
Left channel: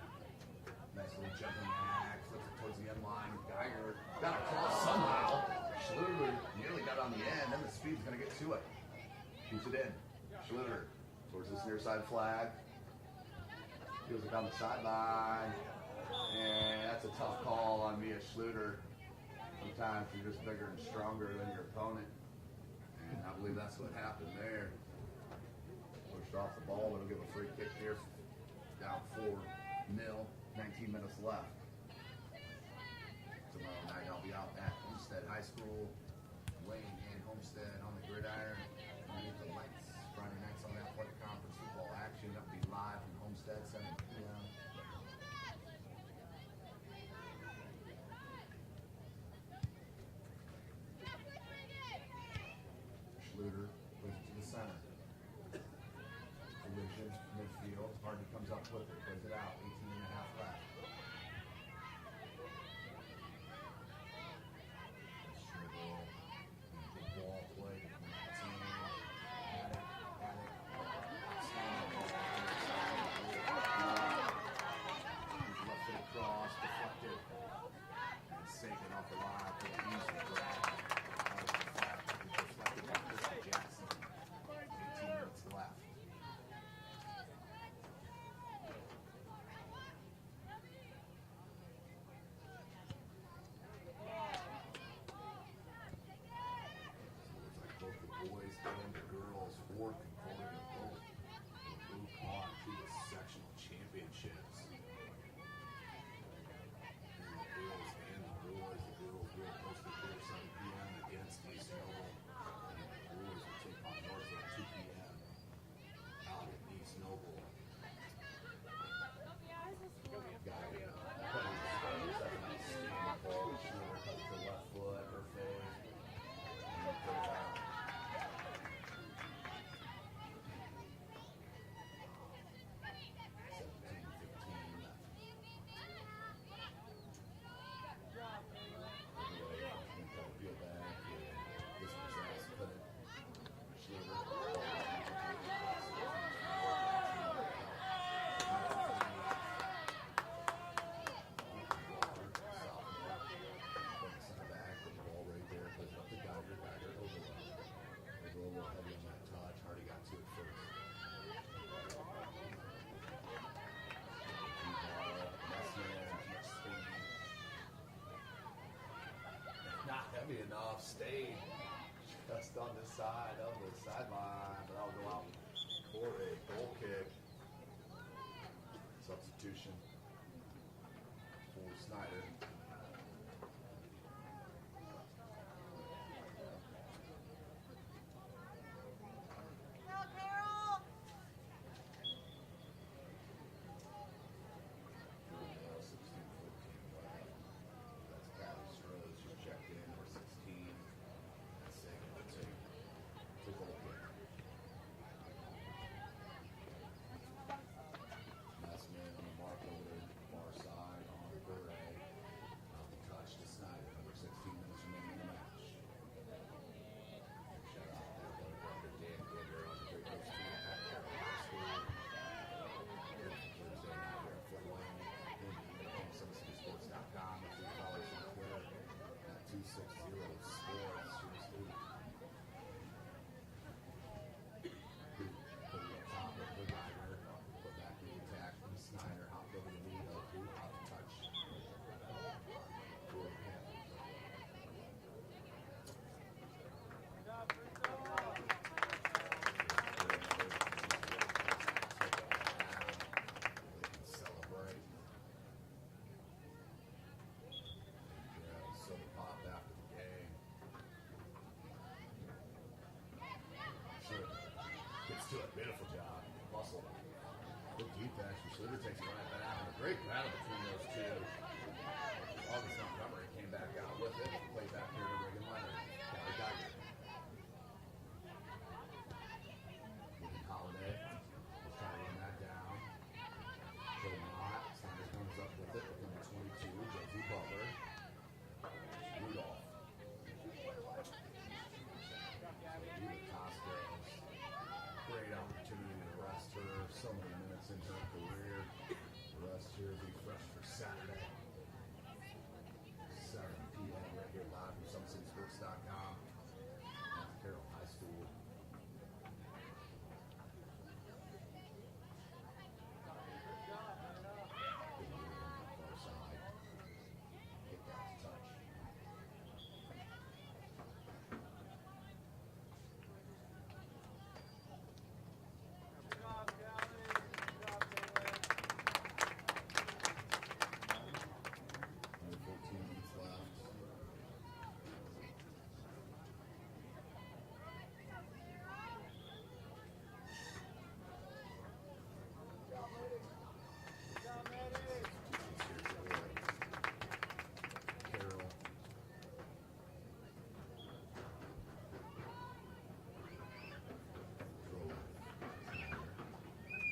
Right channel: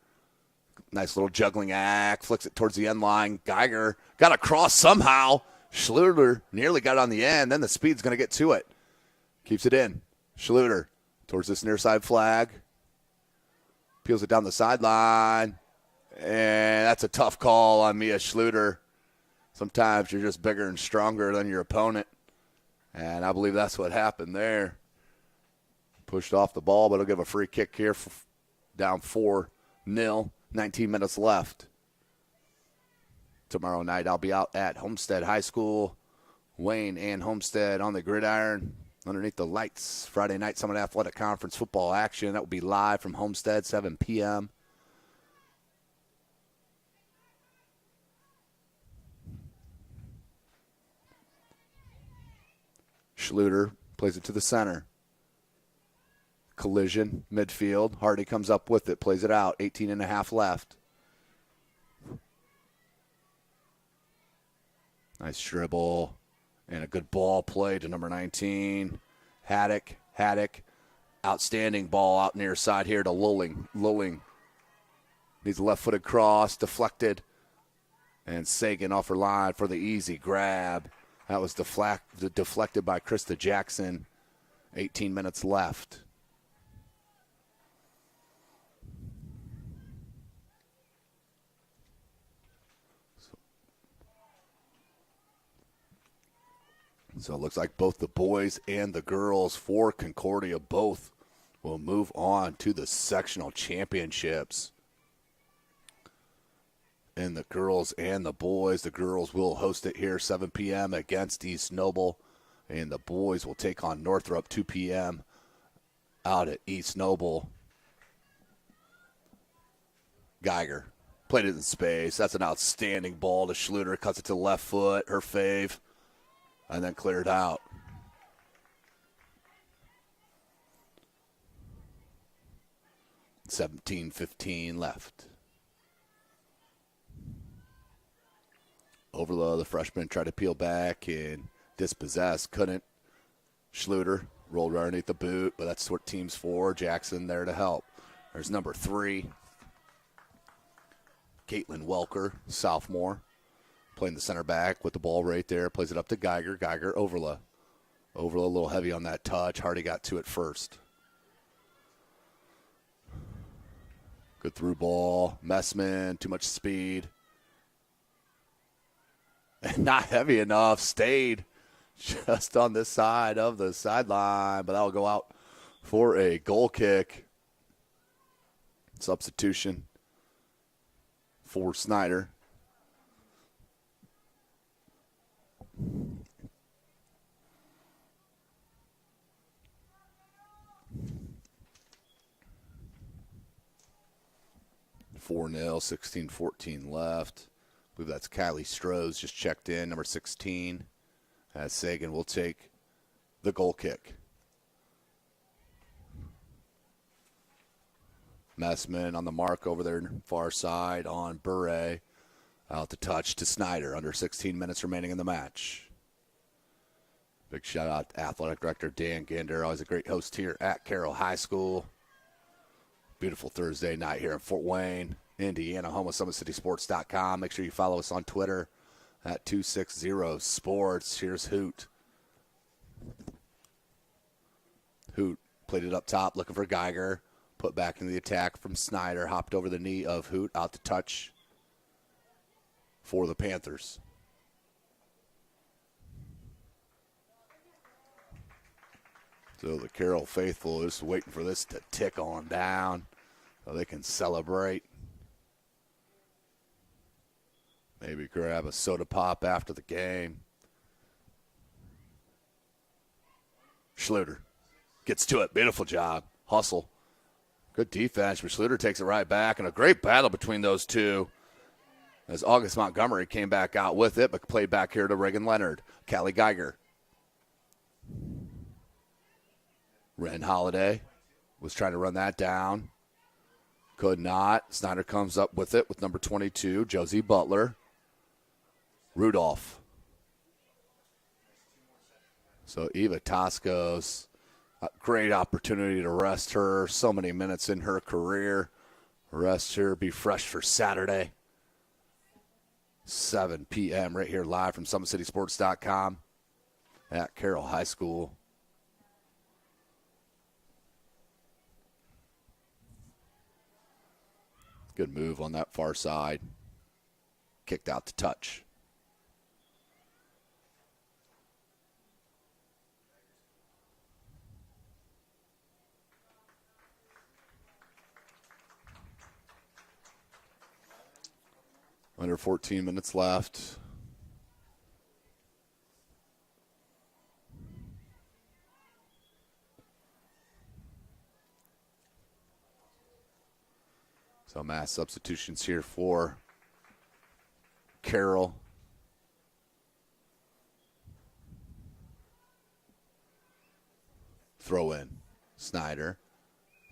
Nice little juggling act, flicks it towards the end line. Geiger got across somehow. Schluter nearly got it on the end, then the speed's gonna get to it. Keeps it in. Schluter towards this near side flag. Peels it down the sideline. And that's a tough call on Mia Schluter. Sometimes you're just bigger and stronger than your opponent. And I believe that's what happened there. Pushed off the ball, but it'll give a free kick here. Down 4-0, 19 minutes left. Tomorrow night I'll be out at Homestead High School. Wayne and Homestead on the gridiron underneath the lights. Friday night Summit Athletic Conference football action. That will be live from Homestead, 7 p.m. Schluter plays it to the center. Collision, midfield. Hardy comes up with it, plays it out. 18.5 left. Nice dribble and a good ball play to number 19. Haddock. Outstanding ball out near side here to Lulling. Needs a left-footed cross, deflected. And Sagan off her line for the easy grab. That was deflected by Krista Jackson. 18 minutes left. So it looks like both the boys and the girls for Concordia both will move on to the sectional championships. And the girls and the boys, the girls will host it here 7 p.m. against East Noble. And the boys will take on Northrop 2 p.m. out at East Noble. Geiger played it in space. That's an outstanding ball to Schluter. Cuts it to the left foot, her fave. And then cleared out. $17:15 left. Overload, the freshman tried to peel back and dispossess, couldn't. Schluter rolled right underneath the boot, but that's what team's for. Jackson there to help. There's number 3, Caitlin Welker, sophomore. Playing the center back with the ball right there. Plays it up to Geiger. Geiger, Overla. Overla a little heavy on that touch. Hardy got to it first. Good through ball. Messman, too much speed. Not heavy enough, stayed just on this side of the sideline, but that'll go out for a goal kick. Substitution for Snider. Carroll. 4-0, 16-14 left. I believe that's Kylie Strohs just checked in, number 16. As Sagan will take the goal kick. Messman on the mark over there far side on Bure. Out to touch to Snider. Under 16 minutes remaining in the match. Big shout out to Athletic Director Dan Ginder. Always a great host here at Carroll High School. Beautiful Thursday night here in Fort Wayne, Indiana, home of SummitCitySports.com. Make sure you follow us on Twitter at 260sports. Here's Hoot. Hoot played it up top, looking for Geiger. Put back into the attack from Snider. Hopped over the knee of Hoot, out to touch for the Panthers. So the Carroll faithful is waiting for this to tick on down so they can celebrate. Maybe grab a soda pop after the game. Schluter gets to it. Beautiful job. Hustle. Good defense, but Schluter takes it right back, and a great battle between those two as August Montgomery came back out with it, but played back here to Reagan Leonard. Callie Geiger. Ren Holiday was trying to run that down. Could not. Snider comes up with it with number 22, Josie Butler. Rudolph. So Eva Tosco's a great opportunity to rest her. So many minutes in her career. Rest her, be fresh for Saturday. 7 p.m. right here live from SummitCitySports.com at Carroll High School. Good move on that far side. Kicked out to touch. Under 14 minutes left. So mass substitutions here for Carroll. Throw in. Snider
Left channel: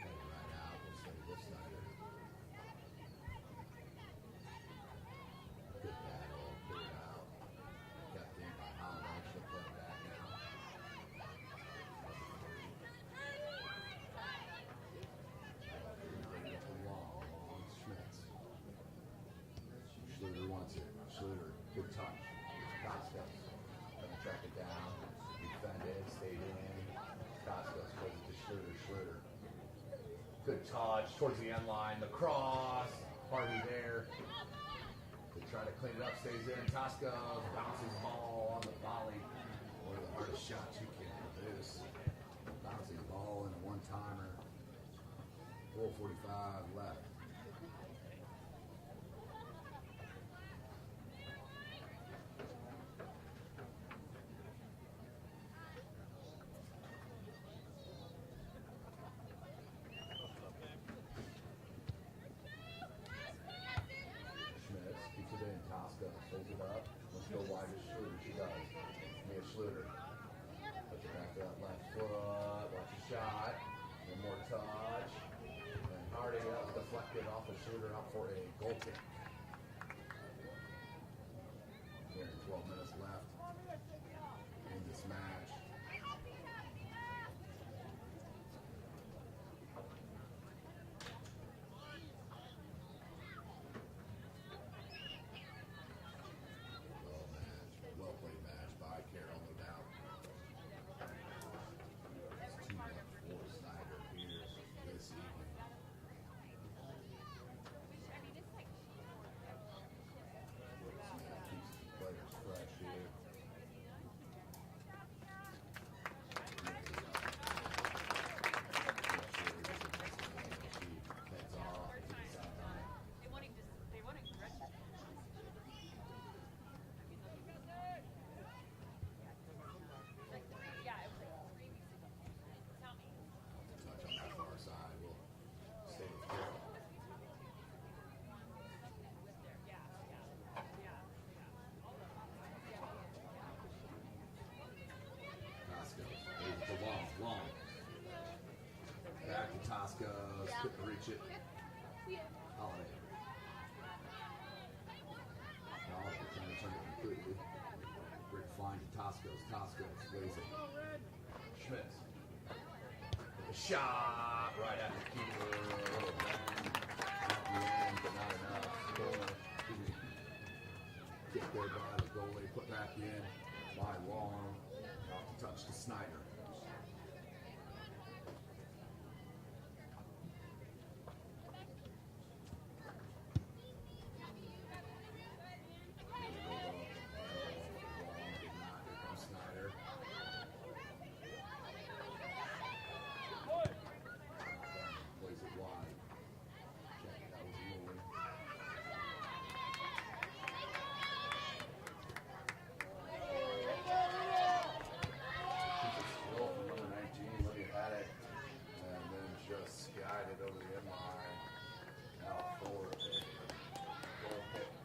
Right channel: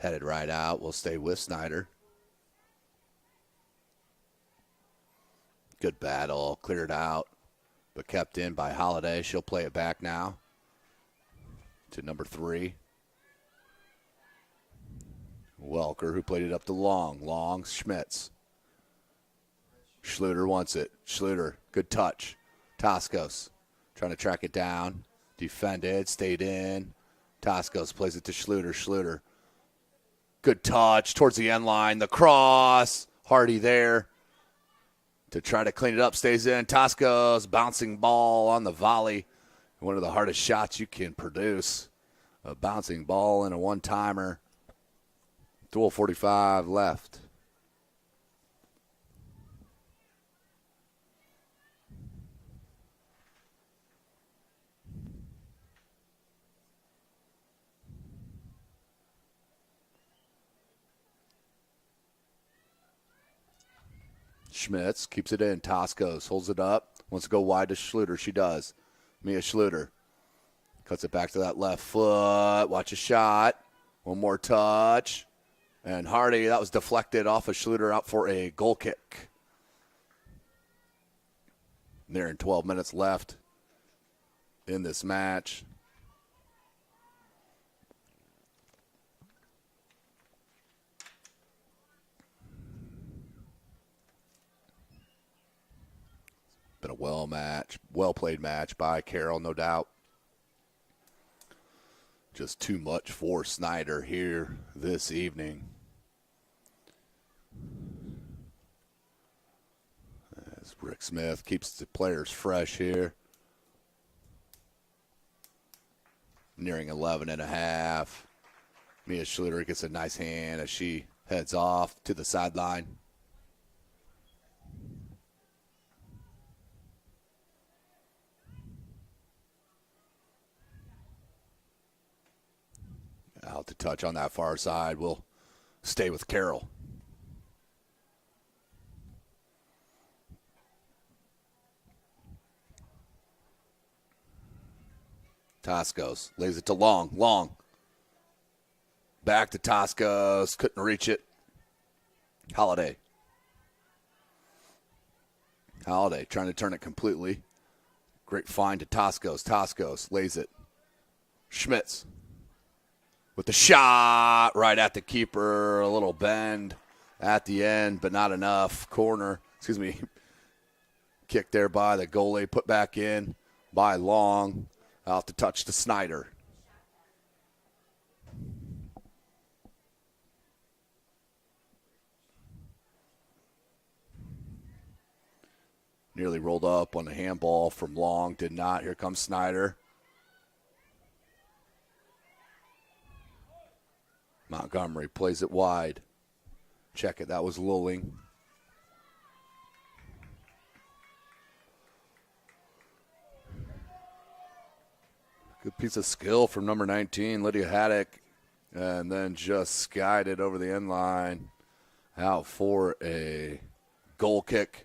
headed right out. We'll stay with Snider. Good battle, cleared out, but kept in by Holiday. She'll play it back now to number 3. Welker, who played it up to Long, Schmitz. Schluter wants it. Schluter, good touch. Toscos trying to track it down. Defended, stayed in. Toscos plays it to Schluter. Schluter, good touch towards the end line. The cross, Hardy there to try to clean it up, stays in. Tosco's bouncing ball on the volley. One of the hardest shots you can produce. A bouncing ball and a one-timer. 12:45 left. Schmitz keeps it in. Toscos holds it up. Wants to go wide to Schluter. She does. Mia Schluter cuts it back to that left foot. Watch a shot. One more touch. And Hardy, that was deflected off of Schluter, out for a goal kick. Nearing 12 minutes left in this match. Been a well-played match by Carroll, no doubt. Just too much for Snider here this evening. As Rick Smith keeps the players fresh here. Nearing 11 and a half. Mia Schluter gets a nice hand as she heads off to the sideline. Out to touch on that far side. We'll stay with Carroll. Toscos lays it to Long. Back to Toscos, couldn't reach it. Holiday trying to turn it completely. Great find to Toscos. Toscos lays it. Schmitz with the shot right at the keeper. A little bend at the end, but not enough. Kick there by the goalie, put back in by Long. Out to touch to Snider. Nearly rolled up on the handball from Long, did not. Here comes Snider. Montgomery plays it wide. Check it, that was Lulling. Good piece of skill from number 19, Lydia Haddock. And then just skied it over the end line. Out for a goal kick.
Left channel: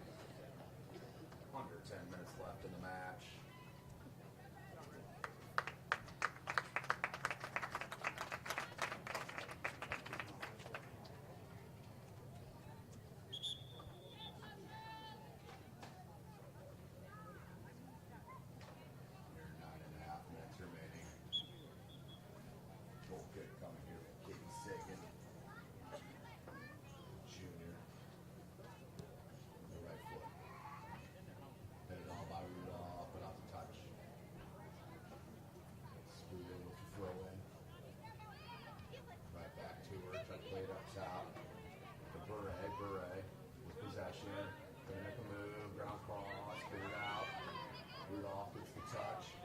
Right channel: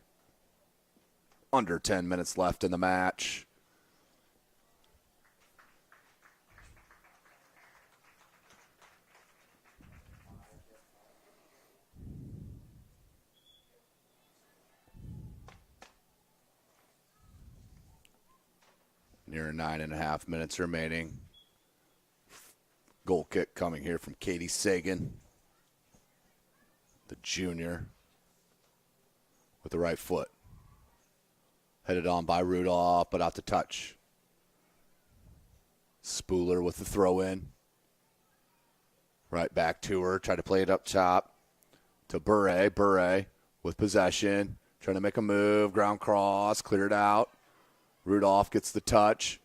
Under 10 minutes left in the match. Near 9.5 minutes remaining. Goal kick coming here from Katie Sagan, the junior, with the right foot. Headed on by Rudolph, but out to touch. Spooler with the throw in. Right back to her, try to play it up top to Bure. Bure with possession, trying to make a move, ground cross, cleared out. Rudolph gets the touch.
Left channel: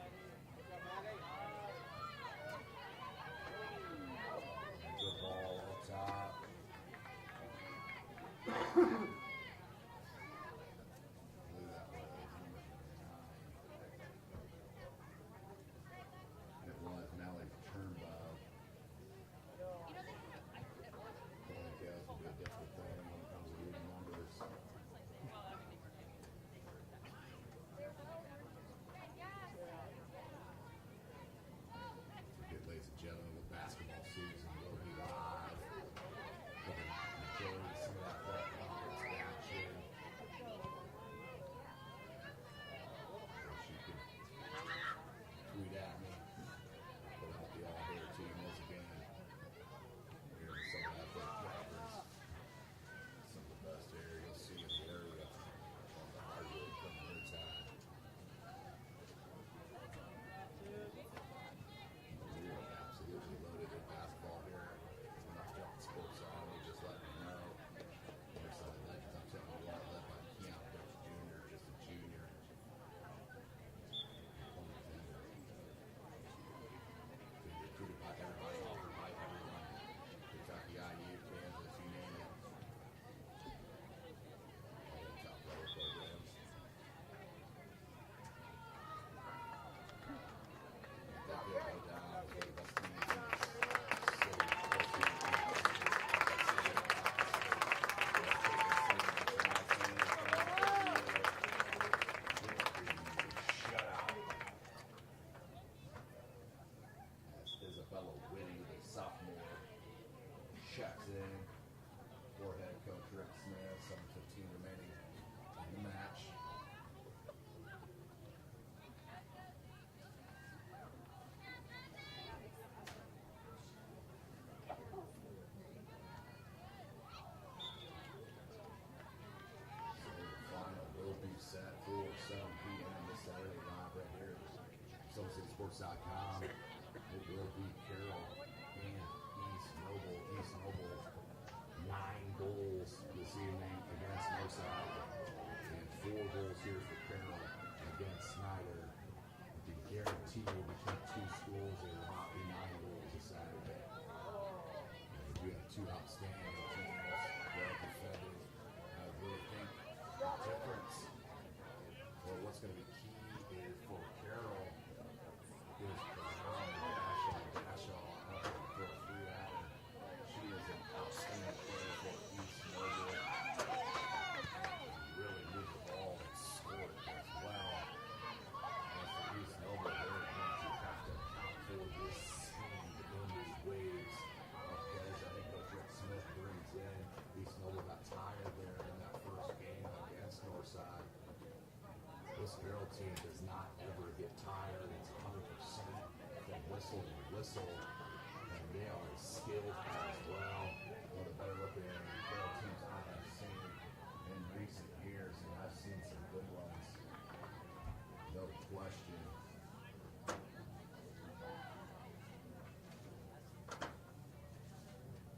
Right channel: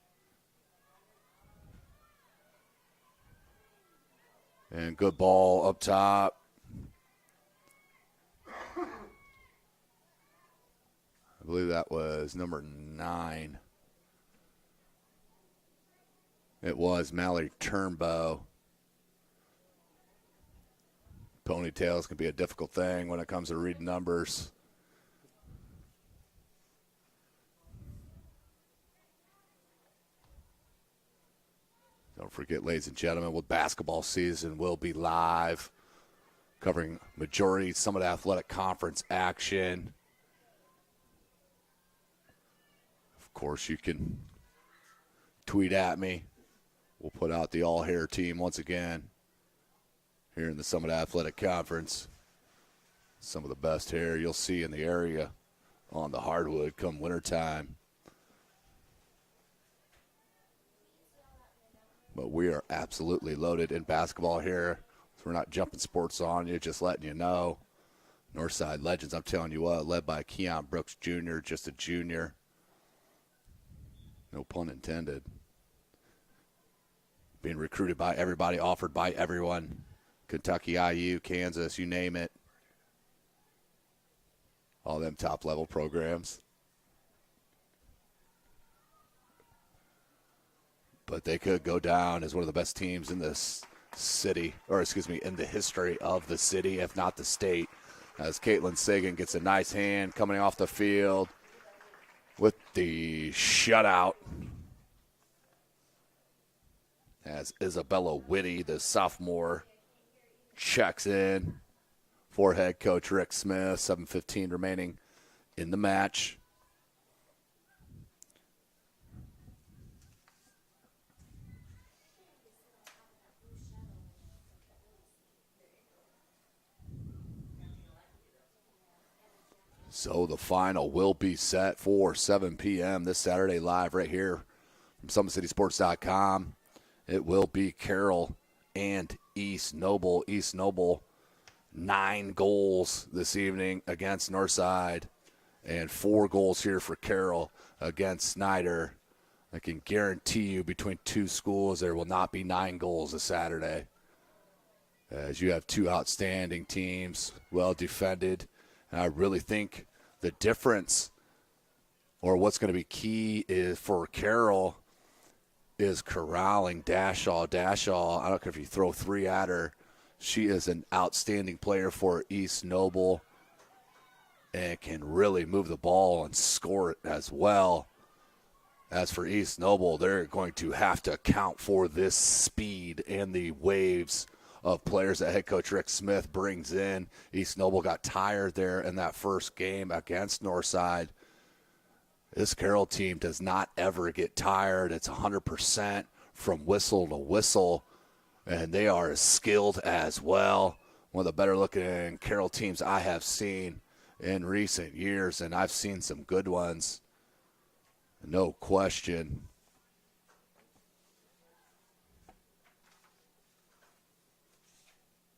And good ball up top. I believe that was number 9. It was Mallory Turnbow. Ponytails can be a difficult thing when it comes to reading numbers. Don't forget, ladies and gentlemen, with basketball season will be live, covering majority Summit Athletic Conference action. Of course, you can tweet at me. We'll put out the all-hair team once again here in the Summit Athletic Conference. Some of the best hair you'll see in the area on the hardwood come wintertime. But we are absolutely loaded in basketball here. So we're not jumping sports on you, just letting you know. Northside Legends, I'm telling you what, led by Keon Brooks Jr., just a junior. No pun intended. Being recruited by everybody, offered by everyone. Kentucky, IU, Kansas, you name it. All them top level programs. But they could go down as one of the best teams in this city, or excuse me, in the history of the city, if not the state. As Caitlin Sagan gets a nice hand coming off the field with the shutout. As Isabella Whitty, the sophomore, checks in for head coach Rick Smith. 7:15 remaining in the match. So the final will be set for 7 p.m. this Saturday live right here from SummitCitySports.com. It will be Carroll and East Noble. East Noble, 9 goals this evening against Northside. And 4 goals here for Carroll against Snider. I can guarantee you between 2 schools there will not be 9 goals this Saturday. As you have 2 outstanding teams, well defended. And I really think the difference, or what's going to be key is for Carroll, is corralling Dashaw. Dashaw, I don't care if you throw 3 at her, she is an outstanding player for East Noble and can really move the ball and score it as well. As for East Noble, they're going to have to account for this speed and the waves of players that head coach Rick Smith brings in. East Noble got tired there in that first game against Northside. This Carroll team does not ever get tired. It's 100% from whistle to whistle, and they are as skilled as well. One of the better looking Carroll teams I have seen in recent years, and I've seen some good ones, no question.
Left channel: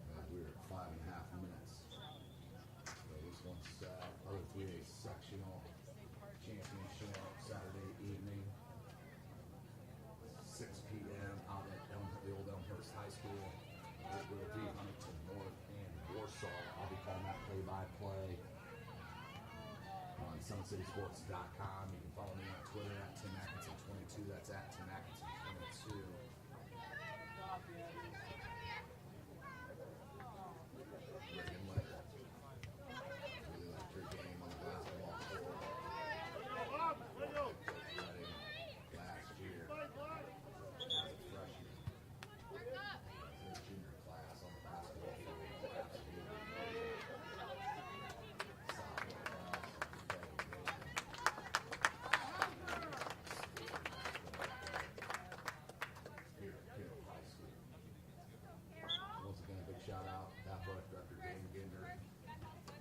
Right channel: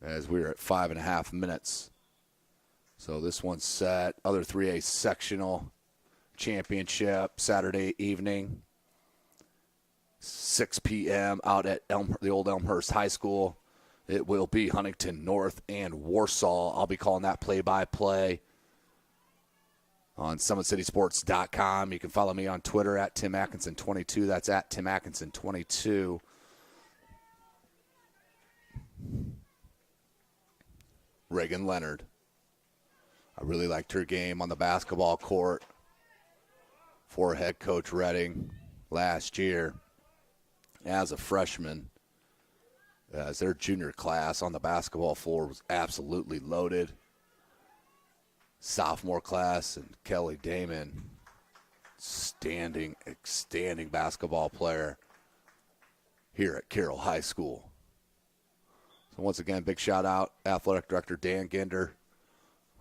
As we're at 5.5 minutes. So this one's set. Other 3A sectional championship Saturday evening, 6 p.m. out at the old Elmhurst High School. It will be Huntington North and Warsaw. I'll be calling that play-by-play on SummitCitySports.com. You can follow me on Twitter at Tim Atkinson22. That's at Tim Atkinson22. Reagan Leonard. I really liked her game on the basketball court for head coach Redding last year as a freshman. As their junior class on the basketball floor was absolutely loaded. Sophomore class, and Kelly Damon, outstanding basketball player here at Carroll High School. So once again, big shout out, Athletic Director Dan Ginder.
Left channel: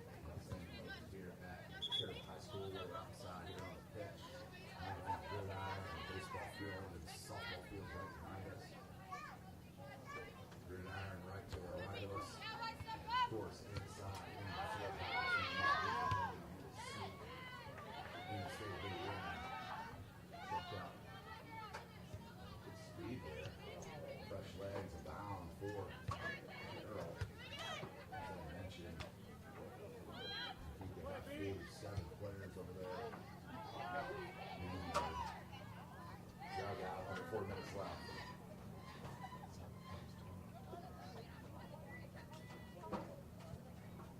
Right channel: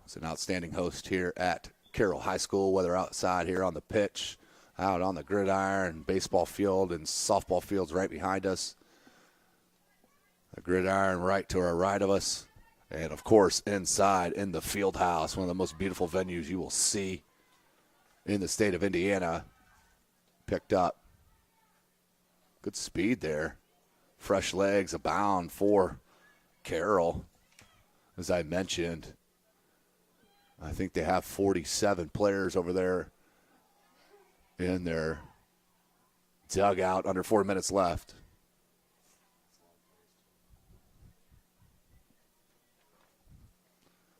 He's an outstanding host here at Carroll High School, whether outside here on the pitch, out on the gridiron, baseball field, and softball fields right behind us. The gridiron right to our right of us. And, of course, inside in the field house, one of the most beautiful venues you will see in the state of Indiana. Picked up. Good speed there. Fresh legs abound for Carroll. As I mentioned, I think they have 47 players over there in their dugout. Under 4 minutes left.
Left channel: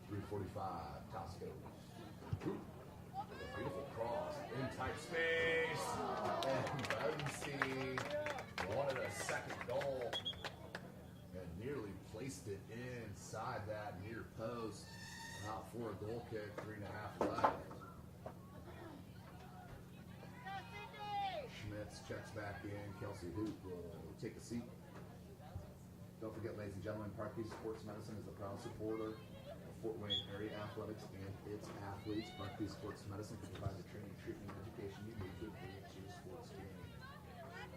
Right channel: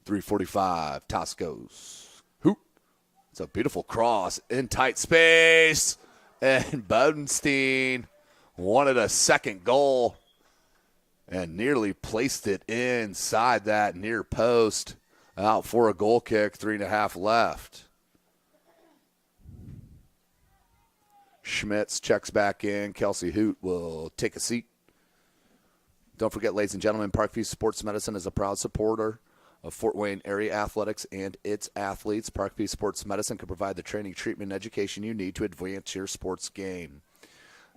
.345, toss goes. Hoop. It's a beautiful cross in tight space. And Bodenstein wanted a second goal and nearly placed it inside that near post. Out for a goal kick, 3.5 left. Schmitz checks back in. Kelsey Hoot will take a seat. Don't forget, ladies and gentlemen, Parkview Sports Medicine is a proud supporter of Fort Wayne area athletics and its athletes. Parkview Sports Medicine can provide the training, treatment, and education you need to advance your sports game.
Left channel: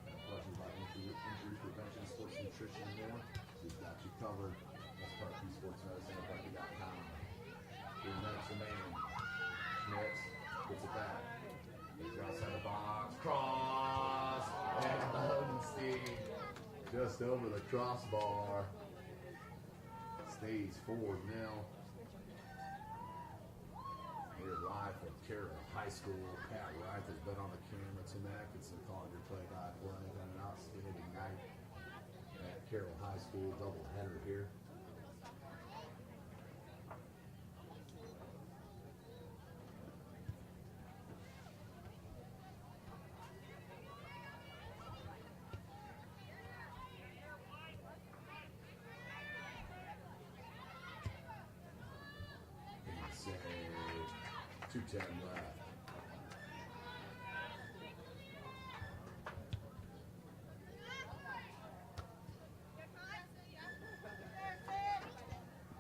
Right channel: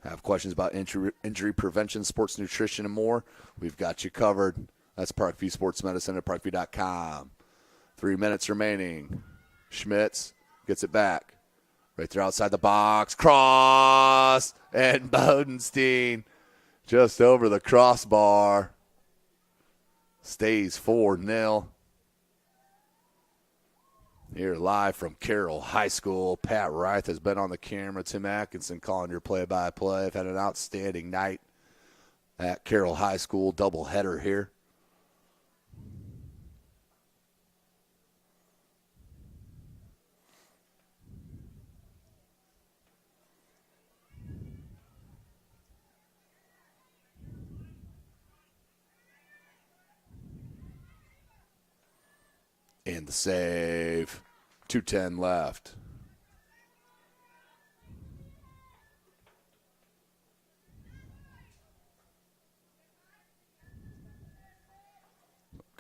Have questions about injury prevention, sports nutrition, and more? We've got you covered. That's Parkview Sports Medicine at parkview.com. 3 minutes remaining. Schmitz gets it back. Right there outside the box. Cross. And Bodenstein just over the crossbar. Stays 4-0. Here live from Carroll High School. Pat Reith has been on the camera. Tim Atkinson calling your play-by-play. I've had an outstanding night at Carroll High School. Doubleheader here. And the save. 2:10 left.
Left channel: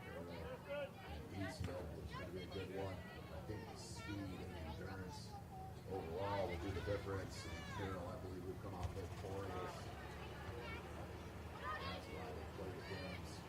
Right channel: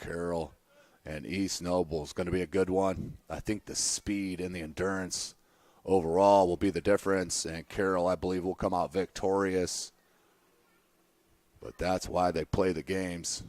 Carroll and East Noble is going to be a good one. I think the speed and the endurance overall will be the difference, and Carroll, I believe, will come out victorious. But that's why they play the games.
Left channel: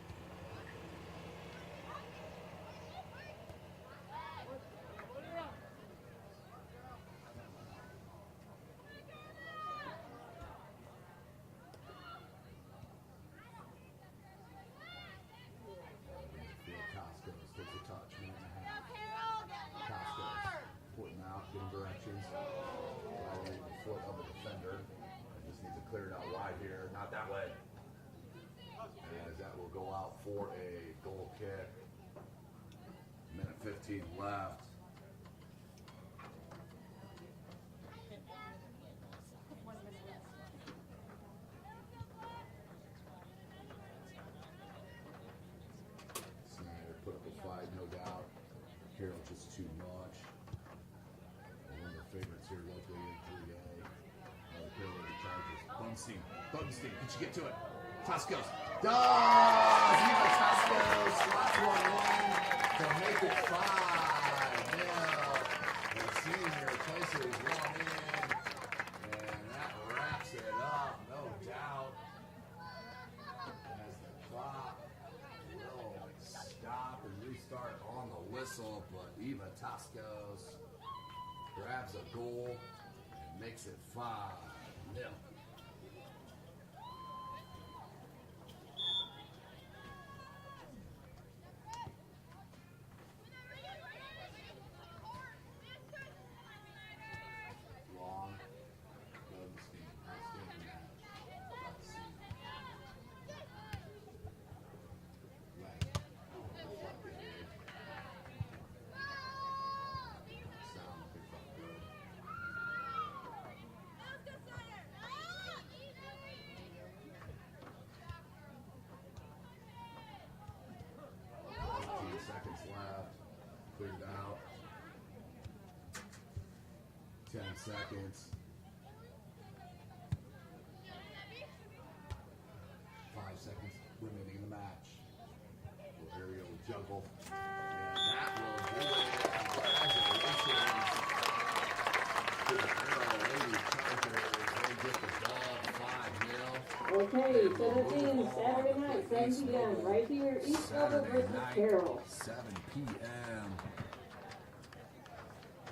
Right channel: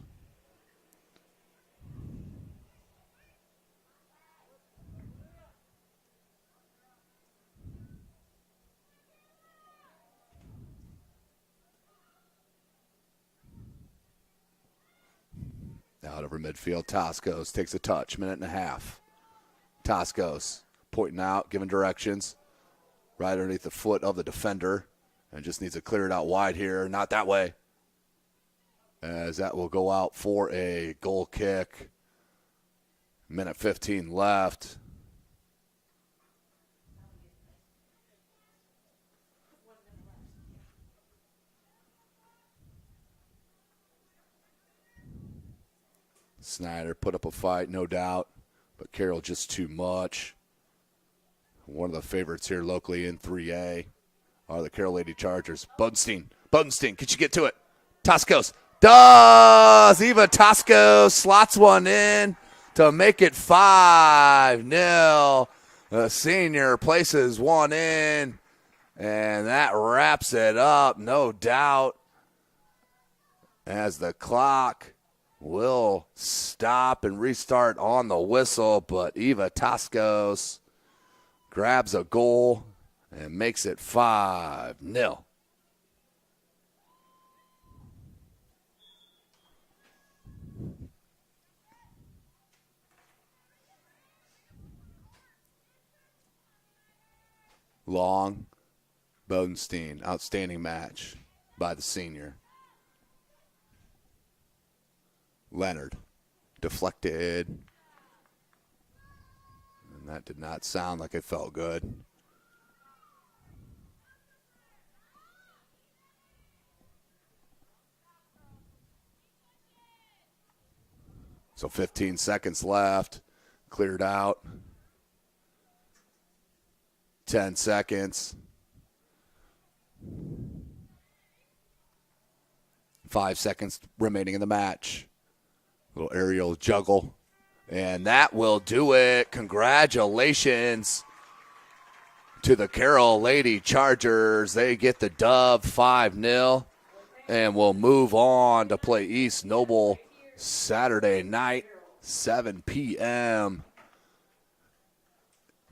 over midfield. Toscos takes a touch, minute and a half. Toscos pointing out, giving directions. Right underneath the foot of the defender. And just needs to clear it out wide here. Not that way. As that will go out for a goal kick. Minute 15 left. Snider put up a fight, no doubt, but Carroll just too much. One of the favorites here locally in 3A are the Carroll Lady Chargers. Bunstein, could you get to it? Toscos does! Eva Toscos slots one in to make it 5-0. The senior places one in, and that wraps it up, no doubt, as the clock will stop and restart on the whistle, but Eva Toscos grabs a goal and makes it 5-0. Long, Bodenstein, outstanding match by the senior. Leonard, deflected. And that did not sound like it felt good. So 15 seconds left, cleared out. 10 seconds. 5 seconds remaining in the match. Little aerial juggle, and that will do it. Congratulations to the Carroll Lady Chargers. They get the dub 5-0, and will move on to play East Noble Saturday night, 7 p.m.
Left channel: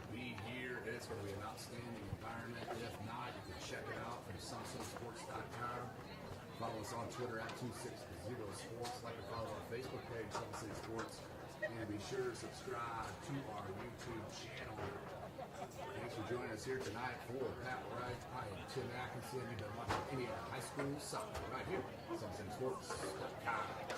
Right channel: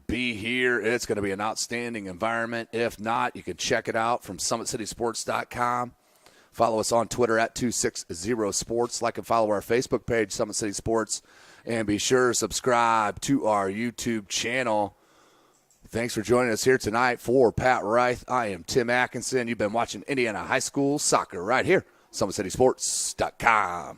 Be here. It's going to be an outstanding environment. If not, you can check it out from SummitCitySports.com. Follow us on Twitter at 260sports. Like and follow our Facebook page, Summit City Sports. And be sure to subscribe to our YouTube channel. Thanks for joining us here tonight. For Pat Reith, I am Tim Atkinson. You've been watching Indiana High School Soccer right here, SummitCitySports.com.